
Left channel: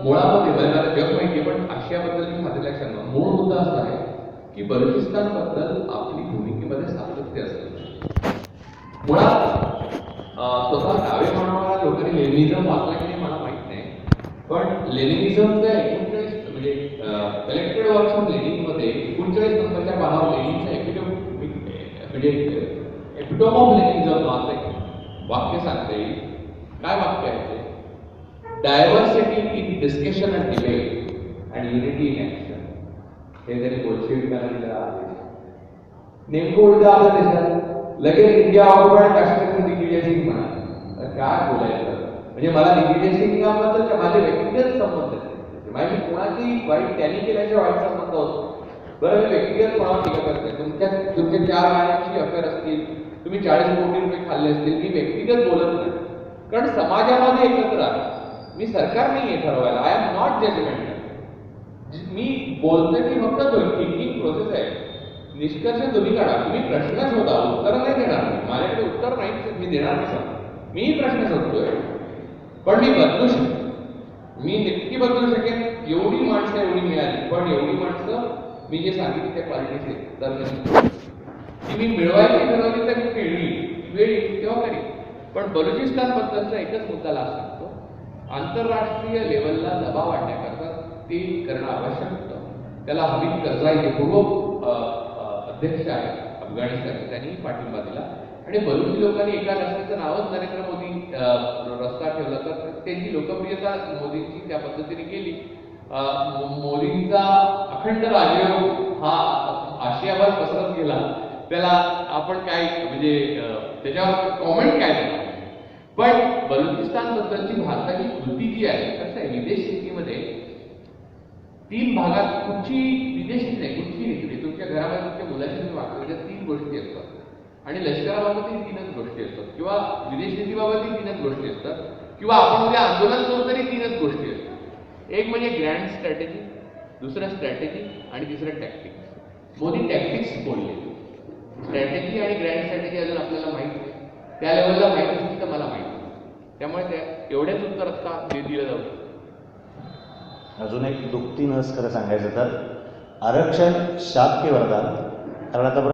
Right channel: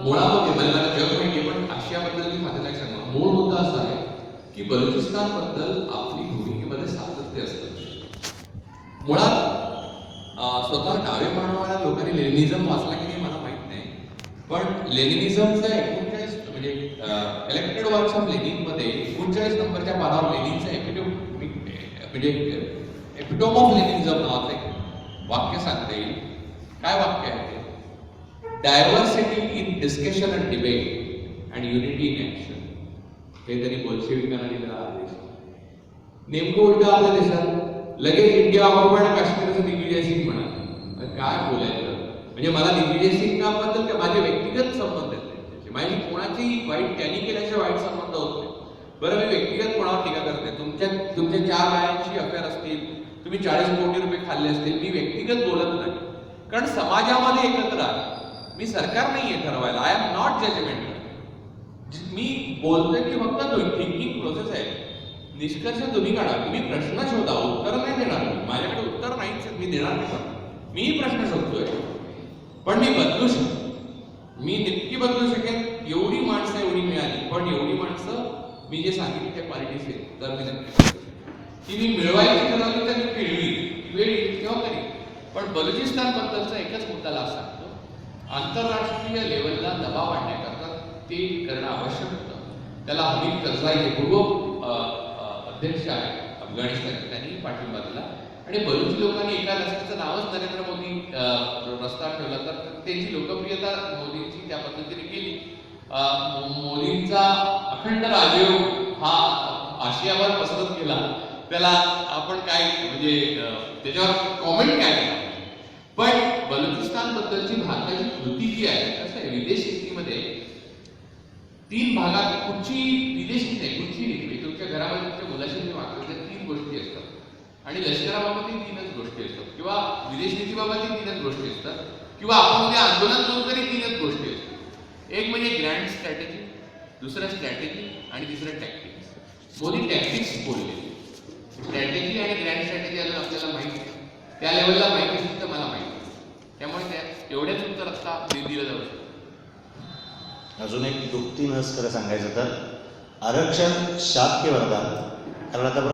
मुळामध्ये मला जग माहिती, पण आशियाबद्दल मी खात्याला सांगणार. मूळ मुद्दा असा आहे की बलुचिस्तानबद्दल आपली भूमिकेमध्ये सातत्य असतं. मुळात स्वतः डावे म्हणणाऱ्या लोकांनी लेनिनिझम वाचला की नाही मला माहित नाही, पण लेनिनिझमचा 39 म्हणजे इलेक्टेड वर्क्स ऑफ लेनिनमध्ये 39 नंबरच्या पानावर लेनिनचा एपिटोम ऑफ लेनिनिझम नावाचं एक वाक्य सांगता येईल. काय वाक्य आहे ते? Diversity in discussion and debate and unity in action. हे तरी बोल्शेविकांना दिलेला आदेश. नेमकं उलट आपल्या देशात लगेच इंडिया ऑक्युपाइड काश्मीरचं दिग्विजय सिंग म्हणा. काय बोलायचं म्हणजे मला दिग्विजय सिंगाबद्दल माझे व्यक्तिगत संबंध आहेत. गोष्टी. माझी कोणाची वाईट त्यांनी केल्याशिवाय वाईट संबंध होतो. बरं, मी व्यक्तिगत कोणावर टीका करते. तुमचे 4 बायांची अफेअर असतील, तुम्ही 40 कोटी रुपये खाल्ले असतील, मी व्यक्तिगत बोलत नाही. कारण समाजामध्ये एकत्र आहे. मी सरकार नाही आहे ठरवायला. I am not judgemental. मी बोलतोय की फक्त थिंकिंग प्रोसेस आहे. निष्कर्ष तुम्ही काढा, तुम्ही प्रश्न शोधा, उत्तर नाही देणार. माझ्याकडे उत्तर नाहीच, मी देणार नाही. मीही प्रश्न शोधतोय, पण मी बदलू शकतो. मी नक्की बदलू शकेन. एवढी माणसं एवढी मिळाली, पण एवढी माणसं मी जे सांगितलं त्या क्वालिटीज आहेत, तर ती मी मिळवायची ठरवली तर मी खेळली, वेळ येईल तेव्हा करी. पण बलुचिस्तान बद्दलचा एकच मुद्दाला सांगतो, आंतरराष्ट्रीय लेवलला दबाव आणण्याकरता ते करणं आवश्यक होतं. त्याला हमीद करझाई अध्यक्ष आहे अफगाणिस्तान, त्यांनी पाठिंबा दिला. आणि बलुची लोकांनी एका रस्त्याचं नावच नरेंद्र मोदी रस्ता ठेवला, तर त्यांची लोकप्रियता मोदींची त्या पद्धतीने केली. मोदींचा अखंड राजयोग हा आशियावर पसरत गेला. त्याला आपण काय म्हणजे त्याच्यावर कॉमेंट काय देणार. पण बलुचिस्तान बद्दलची भारताची कृती जी आहे, कसं आहे, विदेश नीतीमध्ये 3 भागात कुठची विदेश नीती नाही, कुठची नीती तुमच्या घरामध्ये तुमच्या मुलाशी तुम्ही वागता त्या 3 गोष्टी असतात. आणि लष्कराबाबतही 3च गोष्टी असतात, किंवा विदेश नीतीबाबतही 3च गोष्टी असतात, किंवा आपण उद्या आंदोलन करू तरी 3च गोष्टी असतात. एक म्हणजे ग्रँड स्ट्रॅटेजी, दुसरं स्ट्रॅटेजी आणि तिसरं टॅक्टिक्स. मोदी टॅक्टिक्स बोलले. स्ट्रॅटेजी आणि ग्रँड स्ट्रॅटेजी अजून आपल्याला माहिती आहे, त्या लेवलला माहिती असेल तर मला माहिती. त्यामुळे त्या एवढ्याच उत्तर आता दिलं जाऊ शकतं. अजून एक दुःखती नस खरं सांगायचं तर आरक्षण शाक्य वरदान, कारण आता